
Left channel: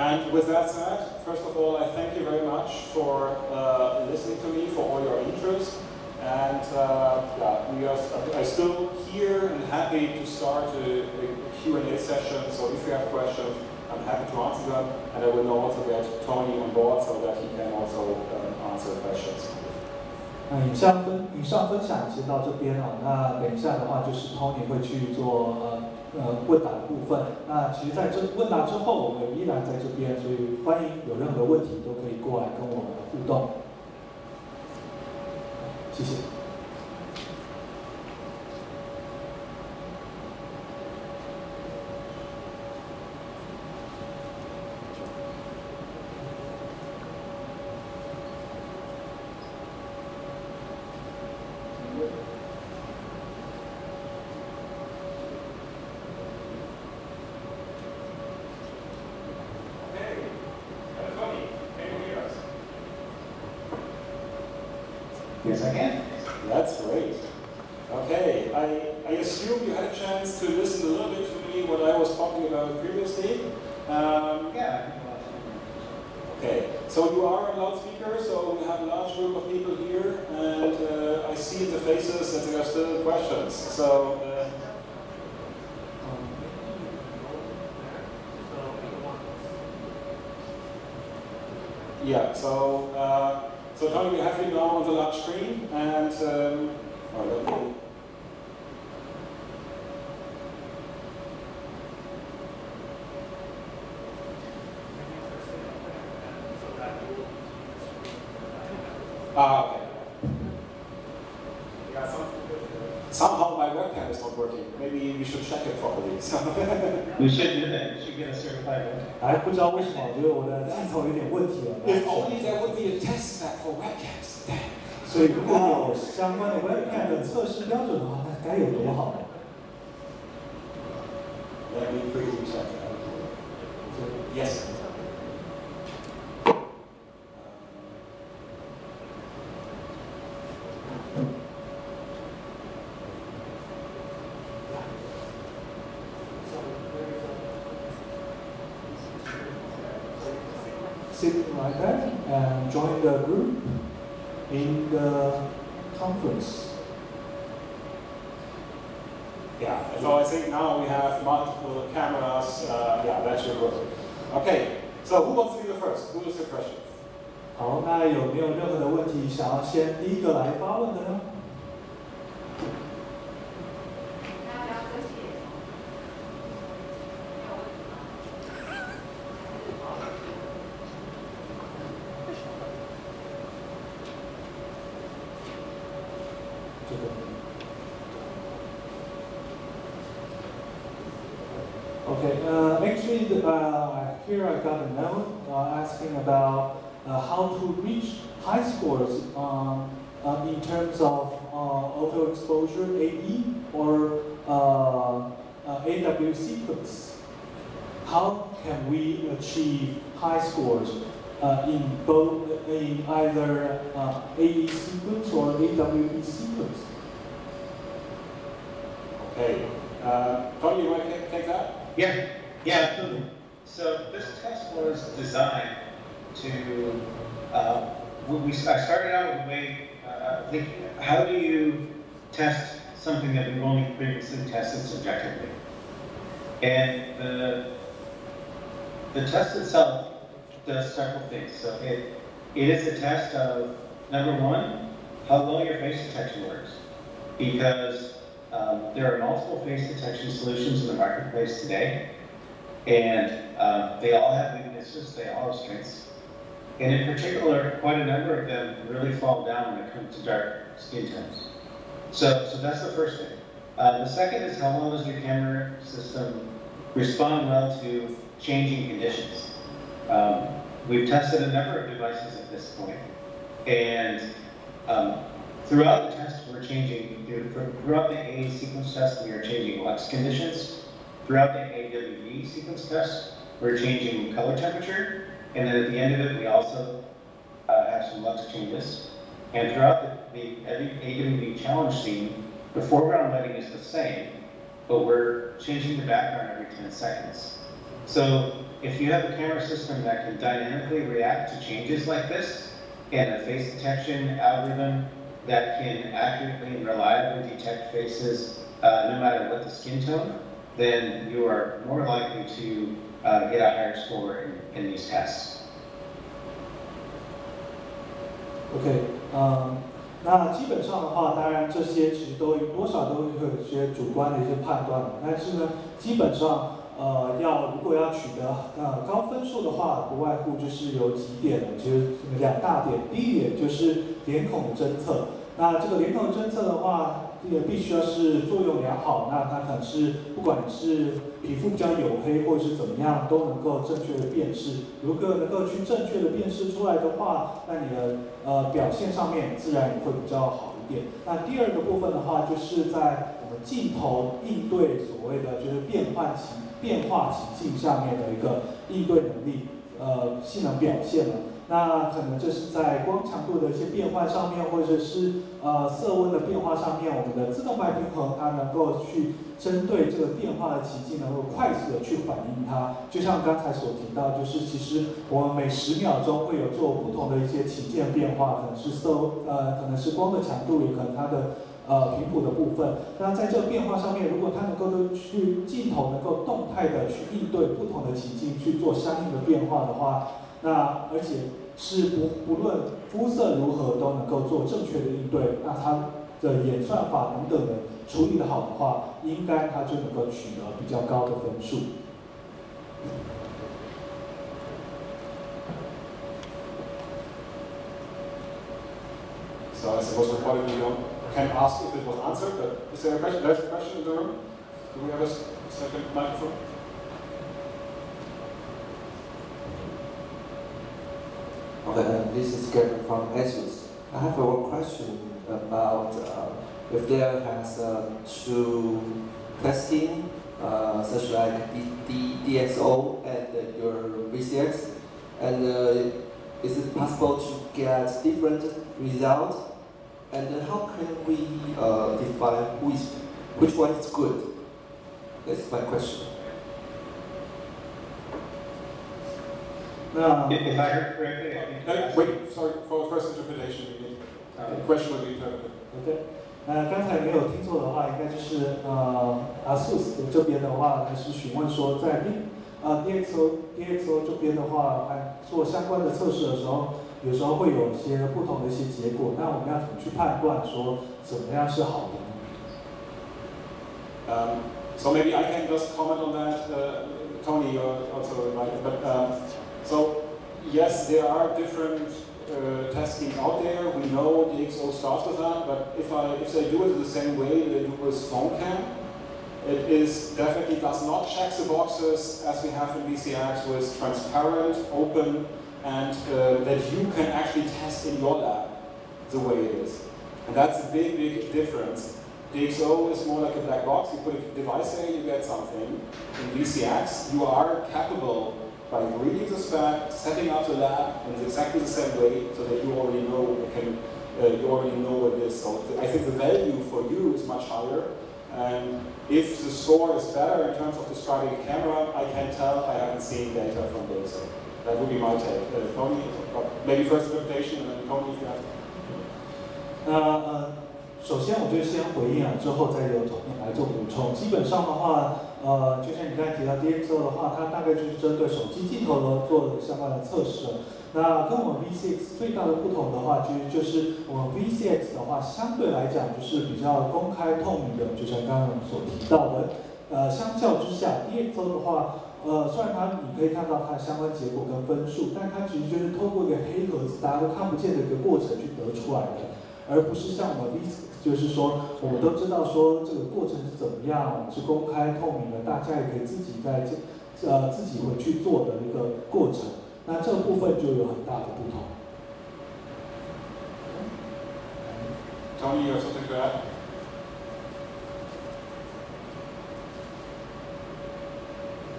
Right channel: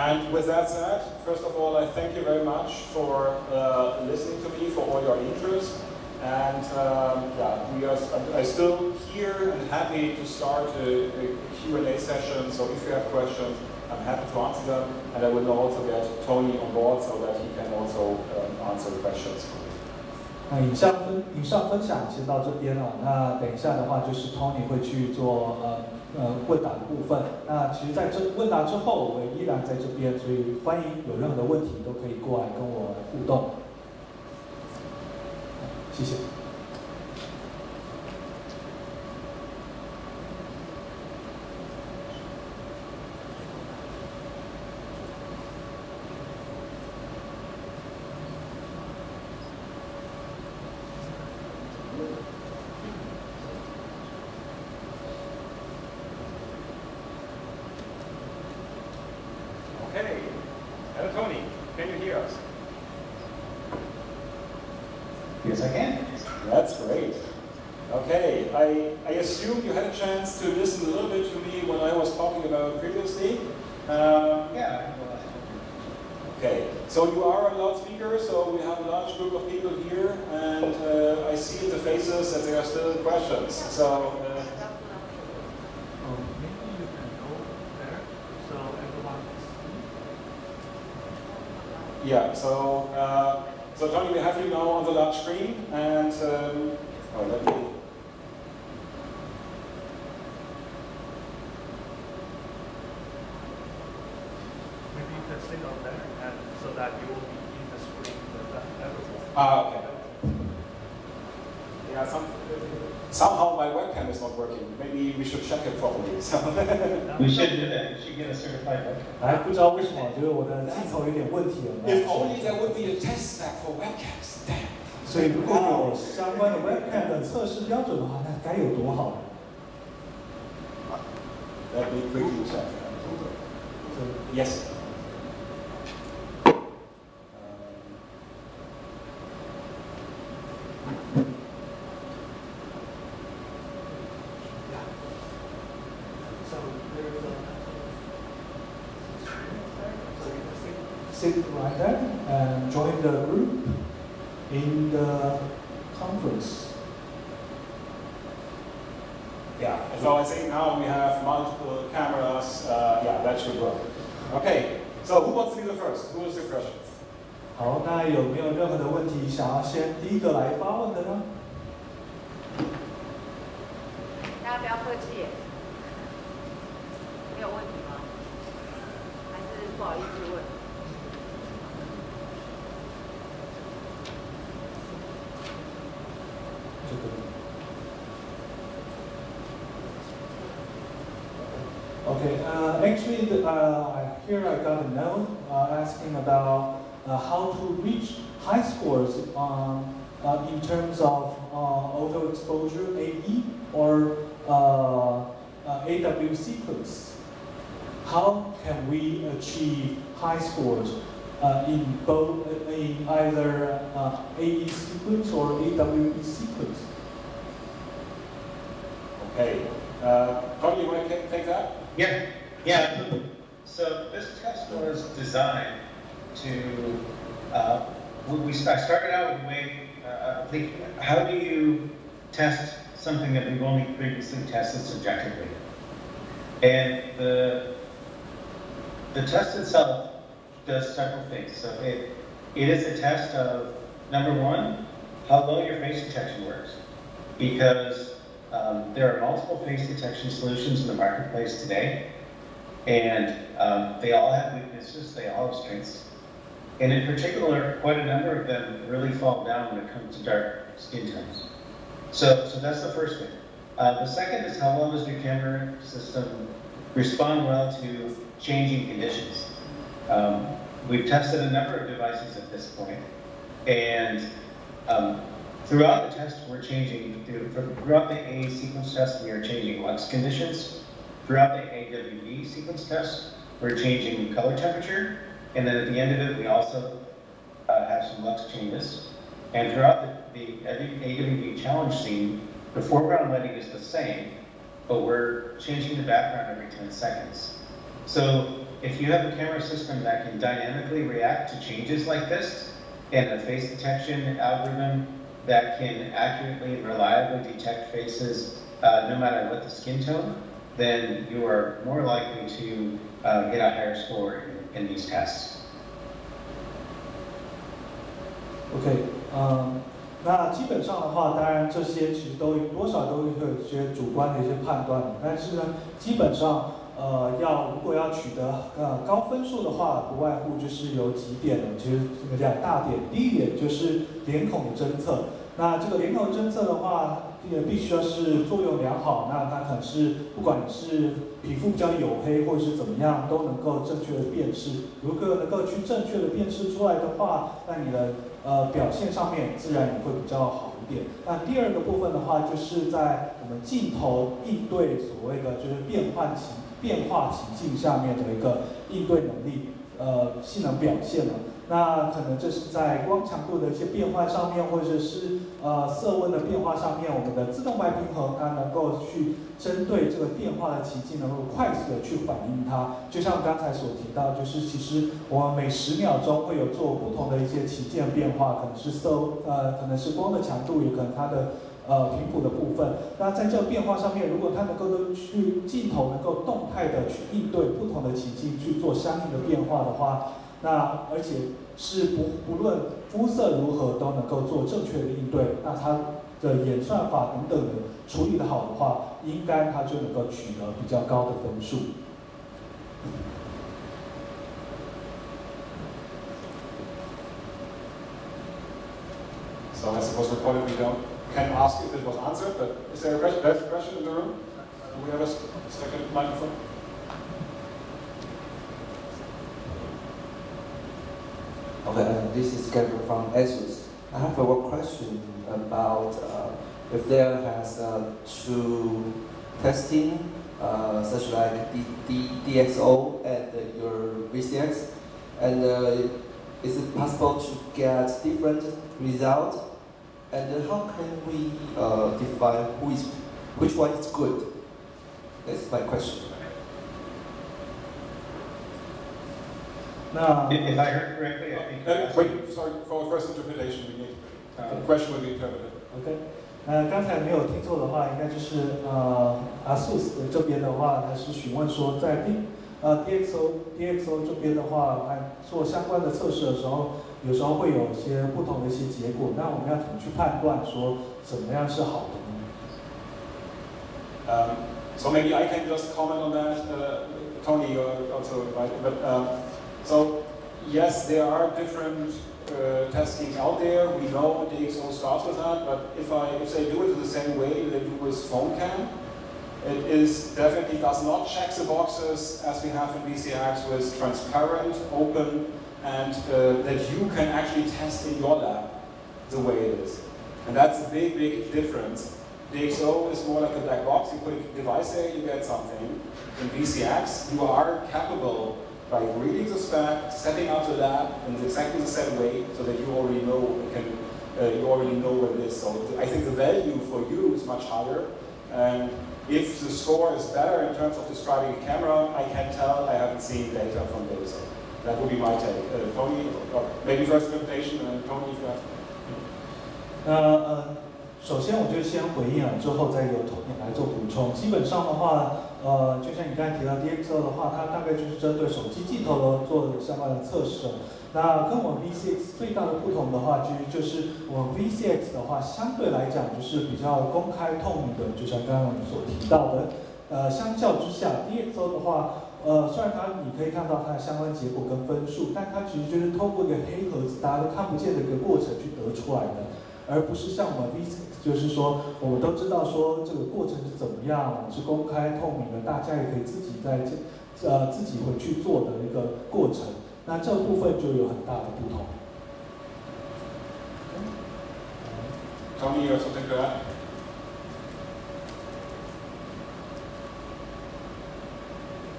And with that said, first of all, I thank you very much for listening to me, for all your interest, and I'm still here and happy to start a Q&A session. So if you have questions. I'm happy to answer them, and I will also get Tony on board so that he can also answer questions. 以上分享先到这边了。那等一下的话，就是 Tony 会去做问答的部分。那其实在这问答之后，我们依然在这边，所以欢迎有任何的问题都可以过来跟我互动。谢谢。 Okay, hello Tony, can you hear us? Yes, I can. That's great. Okay, I assume you had a chance to listen a little bit to me when I was talking about previously. Yeah. Okay, so you are on loudspeaker, so we have a large group of people here, and I see in the faces that there are still questions. So. Yeah, so Tony, we have you now on the large screen, and let me. Maybe you can sit on there, and so that you will be in the screen with that. Ah, okay. Yeah, somehow my webcam is not working. Maybe we should check it properly. So We should do that. We should get a certified webcam. 哎，不知道为什么，我觉得我的镜头有点问题了。 if only there would be a test spec for webcams. Damn. 所以如果有相关的 webcam 的测试标准的话，那该有多好呢？ Let me quickly check. Yes. Sit right there and join the group in the conference. Yeah, so I think now we have multiple cameras. Yeah, that should work. Okay, so who wants to be the first? Who is the question? 好，那有没有任何的问题想要先第一个来发问的呢？大家不要客气，没有问题吗？还是不好意思问？ Okay, actually, here I got a note asking about how to reach high scores in terms of auto exposure AE or AW sequence. How can we achieve high scores in either AE sequence or AWE sequence? Okay, Tony, you want to take that? Yeah, absolutely. So this test was designed to, I started out with a way, thinking, how do you test something that we've only previously tested subjectively? And the test itself does several things. So it is a test of, number one, how well your face detection works. Because there are multiple face detection solutions in the marketplace today, and they all have weaknesses, they all have strengths. And in particular, quite a number of them really fall down when it comes to dark skin tones. So that's the first thing. The second is how well does your camera system respond well to changing conditions. We've tested a number of devices at this point, and throughout the test, we're changing, throughout the AE sequence test, we are changing lux conditions. Throughout the AWE sequence test, we're changing color temperature. And then at the end of it, we also have some lux changes. And throughout the AWE challenge scene, the foreground lighting is the same, but we're changing the background every 10 seconds. So if you have a camera system that can dynamically react to changes like this, and a face detection algorithm that can accurately and reliably detect faces no matter what the skin tone, then you are more likely to get a higher score in these tests. OK，那基本上的话，当然这些其实多少都会有一些主观的一些判断，但是呢，基本上如果要取得高分数的话，不外乎就是有几点，其实两大点。第一点就是脸孔的侦测。那这个脸孔侦测的话，也必须要是作用良好。那它可能是不管你是皮肤比较黝黑或者是怎么样，都能够正确的辨识。如果能够去正确的辨识出来的话，那你的表现上面自然也会比较好一点。那第二个部分的话，就是在我们镜头应对所谓的就是变化情境下面的一个应对能力，性能表现了。那可能这是在光强度的一些变换上面，或者是色温的变化上面，我们的自动白平衡它能够去针对这个变化的情境，能够快速的去反映它。就像刚才所提到，就是其实我们每10秒钟会有做不同的一些情境变化，可能是可能是光的强度，也可能它的频谱的部分。那在这个变化上面，如果它能够去镜头能够动态的去应对不同的情境去做相应的变化的话，那而且是不论肤色如何都能够做正确的应对，那它的演算法等等的处理的好的话，应该它就能够取得比较高的分数。So I suppose what do we go? can ask if it was answered, but is there a question? There's a question in the room? Do we have a second microphone? Okay, this is Kevin from ASUS. I have one question about if there has true testing, such like DxO and your VCX, and is it possible to get different results? And how can we define which one is good? That's my question. If I heard correctly, I think. Wait, sorry, for first interpretation, we need the question will be interpreted. OK， 刚才没有听错的话，应该就是ASUS 这边的话，还是询问说在DxO 这边的话，做相关的测试的时候，有时候会有一些不同的一些结果。那我们要怎么去判断说怎么样是好的呢？ So maybe I can just comment on that. Tony also, right? But so yes, there are different testings out there. We know DxO starts with that, but if they do it the same way they do with phone cam, it is definitely does not check the boxes as we have in VCX with transparent, open, and that you can actually test in your lab the way it is. And that's a big, big difference. DxO is more like a black box. You put a device there, you get something. In VCX, you are capable by reading the spec, setting up the lab in exactly the same way, so that you already know what it is. So I think the value for you is much higher. And if the score is better in terms of describing a camera, I can tell. I haven't seen data from DxO. That would be my take. Tony, or maybe first presentation, and then Tony, if you have. 首先我就先回应之后再由Tony来做补充。基本上的话，就像你刚才提到 DxO 的话，它大概就是针对手机镜头做相关的测试。那跟我们 VCX 最大的不同的话，就是我们 VCX 的话，相对来讲就是比较公开透明的，就像刚刚我们所提到的。相较之下 ，DxO 的话，虽然你可以看到它的相关结果跟分数，但它其实就是透过一个黑盒子，大家都看不见的一个过程去得出来的。而不是像我们 VCX， 就是说我们都知道说这个过程是怎么样，是公开透明的，大家也可以自己自己回去做的一个过程。那这部分就有很大的不同。Tony, you have something to add?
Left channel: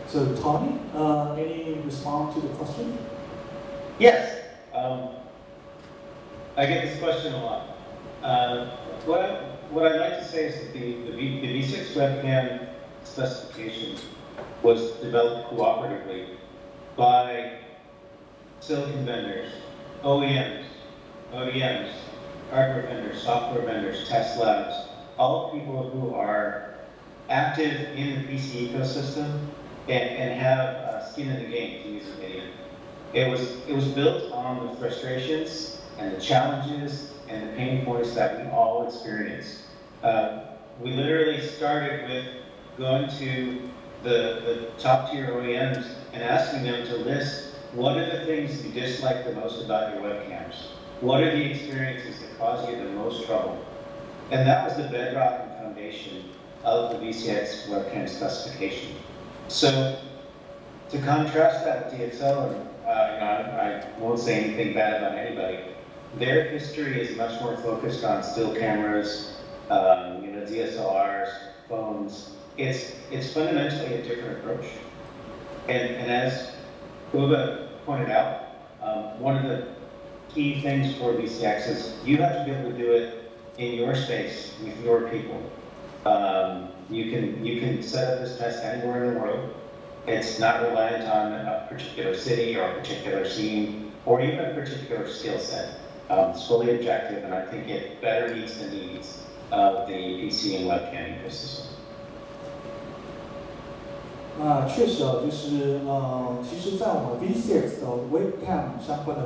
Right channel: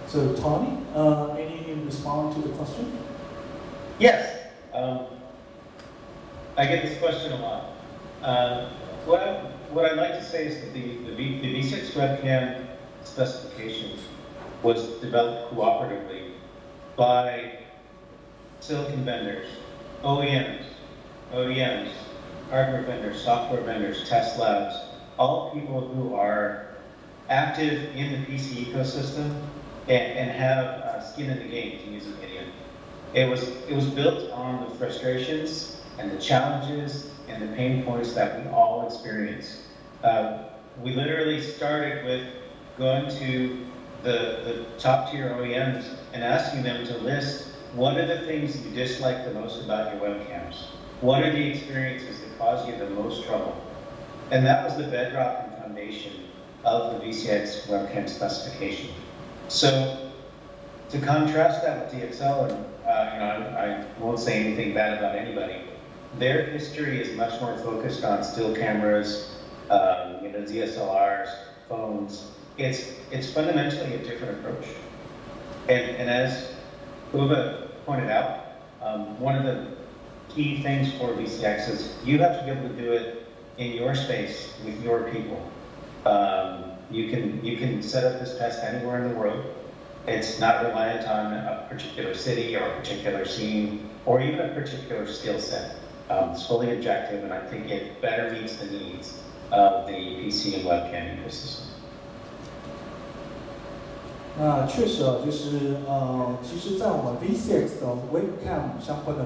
So Tony, any response to the question? Yes. I get this question a lot. What I'd like to say is that the VCX webcam specification was developed cooperatively by silicon vendors, OEMs, ODMs, hardware vendors, software vendors, test labs, all people who are active in the PC ecosystem and have skin in the game, to use an idiom. It was built on the frustrations and the challenges and the pain points that we all experience. We literally started with going to the top tier OEMs and asking them to list what are the things you dislike the most about your webcams? What are the experiences that cause you the most trouble? And that was the bedrock and foundation of the VCX webcam specification. So to contrast that with DxO, and I won't say anything bad about anybody, their history is much more focused on still cameras, DSLRs, phones. It's fundamentally a different approach. And as Uwe pointed out, one of the key things for VCX is you have to be able to do it in your space with your people. You can set up this test anywhere in the world. It's not reliant on a particular city or a particular scene or even a particular skill set. It's fully objective, and I think it better meets the needs of the PC and webcam ecosystem. 那确实就是其实，在我们 VCX 的 webcam 相关的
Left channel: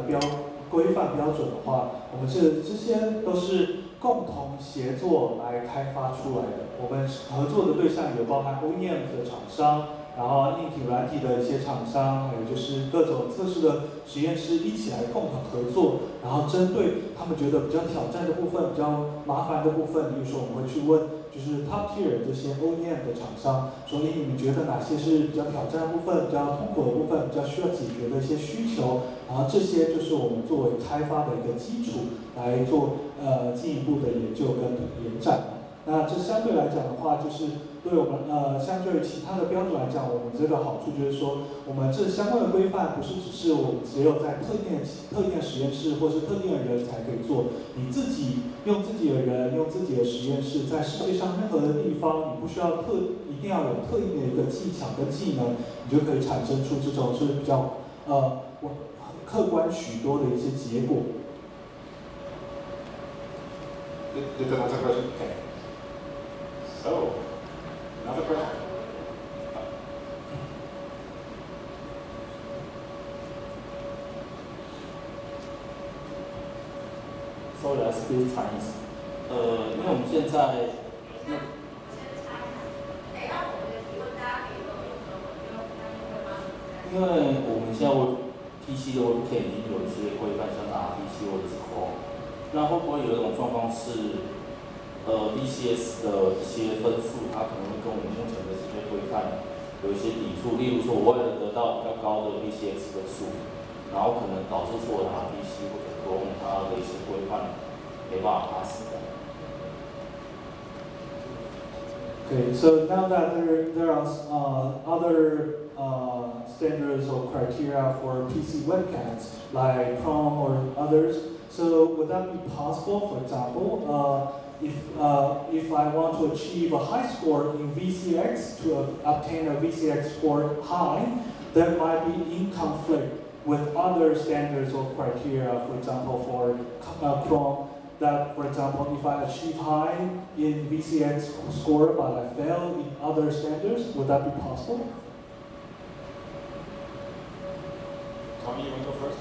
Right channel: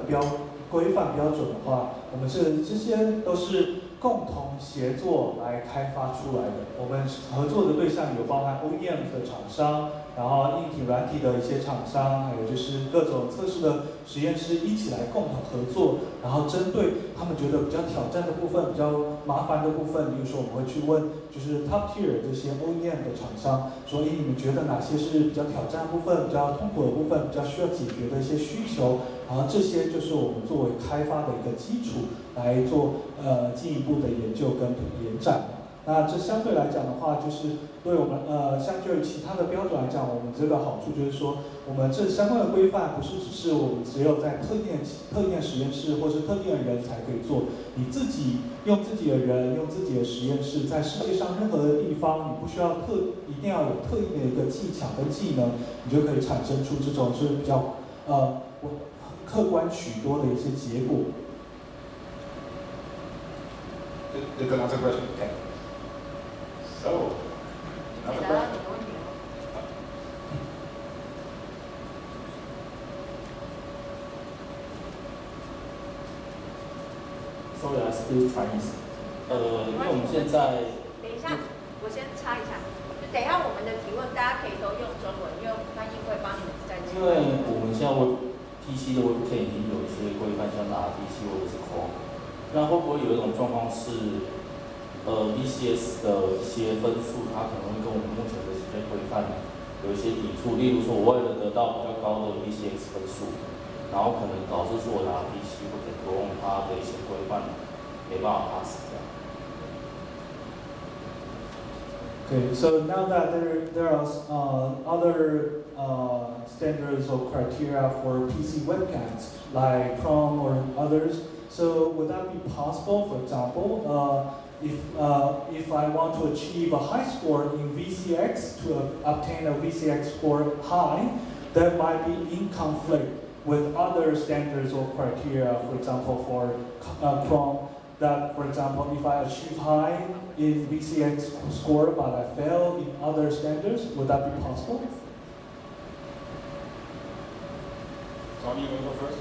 规范标准的话，我们这些都是共同协作来开发出来的。我们合作的对象有包含 OEM 的厂商，然后硬体、软体的一些厂商，还有就是各种测试的实验室一起来共同合作，然后针对他们觉得比较挑战的部分、比较麻烦的部分，比如说我们会去问，就是 top tier 这些 OEM 的厂商，说，你们觉得哪些是比较挑战的部分、比较痛苦的部分、比较需要解决的一些需求，然后这些就是我们作为开发的一个基础来做进一步的研究跟延展。那这相对来讲的话，就是对我们相对于其他的标准来讲，我们这个好处就是说，我们这相关的规范不是只是我们只有在特定实验室或是特定的人才可以做，你自己用自己的人，用自己的实验室，在世界上任何的地方，你不需要一定要有特定的一个技巧跟技能，你就可以产生出这种是比较客观许多的一些结果。Did that answer the question? Okay. So, another question. Sorry, I speak Chinese. 因为我们现在，等一下，我先插一下。等一下我们的提问，大家可以都用中文，因为翻译会帮你们在。因为我们现在PC 的 WebCam 已经有一些规范，像是 RDC 或者是 Chrome。那会不会有一种状况是，VCS 的一些分数，它可能会跟我们目前的这些规范有一些抵触？例如说，我为了得到比较高的 VCX 分数，然后可能导致说我的 RDC 或者 Chrome 它的一些规范没办法 pass 的。Okay, so now that there are other standards or criteria for PC webcams like Chrome or others, so would that be possible? For example, if I want to achieve a high score in VCX to obtain a VCX score high, that might be in conflict with other standards or criteria. For example, for Chrome. That, for example, if I achieve high in VCX score but I fail in other standards, would that be possible? Tony, you want to go first?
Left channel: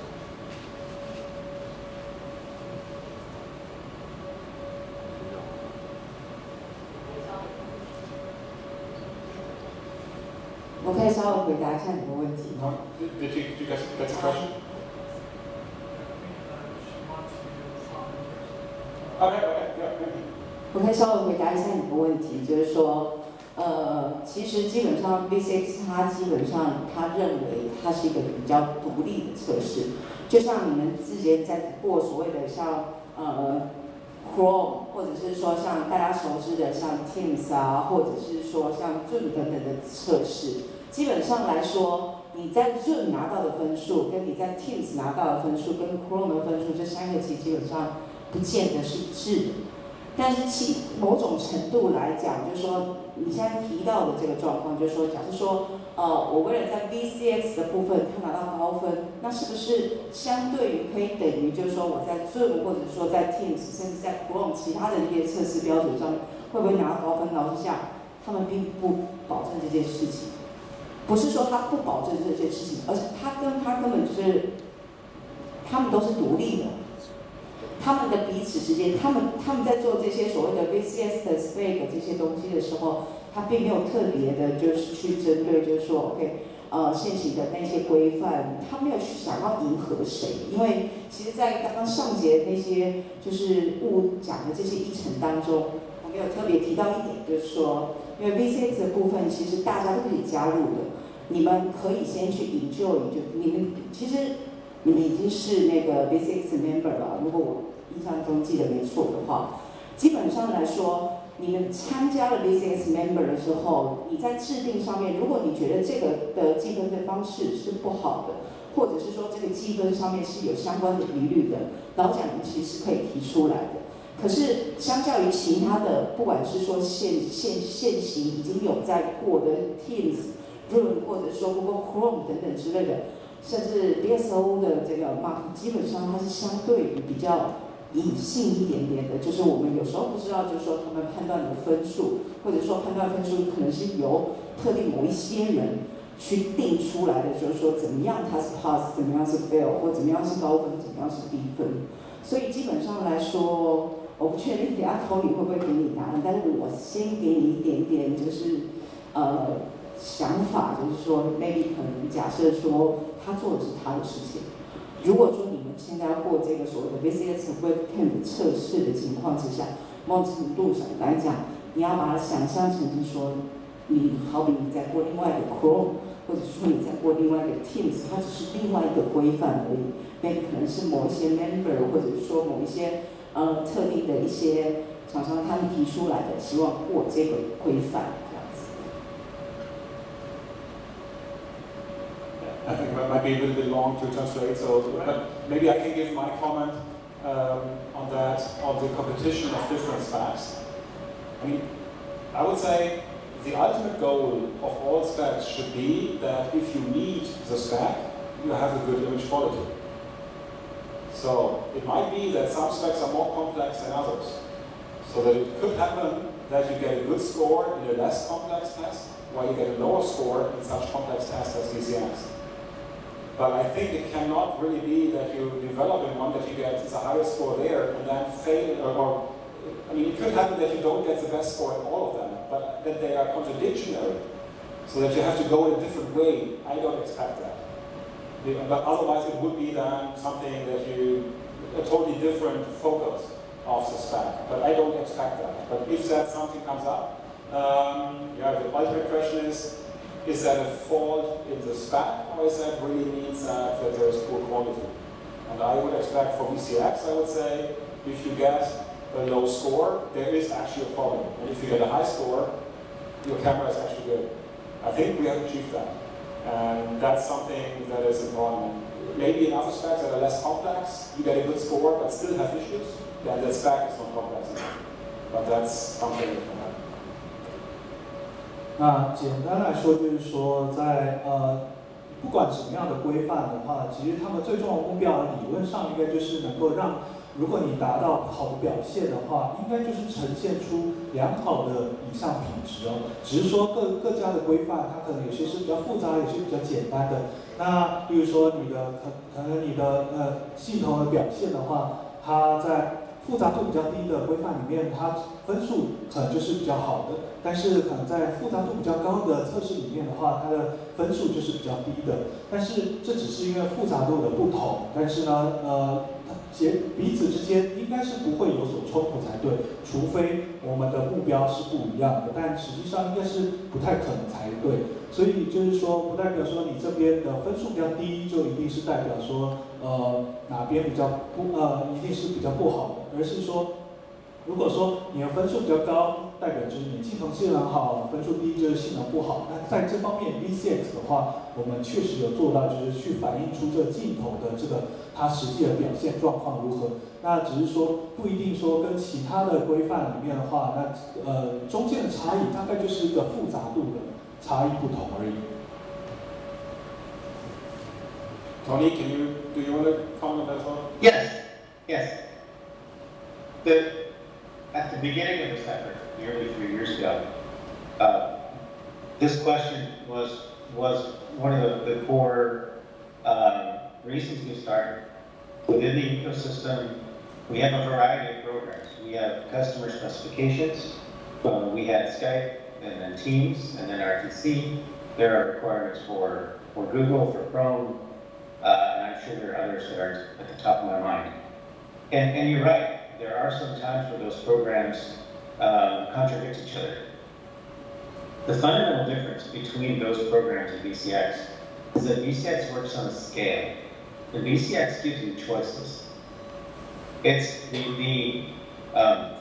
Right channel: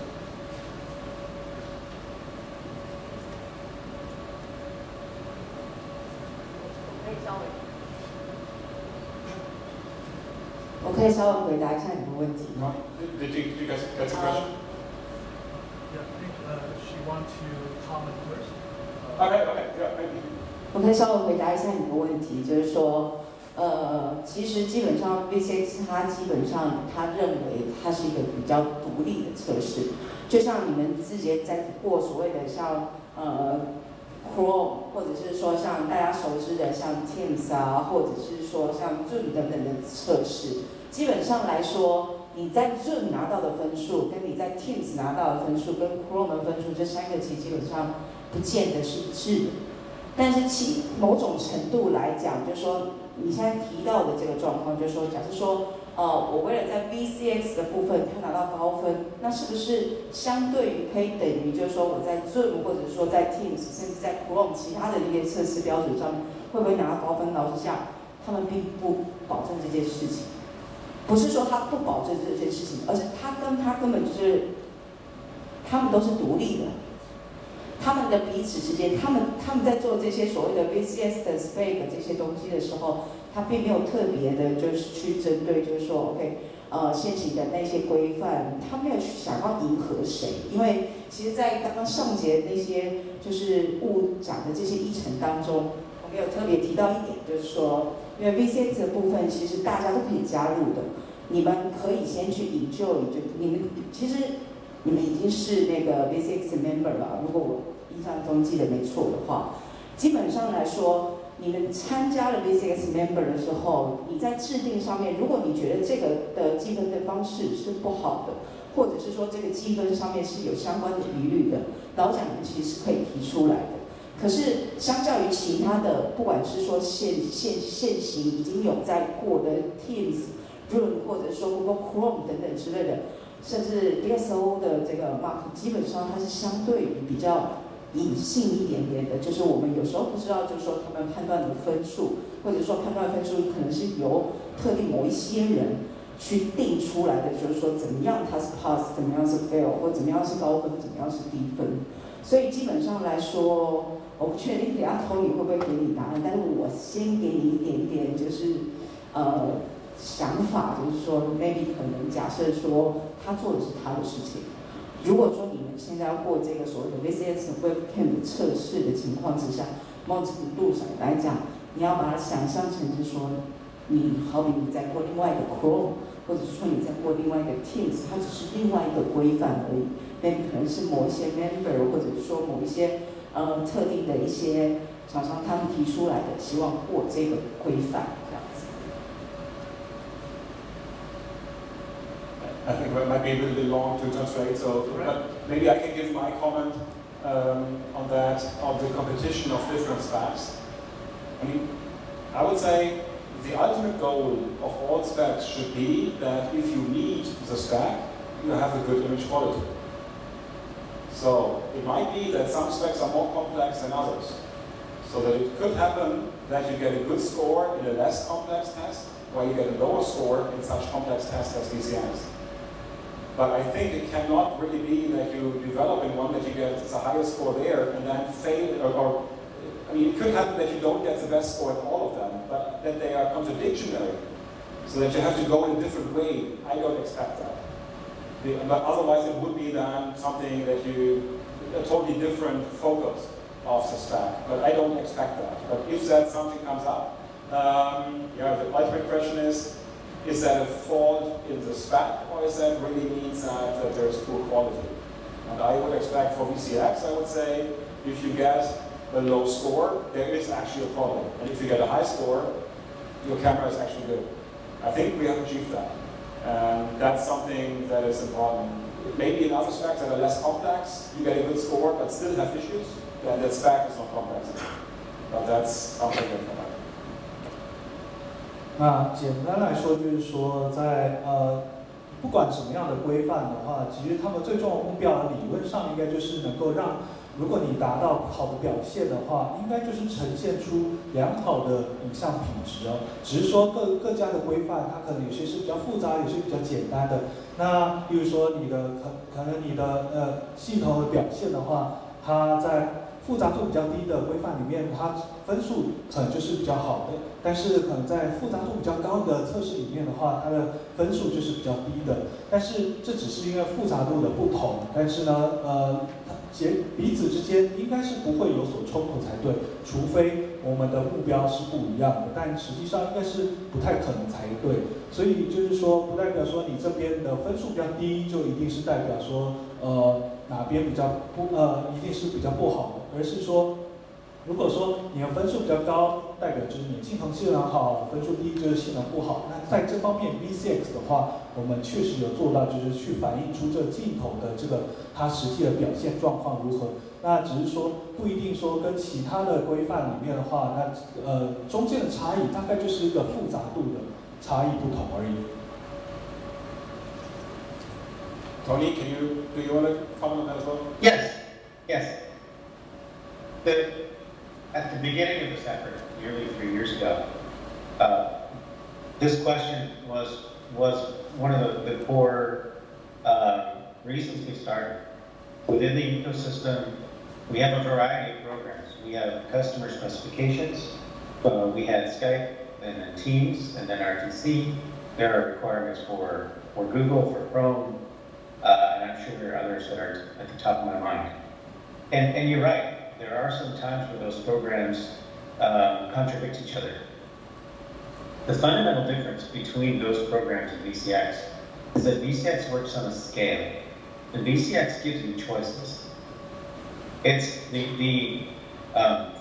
我可以稍微回答一下你的问题吗？ Did you guys get the question? Yeah, I think she wants to comment first. Okay, yeah, thank you. 我可以稍微回答一下你的问题，就是说，其实基本上 VCX 它基本上它认为它是一个比较独立的测试，就像你们之前在过所谓的像Chrome， 或者是说像大家熟知的像 Teams 啊，或者是说像 Zoom 等等的测试，基本上来说，你在 Zoom 拿到的分数，跟你在 Teams 拿到的分数，跟 Chrome 的分数，这三个基本上不见得是一致的。但是某种程度来讲，就是说你现在提到的这个状况，就是说，假设说，我为了在 VCX 的部分他拿到高分，那是不是相对于可以等于，就是说我在 Zoom 或者说在 Teams， 甚至在 Chrome 其他的一些测试标准上面，会不会拿到高分？老实讲，他们并不保证这件事情。不是说他不保证这件事情，而是他根本就是，他们都是独立的。他们的彼此之间，他们在做这些所谓的 VCS 的 spec 这些东西的时候，他并没有特别的，就是去针对，就是说 ，OK， 现行的那些规范，他没有去想要迎合谁，因为其实，在刚刚上节那些就是讲的这些议程当中，我们有特别提到一点，就是说，因为 VCX 的部分其实大家都可以加入的，你们可以先去enjoy，就你们其实。你们已经是那个 VCX member 了，如果我印象中记得没错的话，基本上来说，你们参加了 VCX member 的时候，你在制定上面，如果你觉得这个的计分的方式是不好的，或者是说这个计分上面是有相关的疑虑的，老蒋你其实可以提出来的。可是相较于其他的，不管是说现行已经有在过的 Teams、Zoom 或者说 Google Chrome 等等之类的。甚至 DSO 的这个 mark 基本上它是相对于比较隐性一点点的，就是我们有时候不知道，就是说他们判断的分数，或者说判断分数可能是由特定某一些人去定出来的，就是说怎么样它是 pass， 怎么样是 fail， 或怎么样是高分，怎么样是低分。所以基本上来说，我不确定等下Tony会不会给你答案，但是我先给你一点点，就是想法，就是说 maybe 可能假设说他做的是他的事情。如果说你们现在要过这个所谓的 VCX webcam 的测试的情况之下，某种程度上来讲，你要把它想象成是说，你好比你在过另外一个 Chrome， 或者是说你在过另外一个 Teams， 它只是另外一个规范而已。maybe 可能是某一些 member， 或者是说某一些特定的一些厂商他们提出来的，希望过这个规范这样子。I think that might be a little bit long to translate, so but maybe I can give my comment on that, on the competition of different stacks. I mean, I would say the ultimate goal of all stacks should be that if you need the stack, you have a good image quality. So it might be that some stacks are more complex than others. So that it could happen that you get a good score in a less complex test, while you get a lower score in such complex tests as VCX. But I think it cannot really be that you develop in one that you get the highest score there and then fail, or I mean, it could happen that you don't get the best score in all of them, but that they are contradictory, so that you have to go in a different way. I don't expect that. But otherwise it would be then something that a totally different focus of the stack. But I don't expect that. But if that something comes up, yeah, the ultimate question is that a fault in the stack, or is that really means that there's poor quality? And I would expect for VCX, I would say, if you get a low score, there is actually a problem. And if you get a high score, your camera is actually good. I think we have achieved that. And that's something that is important. Maybe in other stacks that are less complex, you get a good score but still have issues, then the stack is not complex enough. But that's something that can happen. 那简单来说，就是说在不管什么样的规范的话，其实他们最重要的目标理论上应该就是能够让，如果你达到好的表现的话，应该就是呈现出良好的影像品质哦。只是说各家的规范，它可能有些是比较复杂，有些比较简单的。那比如说你的可能你的系统的表现的话，它在复杂度比较低的规范里面，它分数可能就是比较好的，但是可能在复杂度比较高的测试里面的话，它的分数就是比较低的。但是这只是因为复杂度的不同，但是呢，彼此之间应该是不会有所冲突才对，除非我们的目标是不一样的，但实际上应该是不太可能才对。所以就是说，不代表说你这边的分数比较低，就一定是代表说哪边比较一定是比较不好的，而是说，如果说你的分数比较高，代表就是你镜头性能好，分数低就是性能不好。那在这方面 VCX 的话，我们确实有做到，就是去反映出这个镜头的这个它实际的表现状况如何。那只是说不一定说跟其他的规范里面的话，那中间的差异大概就是一个复杂度的差异不同而已。Tony, do you want to comment on that as well? Yes, yes. At the beginning of this effort, nearly 3 years ago, this question was one of the core reasons we started. Within the ecosystem, we have a variety of programs. We have customer specifications. We had Skype and then Teams and then RTC. There are requirements for Google, for Chrome, and I'm sure there are others that are at the top of my mind. And you're right. There are some times where those programs contradict each other. The fundamental difference between those programs and VCX is that VCX works on a scale. The VCX gives you choices. It's the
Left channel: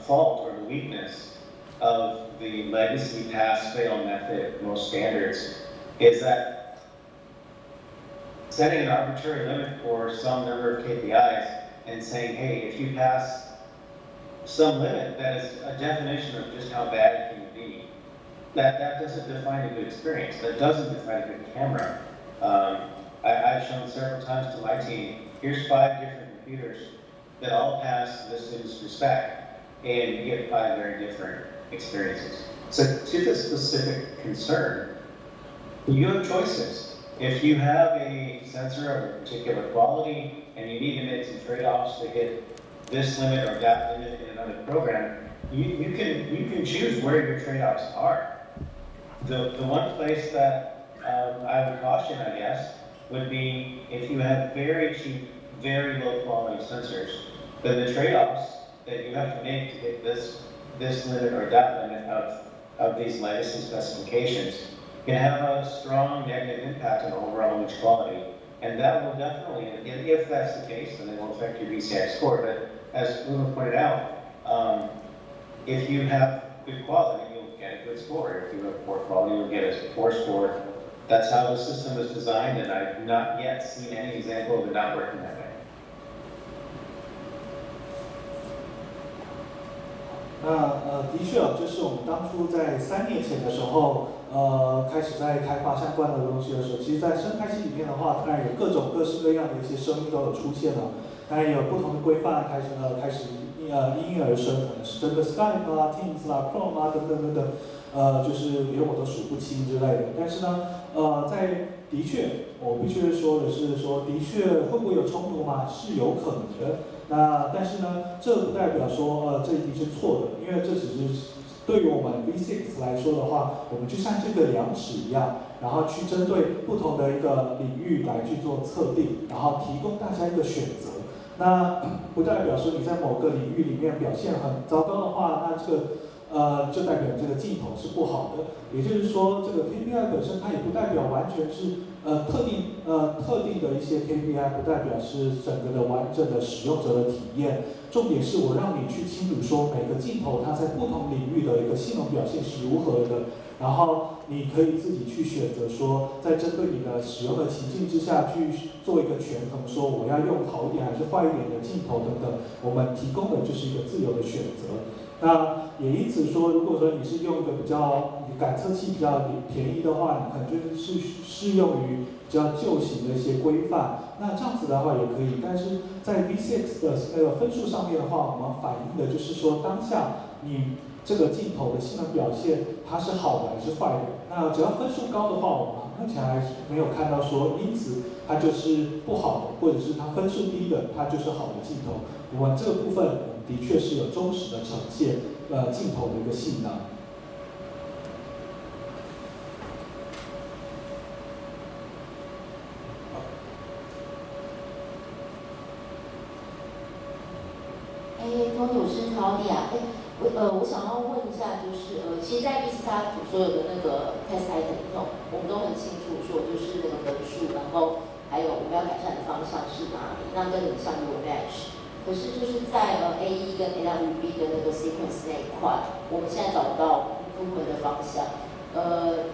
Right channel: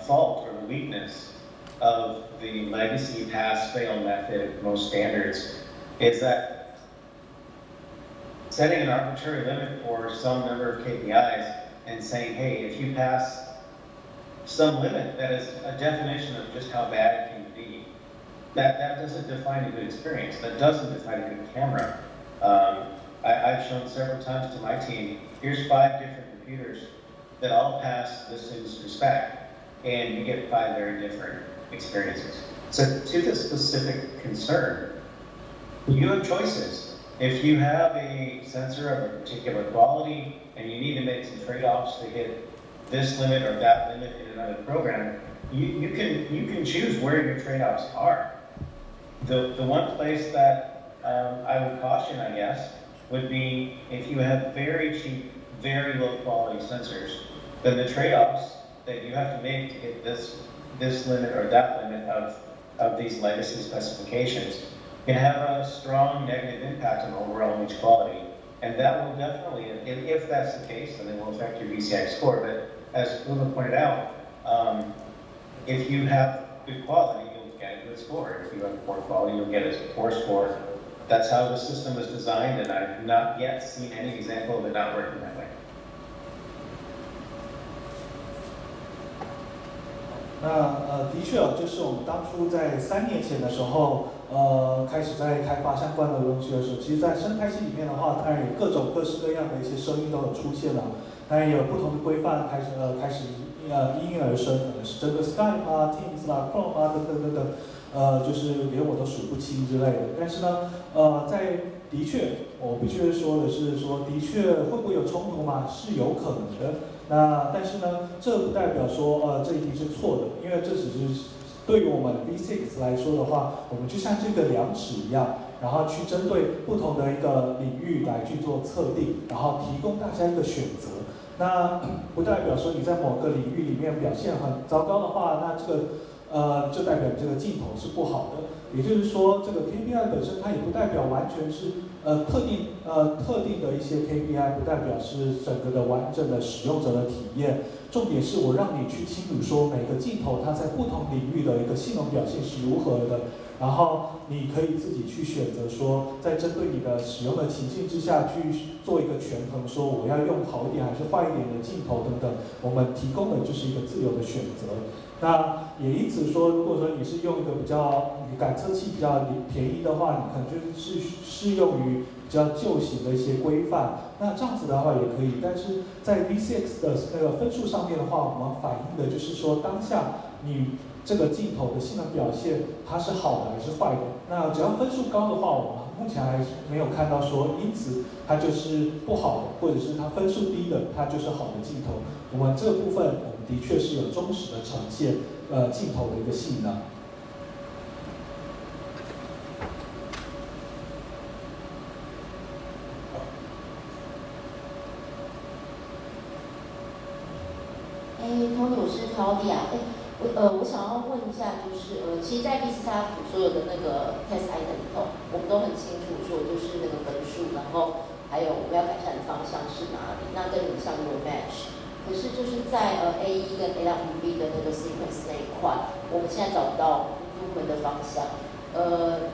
fault or the weakness of the legacy pass-fail method, most standards, is that setting an arbitrary limit for some number of KPIs and saying, hey, if you pass some limit that is a definition of just how bad it can be, that doesn't define a good experience. That doesn't define a good camera. I've shown several times to my team, here's 5 different computers that all pass this industry spec, and you get 5 very different experiences. So to the specific concern, you have choices. If you have a sensor of a particular quality and you need to make some trade-offs to hit this limit or that limit in another program, you can choose where your trade-offs are. The one place that I would caution, I guess, would be if you have very cheap, very low quality sensors, then the trade-offs that you have to make to get this limit or that limit of these legacy specifications can have a strong negative impact on overall image quality. And that will definitely, if that's the case, then it will affect your VCX score. But as Luna pointed out, if you have good quality, you'll get a good score. If you have poor quality, you'll get a poor score. That's how the system was designed, and I've not yet seen any example of it not working that way. 的确就是我们当初在3年前的时候，开始在开发相关的东西的时候，其实，在生态系里面的话，当然有各式各样的一些声音都有出现了，当然也有不同的规范开始应运而生，可能是针对 Skype 啊、Teams 啦、Chrome 啊等等，就是连我都数不清之类的。但是呢，的确，我必须说的是说，的确会不会有冲突嘛？是有可能的。但是呢，这不代表说这一定是错的，因为这只是对于我们 VCX 来说的话，我们就像这个量尺一样，然后去针对不同的一个领域来去做测定，然后提供大家一个选择。那不代表说你在某个领域里面表现很糟糕的话，那这个就代表这个镜头是不好的。也就是说，这个 KPI 本身它也不代表完全是特定的一些 KPI， 不代表是整个的完整的使用者的体验。重点是我让你去清楚说每个镜头它在不同领域的一个性能表现是如何的，然后你可以自己去选择说，在针对你的使用的情境之下去做一个权衡，说我要用好一点还是坏一点的镜头等等，我们提供的就是一个自由的选择。那也因此说，如果说你是用一个你感测器比较便宜的话，你可能就是适用于比较旧型的一些规范，那这样子的话也可以。但是在 VCX 的那个分数上面的话，我们反映的就是说当下你这个镜头的性能表现它是好的还是坏的。那只要分数高的话，我们目前还没有看到说因此它就是不好的，或者是它分数低的它就是好的镜头。我们这部分的确是有忠实的呈现镜头的一个性能。Tony， 我是 Claudia。我想要问一下，就是其实，在 VCX 所有的那个 test item 里头，我们都很清楚说，就是那个分数，然后还有我们要改善的方向是哪里，那跟你项目有 match。可是就是在AE 跟 AWB 的那个 sequence 那一块，我们现在找不到improvement的方向。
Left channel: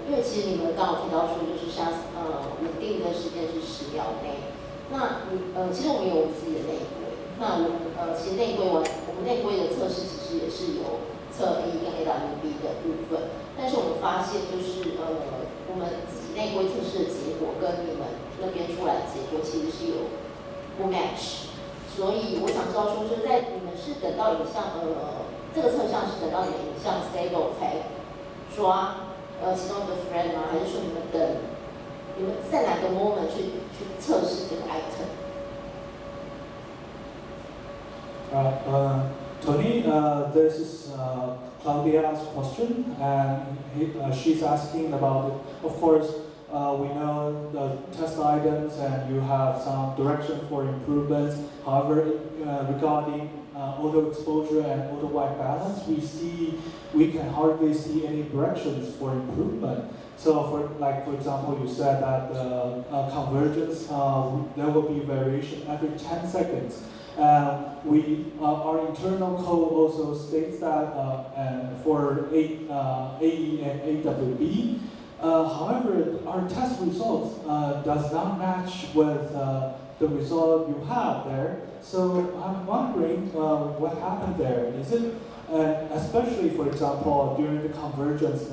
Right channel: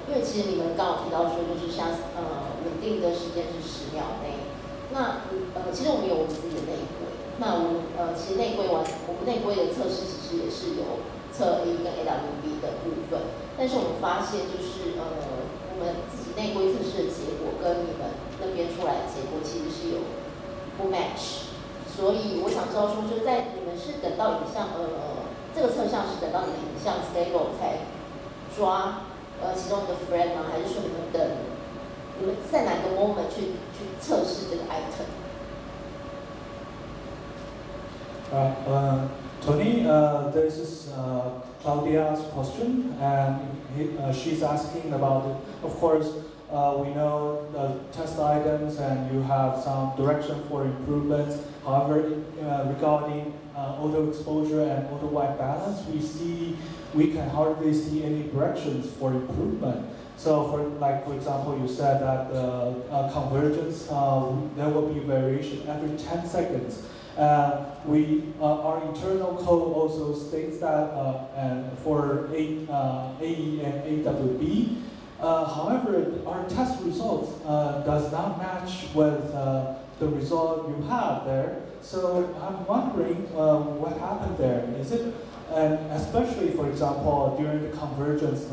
因为其实你们刚好提到说，就是像稳定的时间是10秒内。那其实我们有我们自己的内规。那我们其实我们内规的测试其实也是有测 AE 跟 AWB 的部分，但是我们发现就是我们自己内规测试的结果跟你们那边出来的结果其实是有不 match。所以我想知道说，就在你们是等到影像这个测项是等到你的影像 stable 才抓其中的 frame 吗？还是说你们在哪个 moment 去测试这个 item？ Tony, this is Claudia's question, and she's asking about it. Of course, we know the test items and you have some direction for improvements. However, regarding auto exposure and auto white balance, we can hardly see any directions for improvement. So, for example, you said that convergence, there will be variation every 10 seconds. Our internal code also states that for AE and AWB. However, our test results does not match with the result you have there. So I'm wondering what happened there. Is it, especially for example, during the convergence,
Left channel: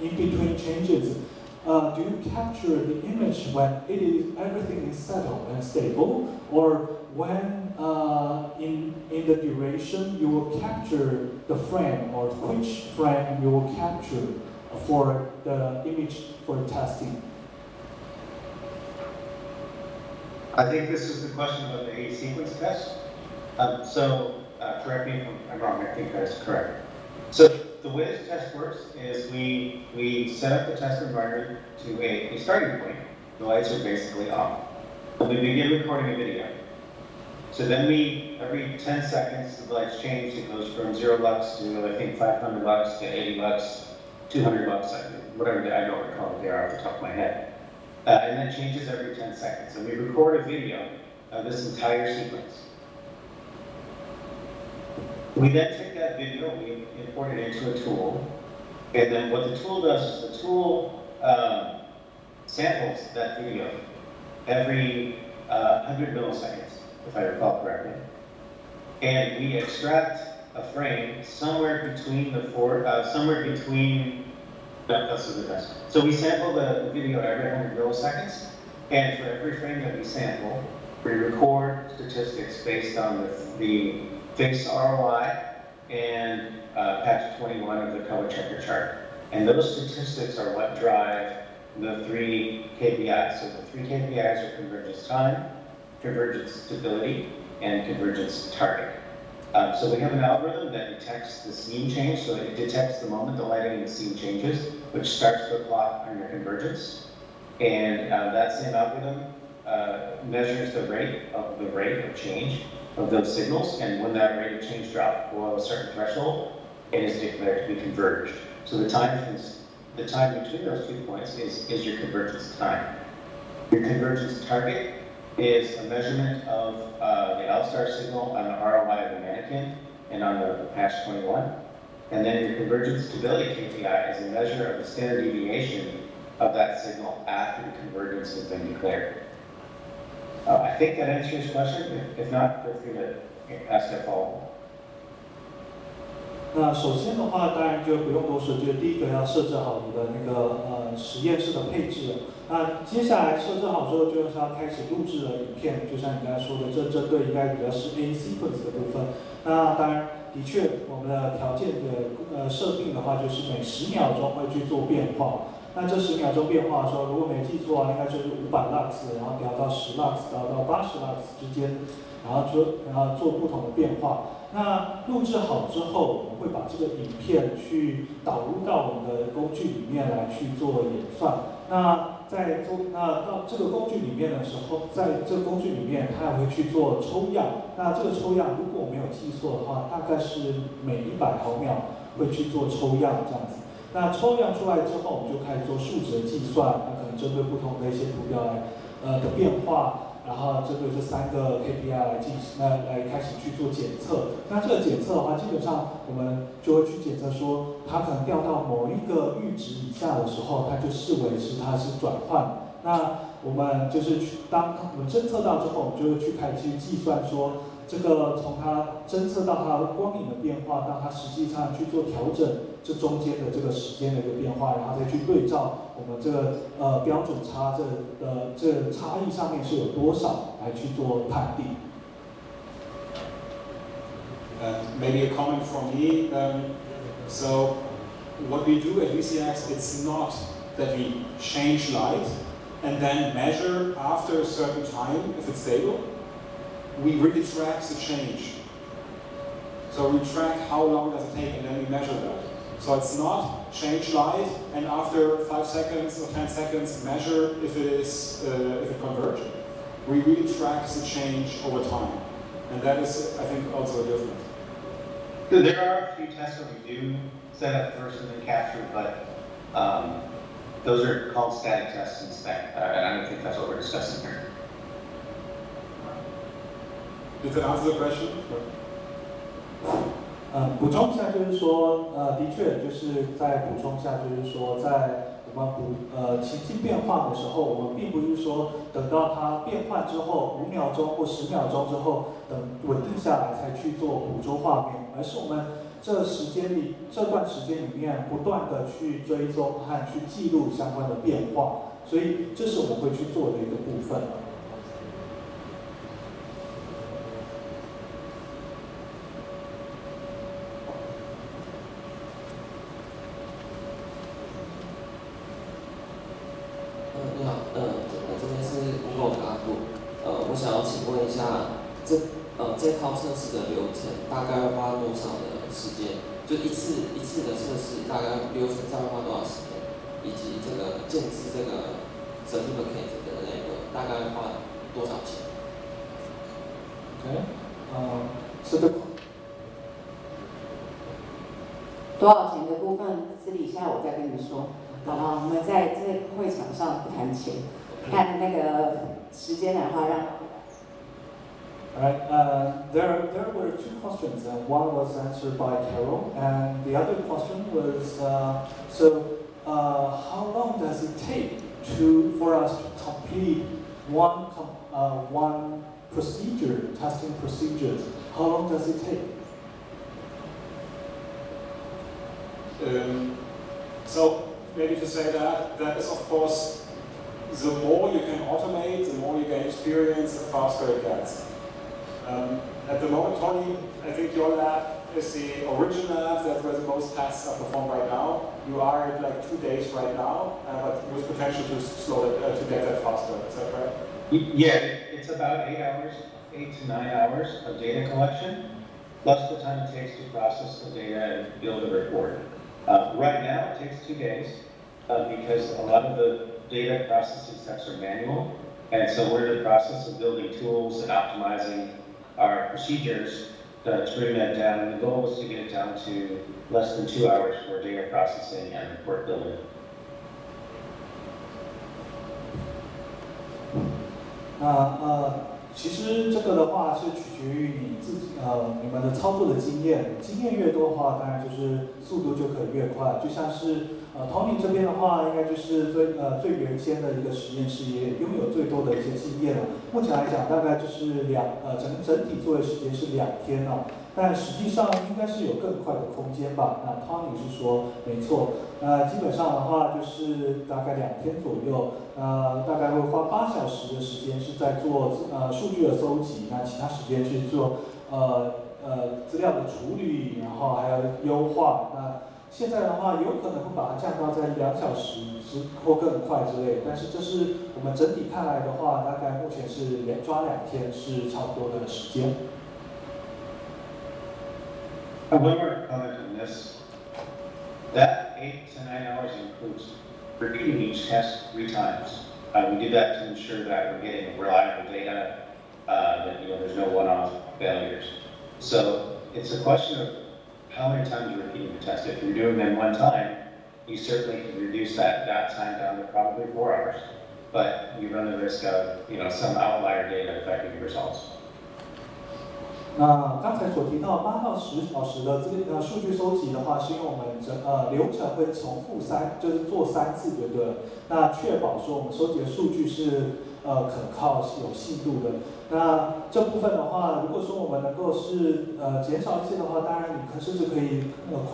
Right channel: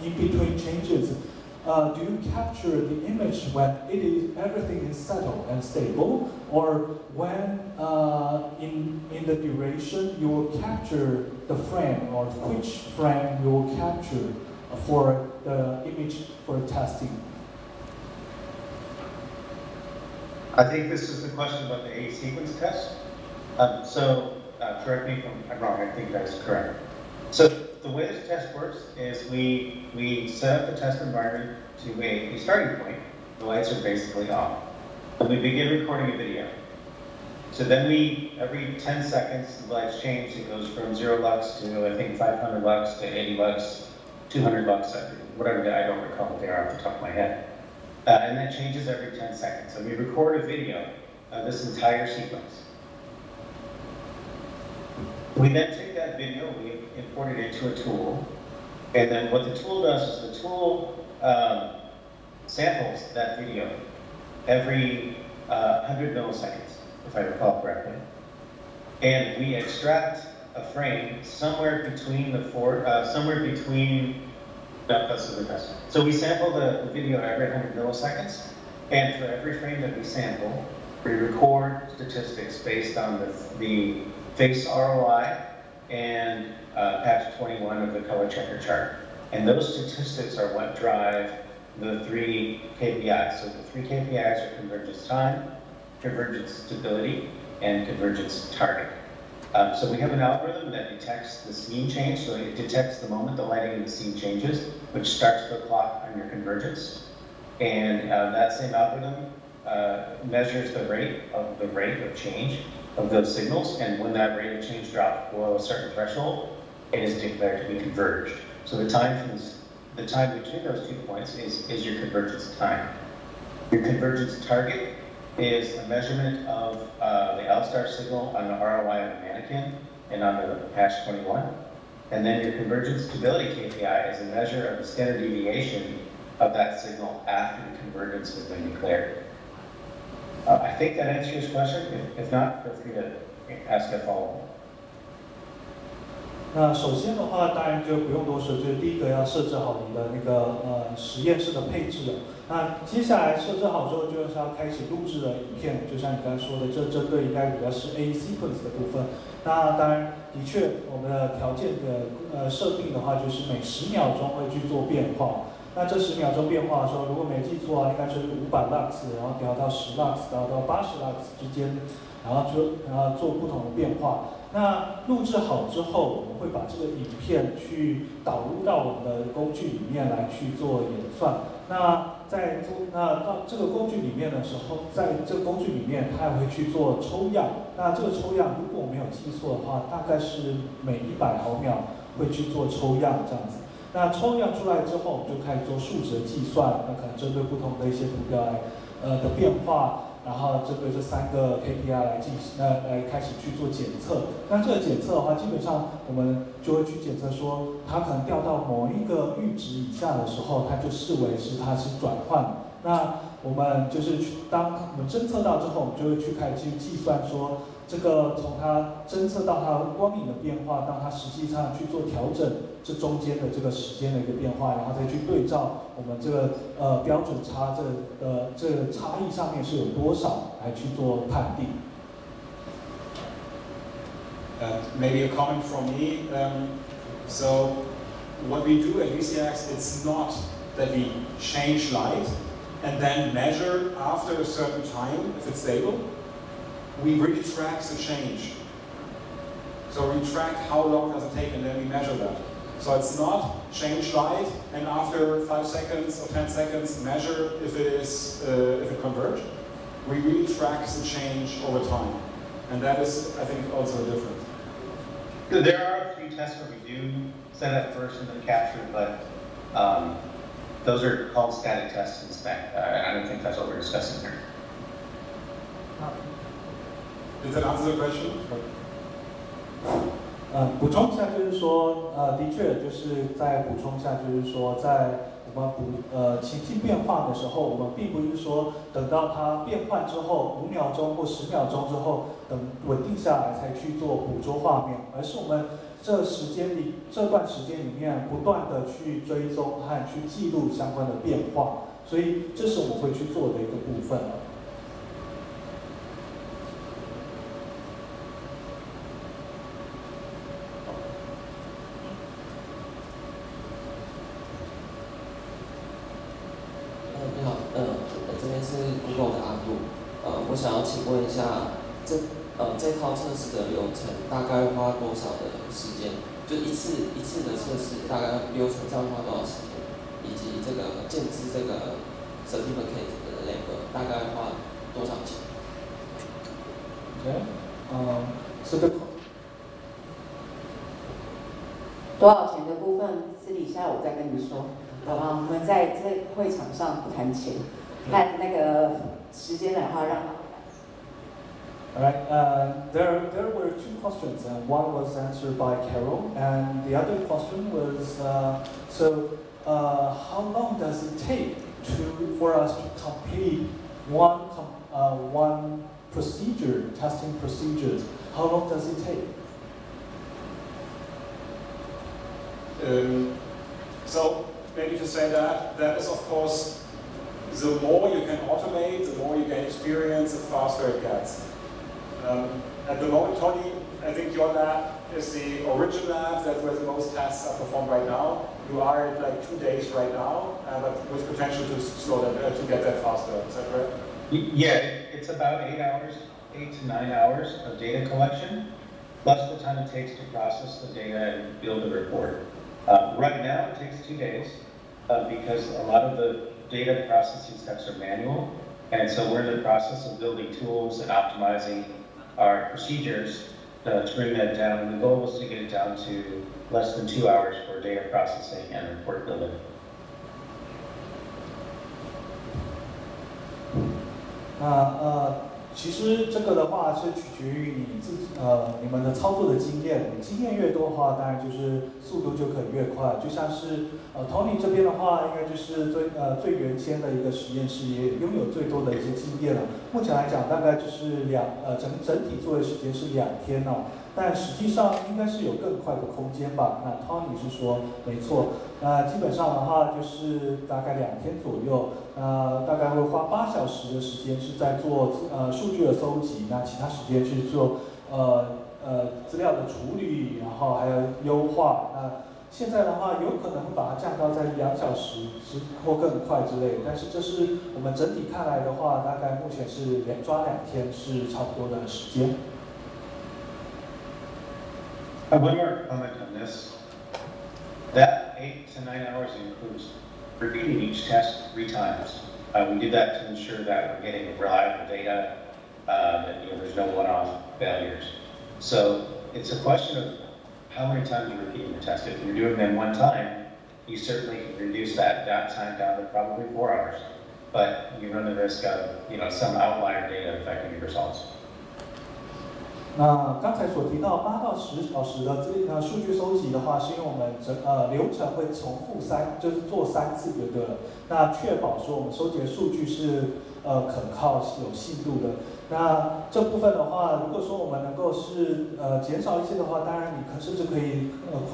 in between changes, do you capture the image when everything is settled and stable, or when in the duration you will capture the frame, or which frame you will capture for the image for testing? I think this is the question about the AE sequence test. Correct me if I'm wrong, I think that's correct. So the way this test works is we set up the test environment to a starting point. The lights are basically off. And we begin recording a video. So then every 10 seconds, the lights change. It goes from 0 lux to, I think, 500 lux to 80 lux, 200 lux, whatever, I don't recall what they are off the top of my head. And that changes every 10 seconds. So we record a video of this entire sequence. We then take that video, we import it into a tool, and then what the tool does is the tool samples that video every 100 milliseconds, if I recall correctly. And we extract a frame somewhere between that's the best. So we sample the video every 100 milliseconds, and for every frame that we sample, we record statistics based on the face ROI and patch 21 of the color checker chart. And those statistics are what drive the 3 KPIs. So the 3 KPIs are convergence time, convergence stability, and convergence target. So we have an algorithm that detects the scene change. So it detects the moment the lighting in the scene changes, which starts the clock on your convergence. And that same algorithm measures the rate of change of those signals, and when that rate of change drops below a certain threshold, it is declared to be converged. So the time between those 2 points is your convergence time. Your convergence target is a measurement of the L-star signal on the ROI of the mannequin and on the patch 21. And then your convergence stability KPI is a measure of the standard deviation of that signal after the convergence has been declared. I think that answers your question. If not, feel free to ask a follow-up. 那首先的话，当然就不用多说，就是第一个要设置好你的那个实验室的配置了。那接下来设置好之后，就是要开始录制了影片，就像你刚才说的，这针对应该比较是 A sequence 的部分。那当然，的确我们的条件的设定的话，就是每10秒钟会去做变化。那这10秒钟变化的时候，如果没记错啊，应该就是500 lux， 然后调到10 lux， 到80 lux 之间，然后做不同的变化。那录制好之后，我们会把这个影片去导入到我们的工具里面来去做演算。那到这个工具里面的时候，在这个工具里面，它也会去做抽样。那这个抽样，如果我没有记错的话，大概是每100毫秒会去做抽样这样子。那抽样出来之后，我们就开始做数值的计算，那可能针对不同的一些图标的变化，然后针对这3个 KPI 来开始去做检测。那这个检测的话，基本上我们就会去检测说，它可能掉到某一个阈值以下的时候，它就视为它是转换。那我们就是当我们侦测到之后，我们就会去开始去计算说，这个从它侦测到它的光影的变化，到它实际上去做调整，这中间的这个时间的一个变化，然后再去对照我们这个标准差这个差异上面是有多少来去做判定。Maybe a comment from me. So what we do at VCX, it's not that we change light and then measure after a certain time if it's stable. We really track the change. So we track how long does it take and then we measure that. So it's not change light and after 5 seconds or 10 seconds measure if it converged. We really track the change over time. And that is, I think, also different. There are a few tests where we do set up first and then capture, but those are called static tests and spec, and I don't think that's what we're discussing here. Did that answer the question? 补充一下，就是说，的确就是在补充一下，就是说，在我们情境变化的时候，我们并不是说等到它变换之后5秒钟或10秒钟之后，等稳定下来才去做捕捉画面，而是我们这段时间里面不断的去追踪和去记录相关的变化，所以这是我们会去做的一个部分。你好，这边是 Google 的阿布，我想要请问一下，这套测试的流程大概要花多少的时间？就一次的测试大概流程上花多少时间？以及这个建制这个 certificate 的那个大概花多少钱？ Okay. So the 多少钱的部分，私底下我再跟你说，好不好？我们在这会场上不谈钱，看那个时间的话让。Alright, there were two questions. One was answered by Carol, and the other question was, how long does it take for us to complete one procedure, testing procedures? How long does it take? So maybe to say that is of course, the more you can automate, the more you gain experience, the faster it gets. At the moment, Tony, I think your lab is the origin lab, that's where the most tests are performed right now. You are at like 2 days right now, but with potential to slow that, to get that faster. Is that right? Yeah, it's about 8 to 9 hours of data collection, plus the time it takes to process the data and build a report. Right now, it takes 2 days because a lot of the data processing steps are manual, and so we're in the process of building tools and optimizing our procedures to bring that down, and the goal is to get it down to less than 2 hours for data processing and report building. 其实这个的话是取决于你们的操作的经验，经验越多的话，当然就是速度就可以越快。就像是Tony 这边的话，应该就是最原先的一个实验室，也拥有最多的一些经验了。目前来讲，大概就是整体作业时间是2天哦。但实际上应该是有更快的空间吧？那 Tony 是说没错，基本上的话就是大概2天左右，大概会花8小时的时间是在做数据的搜集，那其他时间去做资料的处理，然后还有优化。那现在的话有可能会把它降到在2小时或更快之类的，但是这是我们整体看来的话，大概目前是抓2天是差不多的时间。One more comment on this. That 8 to 9 hours includes repeating each test 3 times. We do that to ensure that we're getting reliable data, that there's no one-off failures. So it's a question of how many times you're repeating the test. If you're doing them 1 time, you certainly can reduce that time down to probably 4 hours. But you run the risk of some outlier data affecting your results. 那刚才所提到8到10小时的数据收集的话，是因为我们流程会重复就是做3次就对了。那确保说我们收集的数据是可靠、有信度的。那这部分的话，如果说我们能够是减少一些的话，当然你甚至可以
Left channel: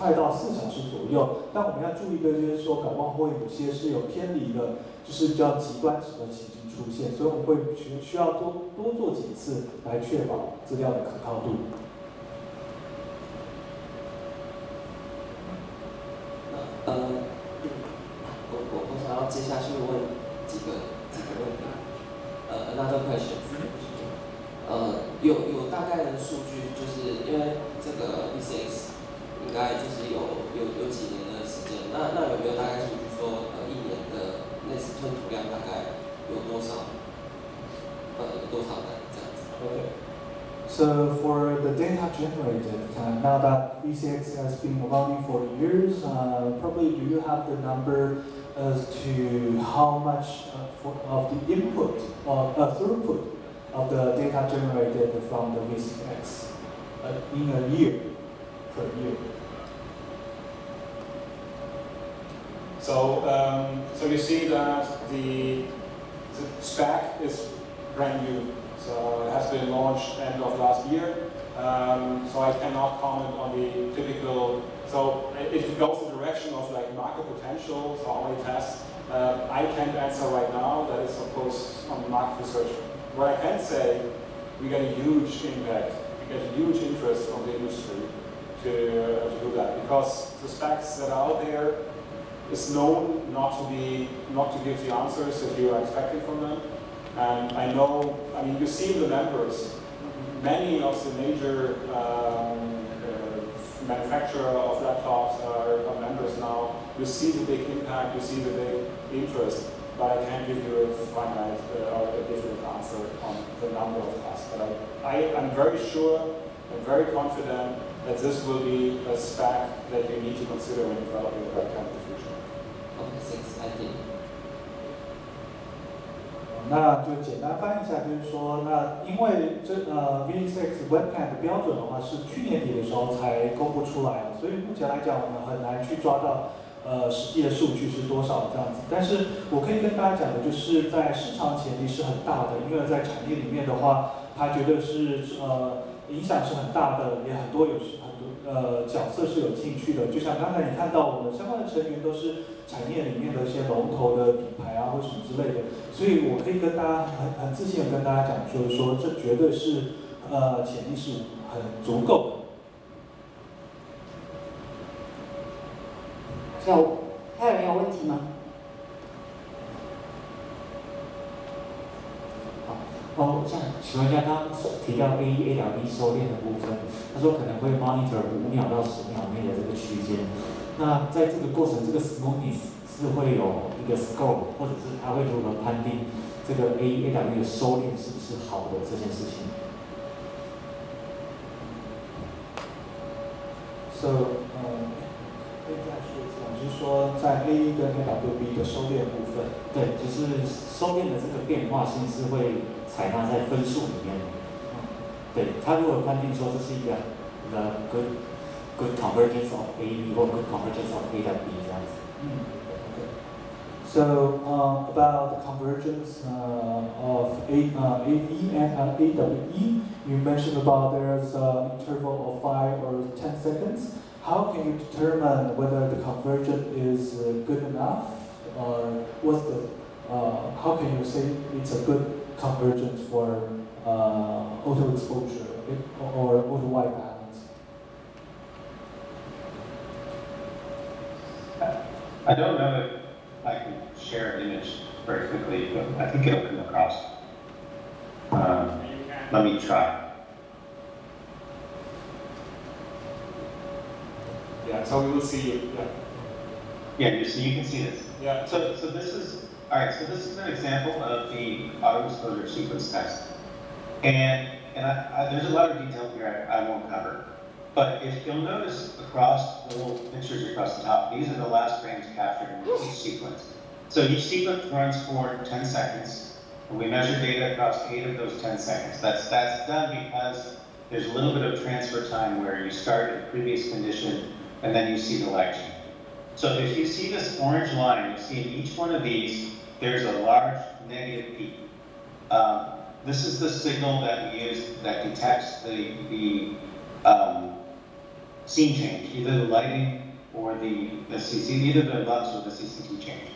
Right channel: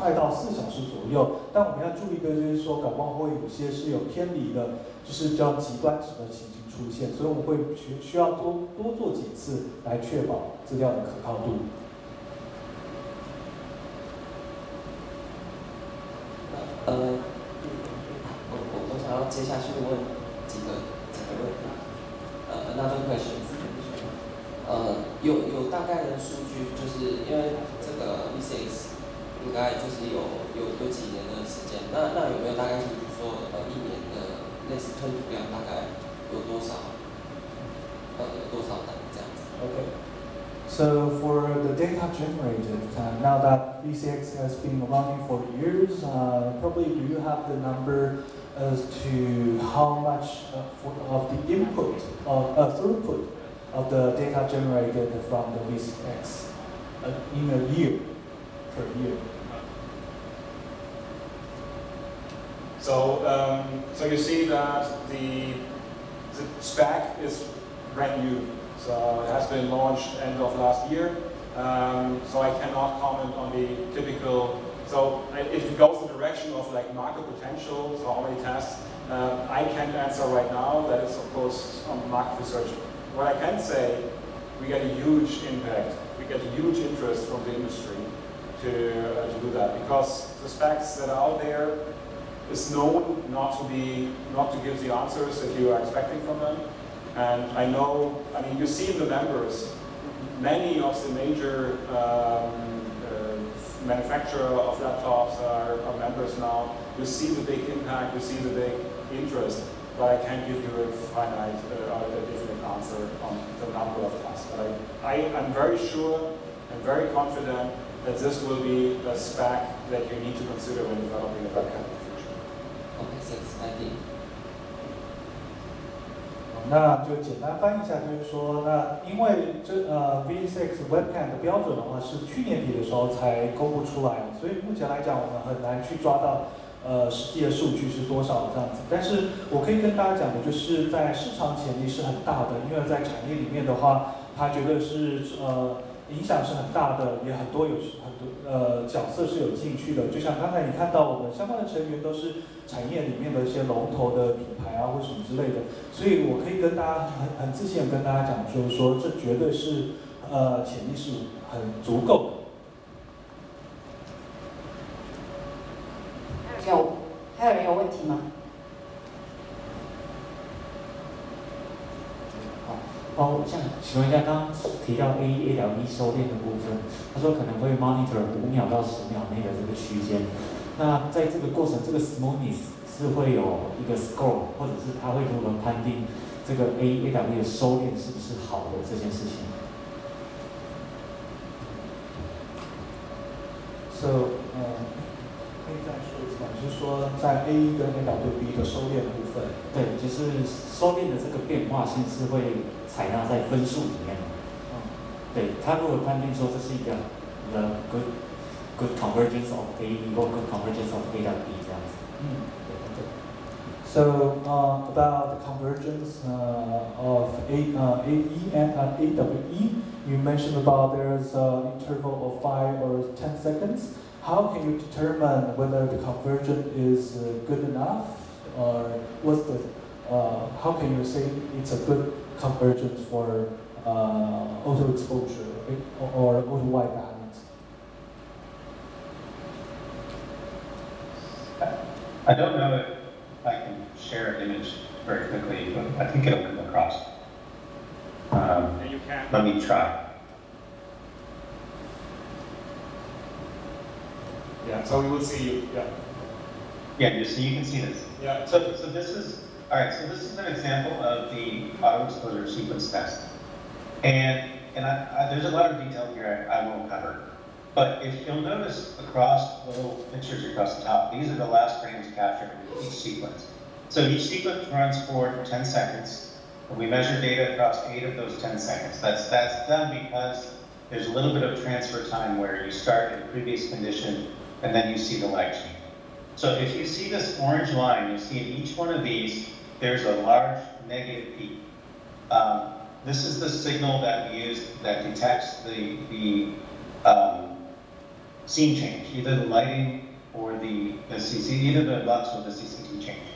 快到4小时左右。但我们要注意的就是说，搞不好会有些是有偏离的，就是比较极端值的情形出现，所以我们会需要多做几次来确保资料的可靠度。我想要接下去问几个问题。Another question. 有大概的数据，就是因为这个 VCX 应该就是有几年的时间，那有没有大概数据说1年的类似吞吐量大概有多少单这样子 Okay. So for the data generated, now that VCX has been running for years, probably do you have the number as to how much of the input or throughput of the data generated from the VCX in a year, per year? So, so you see that the spec is brand new. So it has been launched end of last year. So I cannot comment on the typical. So it goes in the direction of like market potential. So how many tests? I can't answer right now. That is of course on market research. What I can say, we get a huge impact. We get a huge interest from the industry to do that, because the specs that are out there is known not to give the answers that you are expecting from them. And I know, I mean, you see the members, many of the major manufacturers of laptops are members now. You see the big impact, you see the big interest, but I can't give you a finite or a different answer on the number of tasks. But I am very sure and very confident that this will be a spec that you need to consider when developing a backend in the future. Okay, thanks. I think. 那就简单翻译一下，就是说，那因为VCX Webcam 的标准的话是去年底的时候才公布出来，所以目前来讲我们很难去抓到实际的数据是多少这样子。但是我可以跟大家讲的就是在市场潜力是很大的，因为在产业里面的话，它绝对是影响是很大的，也很多角色是有兴趣的。就像刚才你看到我们相关的成员都是产业里面的一些龙头的品牌啊，或什么之类的，所以我可以跟大家很自信的跟大家讲，就是说这绝对是潜力是很足够的。还有人有问题吗？我想请问一下，刚刚提到 A1B 收敛的部分，他说可能会 monitor 5秒到10秒内的这个区间。那在这个过程，这个 smoothness 是会有一个 score， 或者是他会如何判定这个 A1B 的收敛是不是好的这件事情 ？So 可以再说一次吗？就是说在 A1 跟 AWB 的收敛部分，对，就是收敛的这个变化性是会采纳在分数里面。对，他如果判定说这是一个 the good convergence of A 或 good convergence of AWB 这样子。So about the convergence of AE and AWE, you mentioned about there's an interval of 5 or 10 seconds. How can you determine whether the convergence is good enough, or what's the? How can you say it's a good convergence for auto exposure or auto white balance? I don't know if I can share an image very quickly, but I think it'll come across. Let me try. Yeah, so we will see you. Yeah. Yeah, you can see this. Yeah. So this is all right. So this is an example of the auto exposure sequence test, and there's a lot of detail here I won't cover. But if you'll notice across the little pictures across the top, these are the last frames captured in each sequence. So each sequence runs for 10 seconds, and we measure data across 8 of those 10 seconds. That's done because there's a little bit of transfer time where you start at a previous condition and then you see the lag change. So if you see this orange line, you'll see in each one of these, there's a large negative peak. This is the signal that we use that detects the scene change, either the lighting or the CC, either the LUX or the CCT change.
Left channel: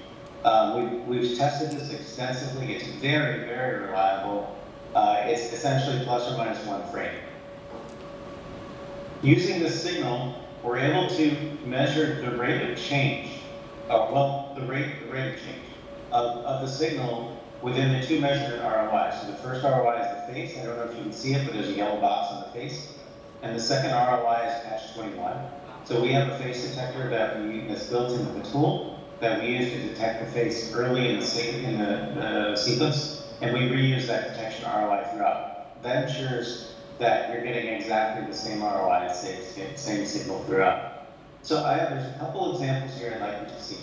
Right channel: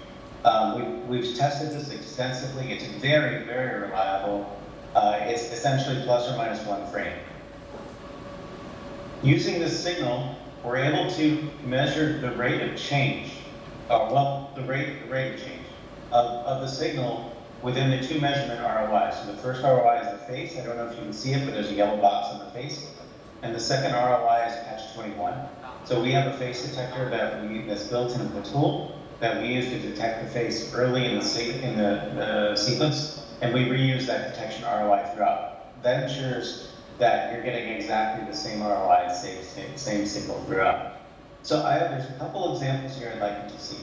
We've tested this extensively. It's very, very reliable. It's essentially plus or minus 1 frame. Using this signal, we're able to measure the rate of change, the rate of change of the signal within the 2 measurement ROIs. So the first ROI is the face. I don't know if you can see it, but there's a yellow box on the face. And the second ROI is catch 21. So we have a face detector that's built into the tool that we use to detect the face early in the sequence, and we reuse that detection ROI throughout. That ensures that you're getting exactly the same ROI, same signal throughout. So there's a couple examples here I'd like you to see.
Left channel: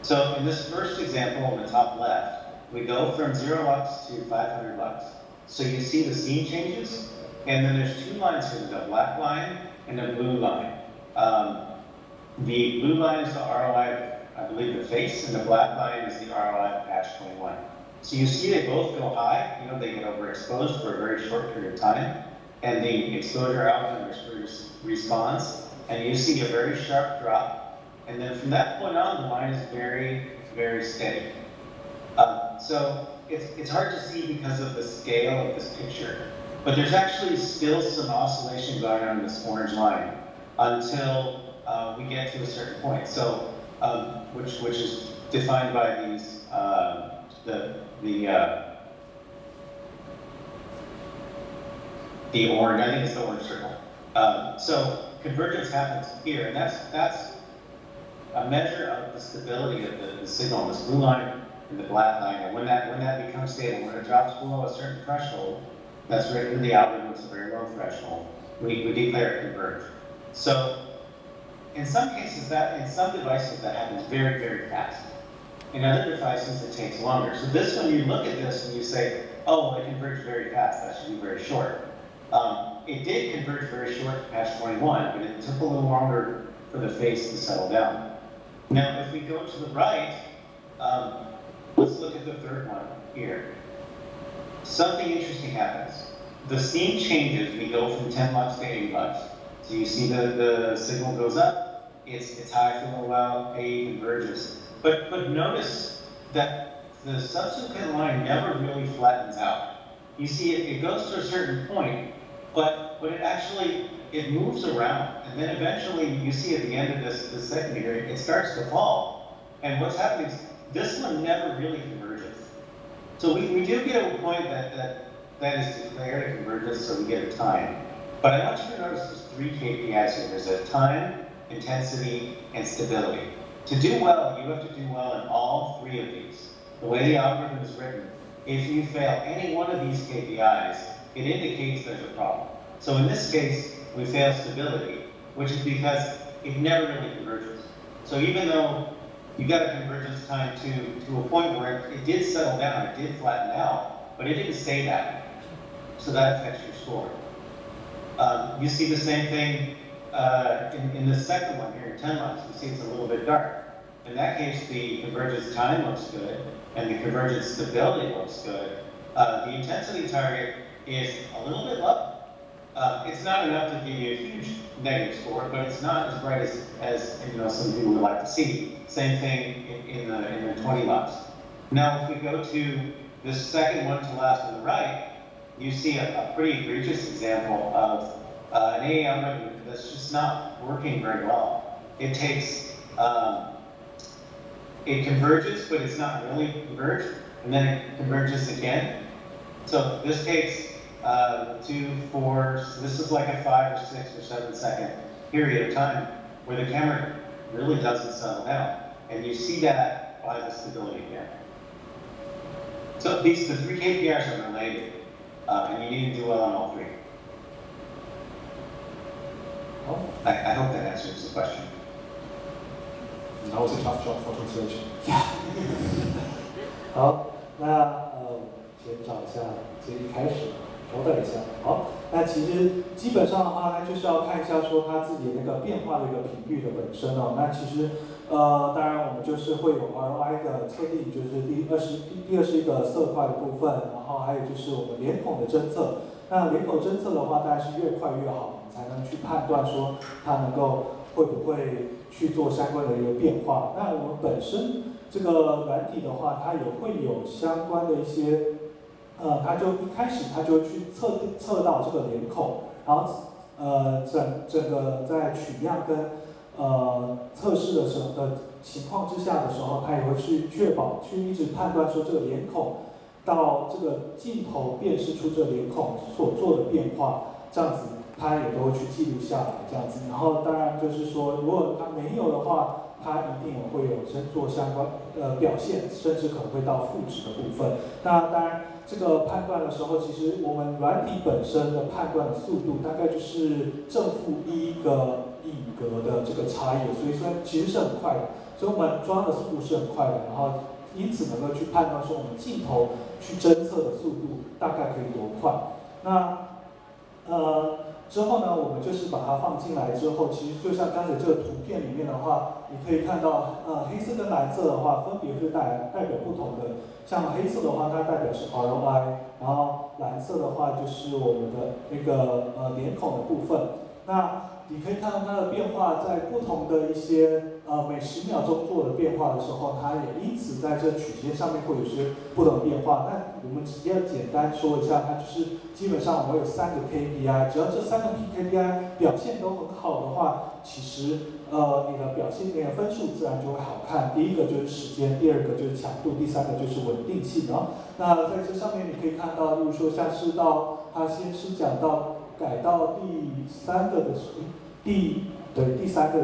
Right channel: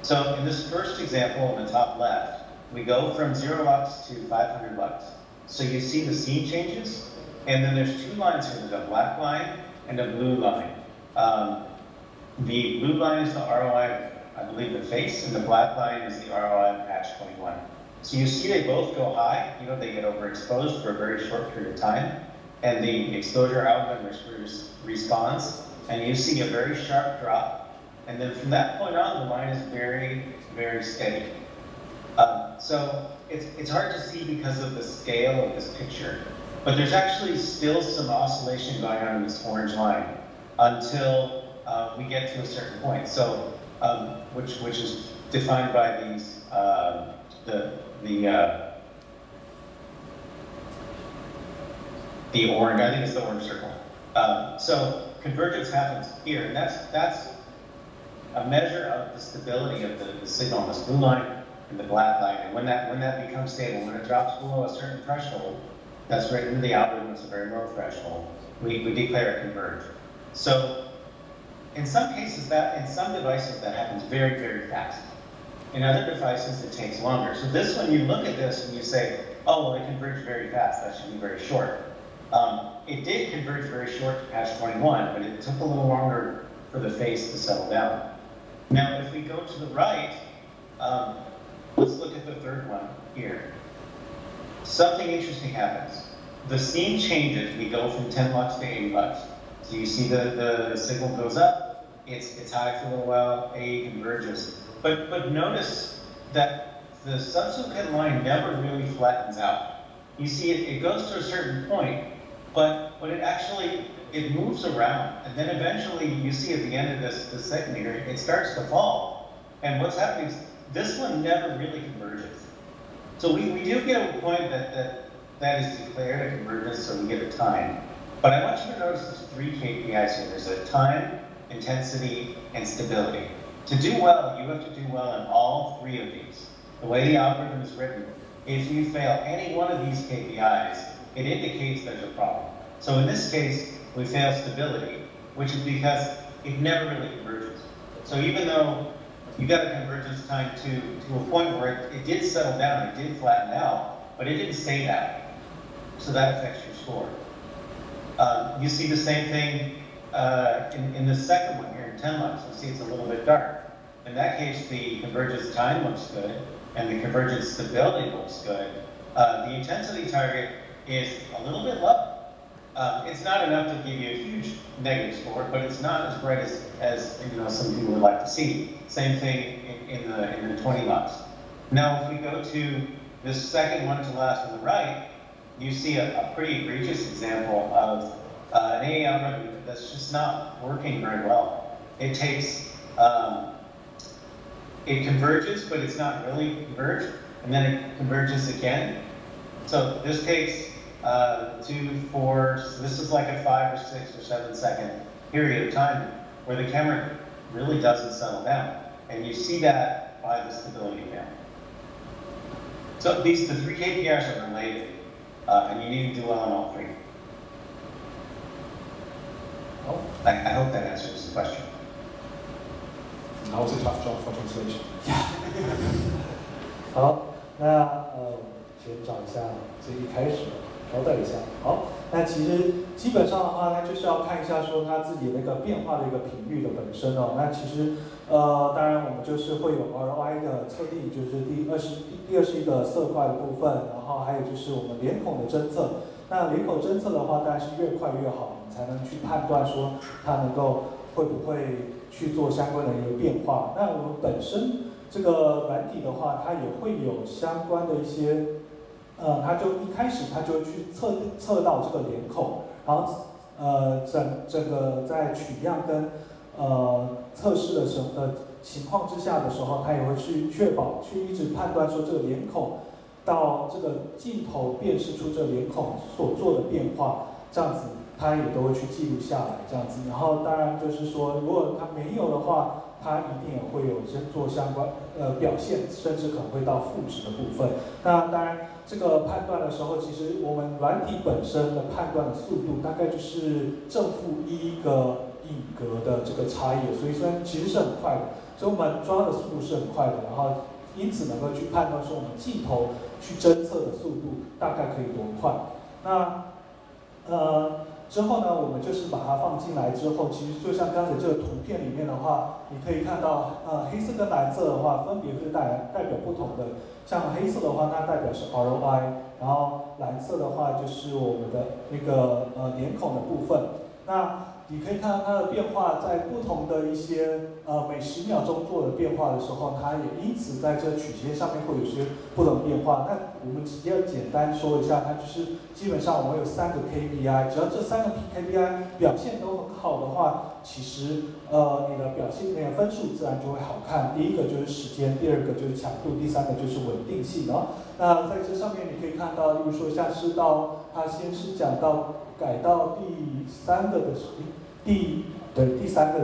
So in this first example in the top left, we go from 0 lux to 500 lux. So you see the scene changes, and then there's 2 lines here. There's a black line and a blue line. The blue line is the ROI, I believe, the face, and the black line is the ROI of patch 21. So you see they both go high. They get overexposed for a very short period of time, and the exposure algorithm responds, and you see a very sharp drop. And then from that point on, the line is very, very steady. So it's hard to see because of the scale of this picture. But there's actually still some oscillation going on in this orange line until we get to a certain point. So, which is defined by these the orange, I think it's the orange circle. So convergence happens here, and that's a measure of the stability of the signal on this blue line and the black line. And when that becomes stable, when it drops below a certain threshold, that's right in the algorithm, it's a very low threshold, we declare it converged. So in some cases, in some devices, that happens very, very fast. In other devices, it takes longer. So this one, you look at this and you say, oh, well, it converged very fast, that should be very short. It did converge very short to patch 21, but it took a little longer for the phase to settle down. Now, if we go to the right, let's look at the third one here. Something interesting happens. The scene changes. We go from 10 lux to 80 lux. So you see the signal goes up. It's high for a little while. AE converges. But notice that the subsequent line never really flattens out. You see it goes to a certain point, but it moves around, and then eventually you see at the end of this segment here, it starts to fall. And what's happening is this one never really converges. So we do get a point that is declared a convergence, so we get a time. But I want you to notice there's 3 KPIs here. There's a time, intensity, and stability. To do well, you have to do well in all 3 of these. The way the algorithm is written, if you fail any one of these KPIs, it indicates there's a problem. So in this case, we fail stability, which is because it never really converges. So even though you got a convergence time to a point where it did settle down, it did flatten out, but it didn't stay that way. So that affects your score. You see the same thing in the second one here in 10 lux. You see it's a little bit dark. In that case, the convergence time looks good, and the convergence stability looks good. The intensity target is a little bit low. It's not enough to give you a huge negative score, but it's not as bright as some people would like to see. Same thing in the 20 lux. Now, if we go to this second one to last on the right, you see a pretty egregious example of an AA algorithm that's just not working very well. It takes, it converges, but it's not really converged, and then it converges again. So this takes 2, 4, so this is like a 5 or 6 or 7 second period of time where the camera really doesn't settle down. And you see that by the stability again. So the 3 KPIs are related, and you need to do well on all 3. Oh. I hope that answers the question. Now it's a tough job for translation. Yeah. 好，那先找一下这一开始，稍等一下。好，那其实基本上的话，它就是要看一下说它自己那个变化的一个频率的本身哦。那其实当然我们就是会有 ROI 的测定，就是第二是一个色块的部分，然后还有就是我们脸孔的侦测。那脸孔侦测的话，当然是越快越好，我们才能去判断说它能够会不会去做相关的一个变化。那我们本身这个软体的话，它也会有相关的一些，它就一开始它就会去测到这个脸孔，然后整个在取样跟测试的情况之下的时候，它也会去确保去一直判断说这个脸孔到这个镜头辨识出这个脸孔所做的变化，这样子它也都会去记录下来，这样子。然后当然就是说，如果它没有的话，它一定也会有做相关表现，甚至可能会到负值的部分。那当然这个判断的时候，其实我们软体本身的判断的速度大概就是正负1个影格的这个差异，所以说其实是很快的，所以我们抓的速度是很快的，然后因此能够去判断说我们镜头去侦测的速度大概可以多快。那之后呢，我们就是把它放进来之后，其实就像刚才这个图片里面的话，你可以看到，黑色跟蓝色的话，分别是代表不同的。像黑色的话，它代表是 ROI， 然后蓝色的话就是我们的那个脸孔的部分。那你可以看到它的变化，在不同的一些每10秒钟做的变化的时候，它也因此在这曲线上面会有些不同的变化。那我们直接简单说一下，它就是基本上我们有3个 KPI， 只要这3个 KPI 表现都很好的话，其实你的表现那个分数自然就会好看。第一个就是时间，第二个就是强度，第3个就是稳定性。然后那在这上面你可以看到，例如说像是它先是讲到改到第三个的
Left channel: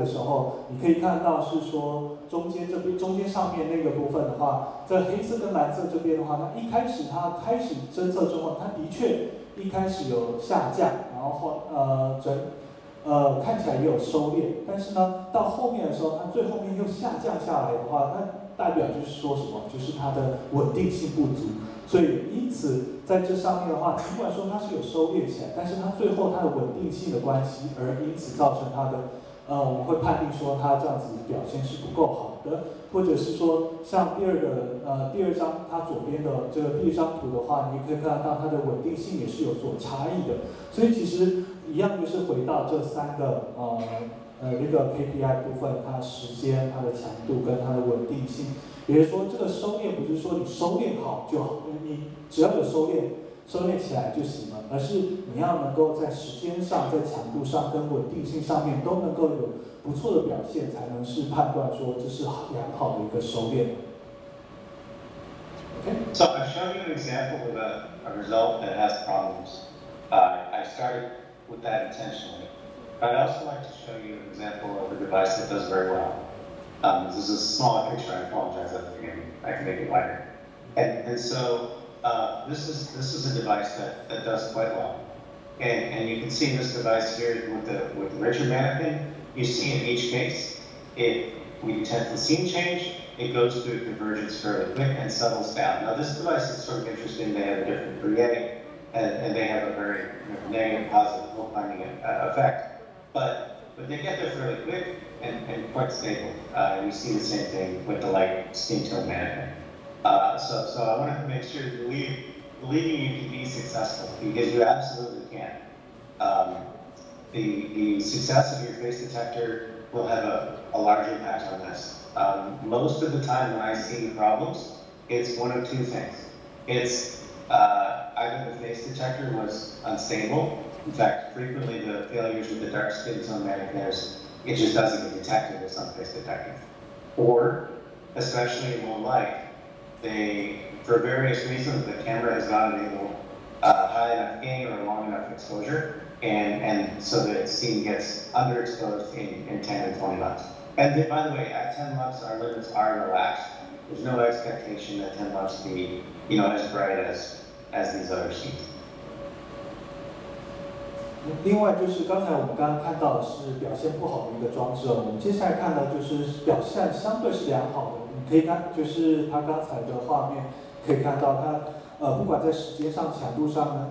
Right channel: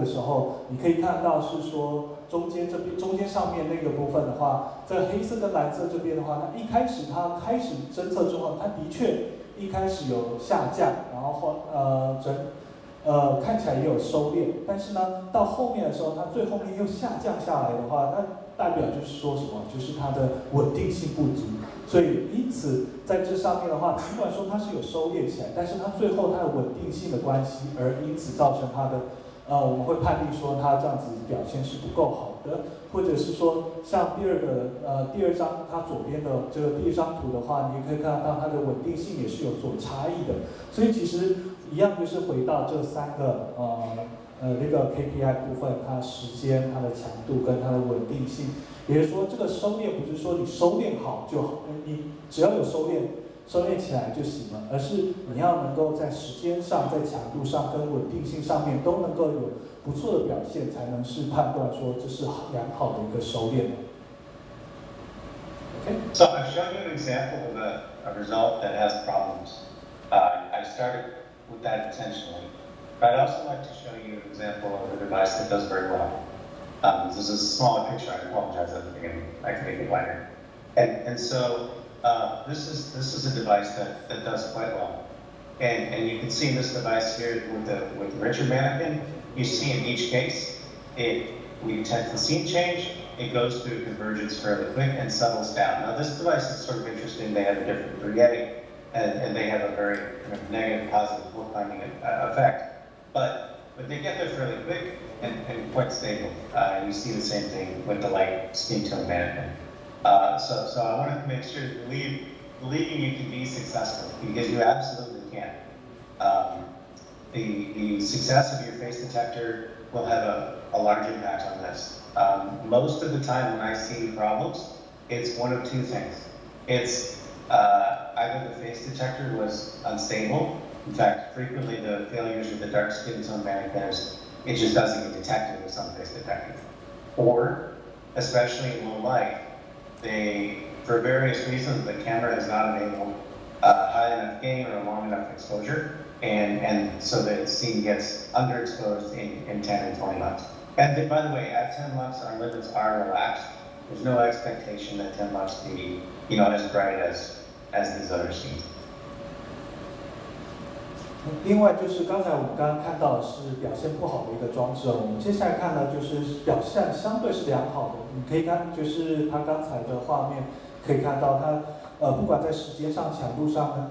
时候，你可以看到是说中间上面那个部分的话，在黑色跟蓝色这边的话，它一开始它开始侦测之后，它的确一开始有下降，然后看起来也有收敛，但是呢，到后面的时候，它最后面又下降下来的话，那代表就是说什么？就是它的稳定性不足。所以因此在这上面的话，尽管说它是有收敛起来，但是它最后它的稳定性的关系，而因此造成它的我们会判定说它这样子表现是不够好的，或者是说像第二张它左边的这个第一张图的话，你可以看到它的稳定性也是有所差异的。所以其实一样就是回到这三个那个 KPI 部分，它时间、它的强度跟它的稳定性。也就是说，这个收敛不是说你收敛好就好，你只要有收敛起来就行了，而是你要能够在时间上、在强度上跟稳定性上面都能够有不错的表现，才能是判断说这是良好的一个收敛。Okay. So I've shown you an example of a result that has problems. I started with that intentionally, but I'd also like to show you an example of a device that does very well. This is a smaller picture. I apologize at the beginning. I can make it wider. And so this is a device that does quite well. And you can see this device here with the Richard mannequin. You see in each case, we detect the scene change. It goes through convergence fairly quick and settles down. Now this device is sort of interesting. They have a different Fourier, and they have a very negative positive look finding effect. But they get there fairly quick and quite stable. And you see the same thing with the light skin tone management. So I wanted to make sure to believing you can be successful, because you absolutely can. The success of your face detector will have a large impact on this. Most of the time when I see problems, it's one of two things. It's either the face detector was unstable. In fact, frequently the failures with the dark skin tone mannequins, it just doesn't get detected with some face detectors. Or, especially in low light, for various reasons, the camera has not enabled high enough gain or long enough exposure, and so the scene gets underexposed in 10 and 20 lux. And by the way, at 10 lux, our limits are relaxed. There's no expectation that 10 lux be, as bright as these other scenes. 另外就是刚才我们刚刚看到的是表现不好的一个装置，我们接下来看的就是表现相对是良好的。你可以看，就是它刚才的画面可以看到它不管在时间上、强度上呢，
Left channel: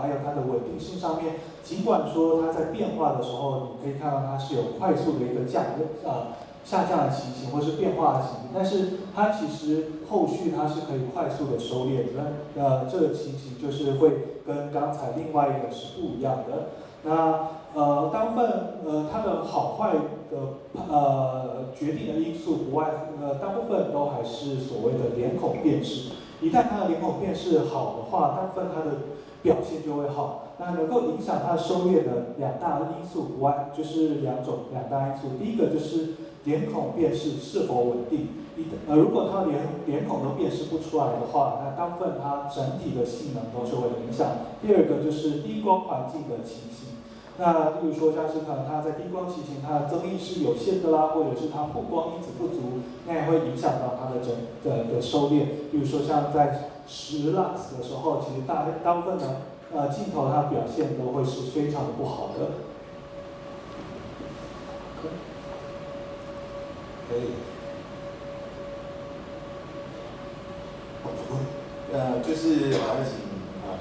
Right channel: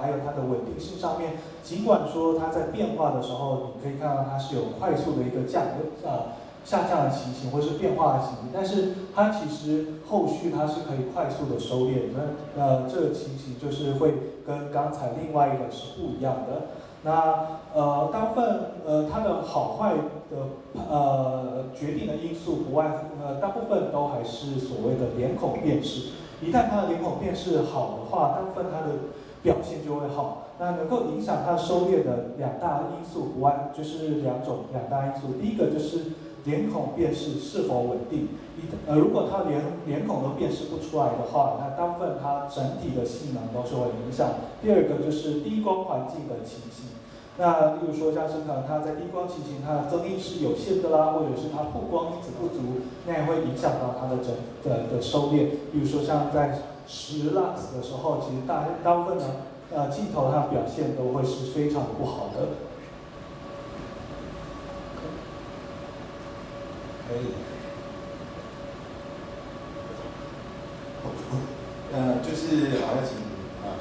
还有它的稳定性上面，尽管说它在变化的时候，你可以看到它是有快速的一个下降的情形，或是变化的情形，但是它其实后续它是可以快速的收敛。这个情形就是会跟刚才另外一个是不一样的。那大部分它的好坏的决定的因素不外大部分都还是所谓的脸孔辨识。一旦它的脸孔辨识好的话，大部分它的表现就会好。那能够影响它收敛的两大因素不外就是两大因素。第一个就是脸孔辨识是否稳定。如果它脸孔都辨识不出来的话，那大部分它整体的性能都是会影响。第二个就是低光环境的情形。那例如说像是可能它在低光情形，它的增益是有限的啦，或者是它曝光因子不足，那也会影响到它的的收敛。例如说像在10 lux 的时候，其实大部分的镜头它的表现都会是非常的不好的。可以。就是还要请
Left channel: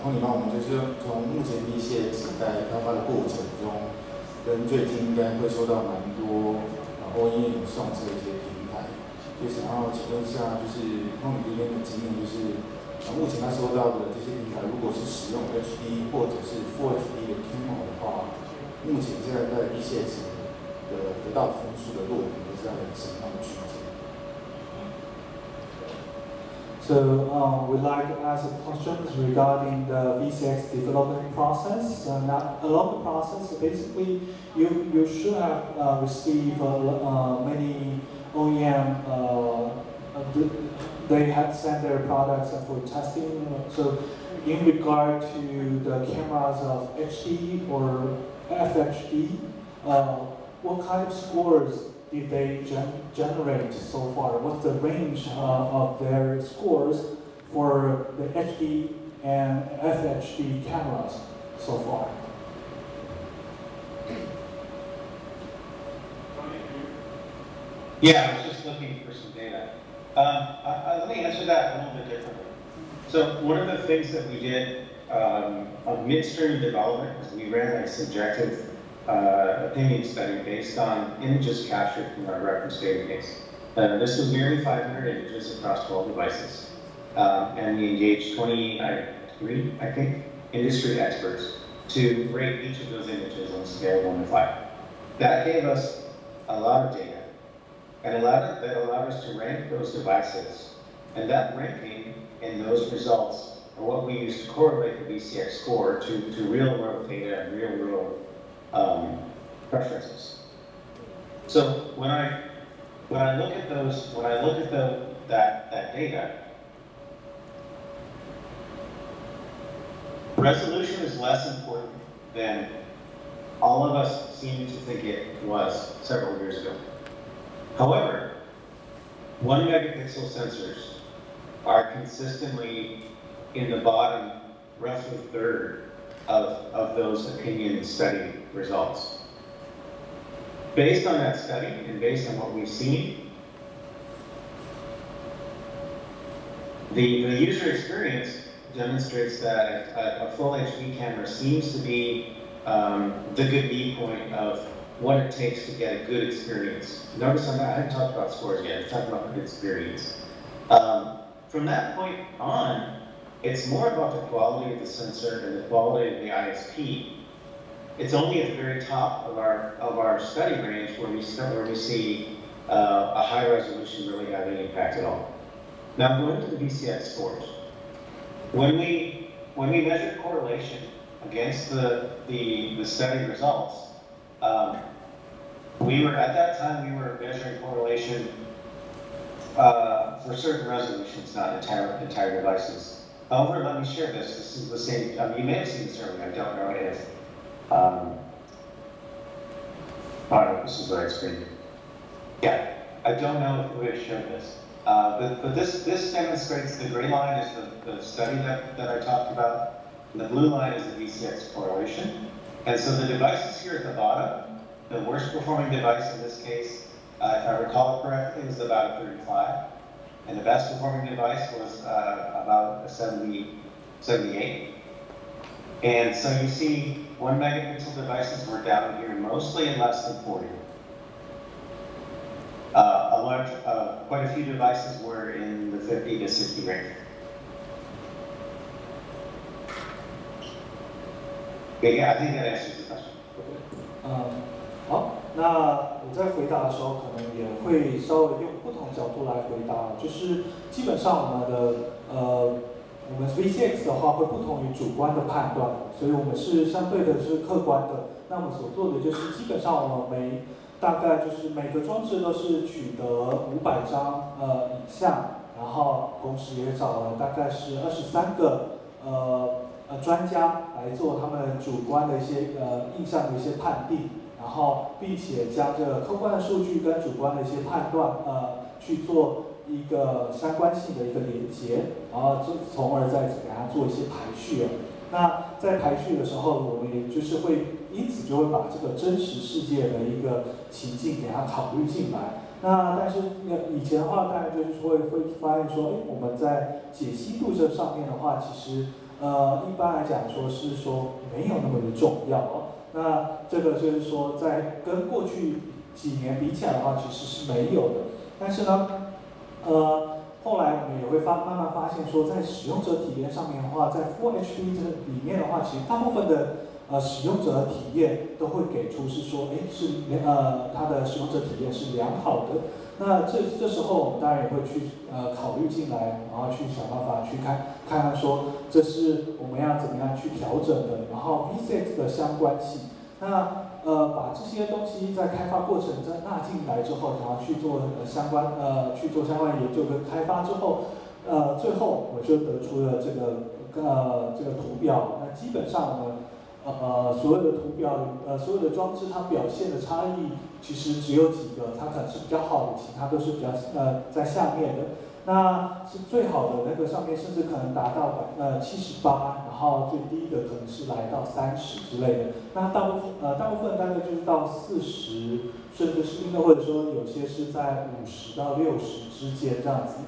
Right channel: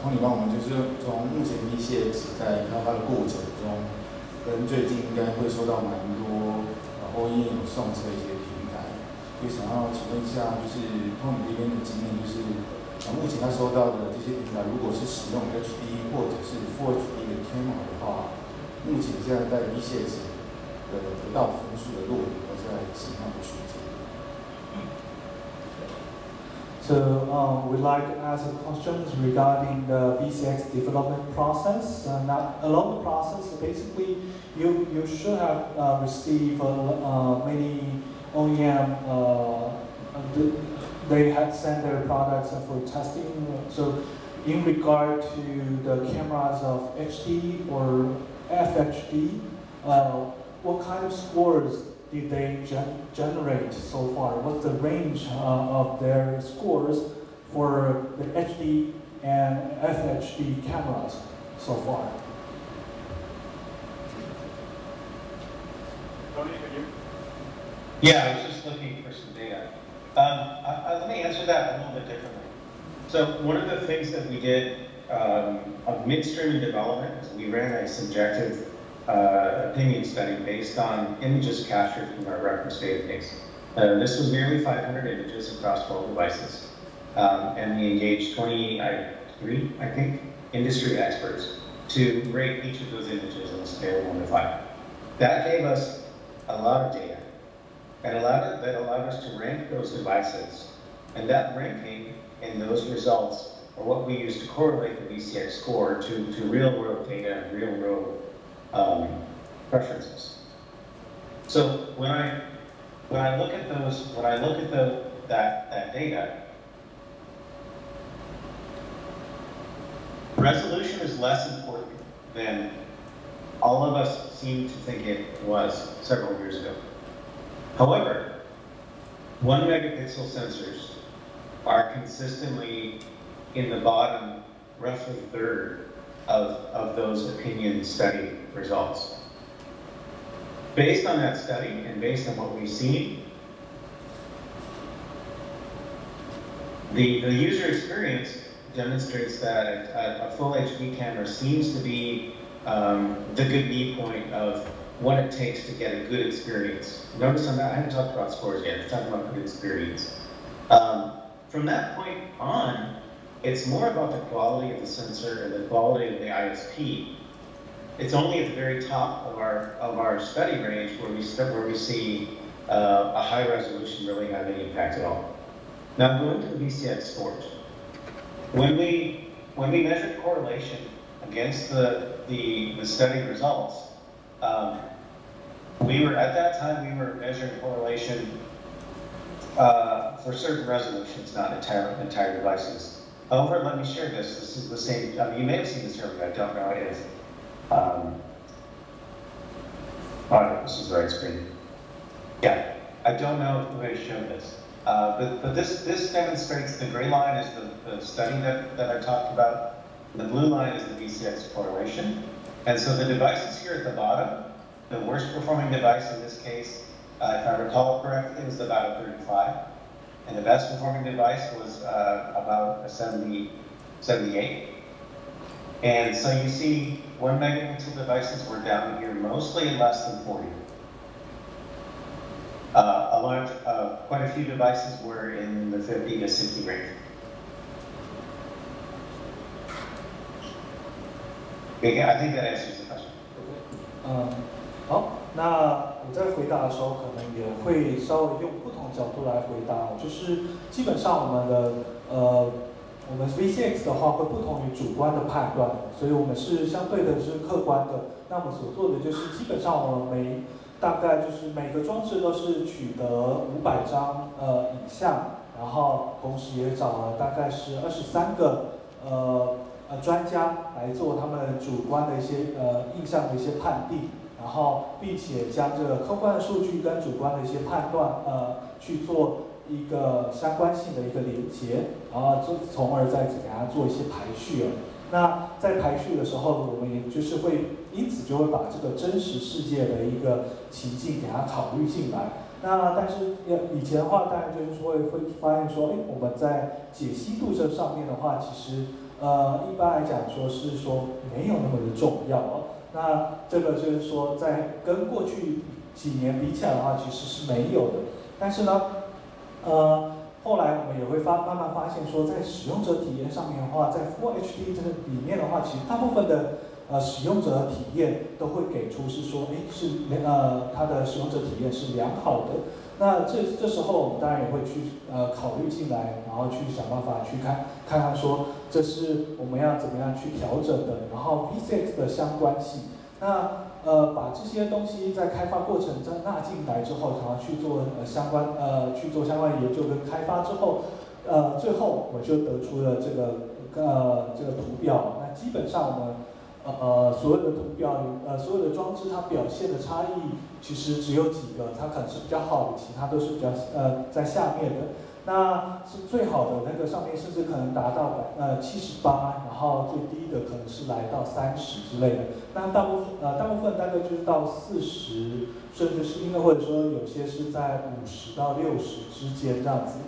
Tony帮我们，就是从目前VCX在开发的过程中，跟最近应该会收到蛮多OEM 上市的一些平台，就想要请问一下，就是 Tony 这边的经验，就是目前他收到的这些平台，如果是使用 HD 或者是 Full HD 的 camera 的话，目前现在在 VCX 的得到分数的落点都在什么样的区间？ So we'd like to ask questions regarding the VCX development process. Now, along the process, basically, you should have received many OEM. They had sent their products for testing. So, in regard to the cameras of HD or FHD, what kind of scores did they generate so far? What's the range of their scores for the HD and FHD cameras so far? Yeah, I was just looking for some data. Let me answer that a little bit differently. So one of the things that we did on midstream development is we ran a subjective opinion study based on images captured from our reference database. This was nearly 500 images across 12 devices. And we engaged 23, I think, industry experts to rate each of those images on a scale of 1 to 5. That gave us a lot of data. And that allowed us to rank those devices. And that ranking and those results are what we use to correlate the VCX score to real-world data and real-world preferences. So when I look at that data, resolution is less important than all of us seem to think it was several years ago. However, 1 megapixel sensors are consistently in the bottom, roughly third of those opinion study results. Based on that study and based on what we've seen, the user experience demonstrates that a full HD camera seems to be the good mean point of what it takes to get a good experience. Notice on that, I haven't talked about scores yet, I'm talking about good experience. From that point on, it's more about the quality of the sensor and the quality of the ISP. It's only at the very top of our study range where we see a high resolution really having an impact at all. Now going to the VCX scores. When we measured correlation against the study results, at that time we were measuring correlation for certain resolutions, not entire devices. However, let me share this. This is the same. You may have seen this earlier. I don't know if. This is the right screen. Yeah, I don't know if the way to show this. But this demonstrates the gray line is the study that I talked about. The blue line is the VCX correlation. And so the devices here at the bottom, the worst performing device in this case, if I recall correctly, was about a 35. And the best performing device was about a 78. And so you see 1 megapixel devices were down here mostly in less than 40. Quite a few devices were in the 50 to 60 range. Yeah, I think that answers the question. 好，那我在回答的时候，可能也会稍微用不同角度来回答。就是基本上我们 VCX 的话会不同于主观的判断，所以我们是相对的是客观的。那我们所做的就是基本上我们大概就是每个装置都是取得500张影像，然后同时也找了大概是23个专家来做他们主观的一些印象的一些判定，然后并且将这个客观的数据跟主观的一些判断去做一个相关性的一个连结，然后从而再给它做一些排序。那在排序的时候，我们也就是会因此就会把这个真实世界的一个情境给它考虑进来。那但是以前的话，当然就是会发现说，我们在解析度这上面的话，其实一般来讲说是说没有那么的重要哦。那这个就是说，在跟过去几年比起来的话，其实是没有的。但是呢，后来我们也会慢慢发现说，在使用者体验上面的话，在 Full HD 这个里面的话，其实大部分的使用者体验都会给出是说，它的使用者体验是良好的。那这时候我们当然也会去考虑进来，然后去想办法去看看说这是我们要怎么样去调整的，然后 VCX 的相关性。那把这些东西在开发过程再纳进来之后，然后去做相关研究跟开发之后，最后我就得出了这个这个图表，那基本上我们所有的图表所有的装置它表现的差异其实只有几个，它可能是比较好的，其他都是比较在下面的。那是最好的那个上面甚至可能达到78%，然后最低的可能是来到30之类的。那大部分大概就是到40，甚至是或者说有些是在50到60之间这样子。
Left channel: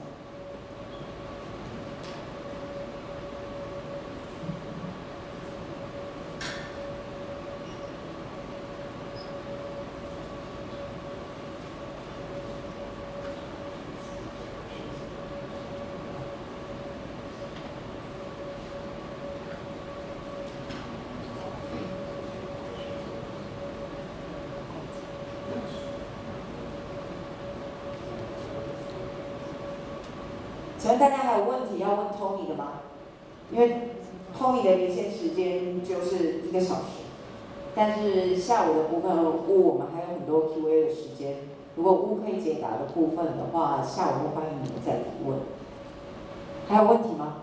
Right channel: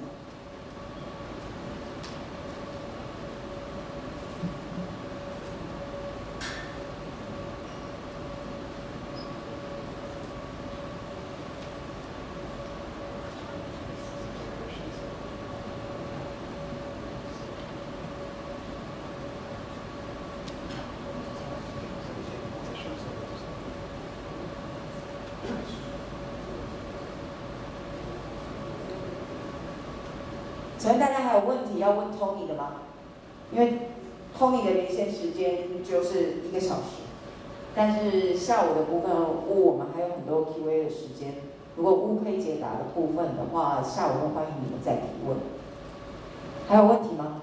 请问大家还有问题要问 Tony 的吗？因为 Tony 的连线时间就是1个小时，但是下午的部分我们还有很多 Q&A 的时间。如果可以解答的部分的话，下午会欢迎你们再提问。还有问题吗？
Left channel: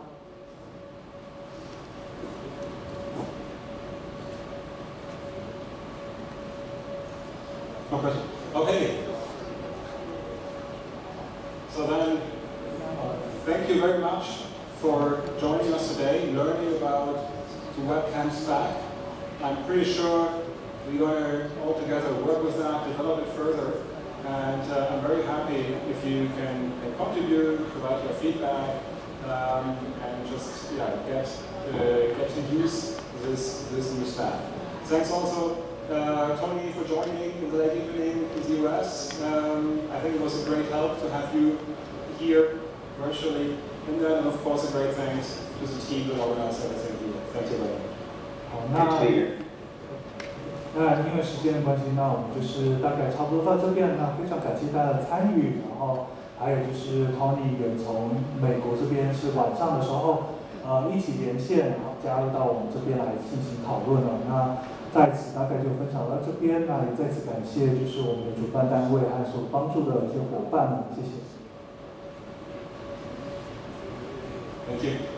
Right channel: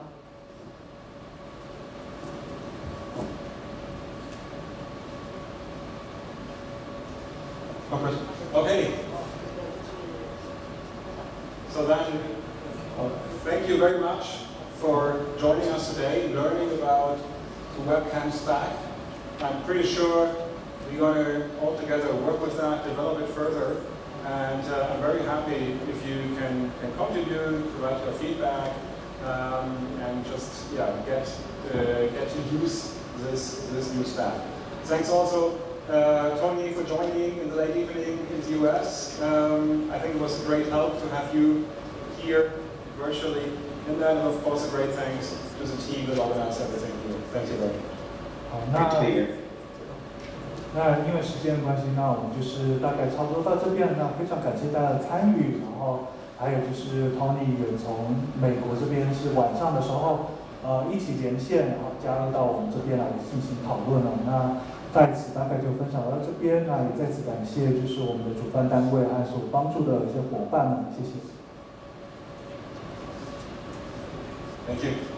No question. Okay. So then, thank you very much for joining us today, learning about the webcam stack. I'm pretty sure we're going to all together work with that, develop it further, and I'm very happy if you can contribute, provide your feedback, and just get to use this new stack. Thanks also. Tony, for joining me in the late evening in the US. I think it was a great help to have you here virtually. And then, of course, a great thanks to the team that organized everything here. Thank you very much. 好，那因为时间的关系，那我们就是大概差不多到这边。那非常感谢大家的参与，然后还有就是 Tony 也从美国这边是晚上的时候，一起连线，然后加入到我们这边来进行讨论了。那在此大概就分享到这边，那也在此感谢就是我们的主办单位和所帮助的一些伙伴们，谢谢。Thank you.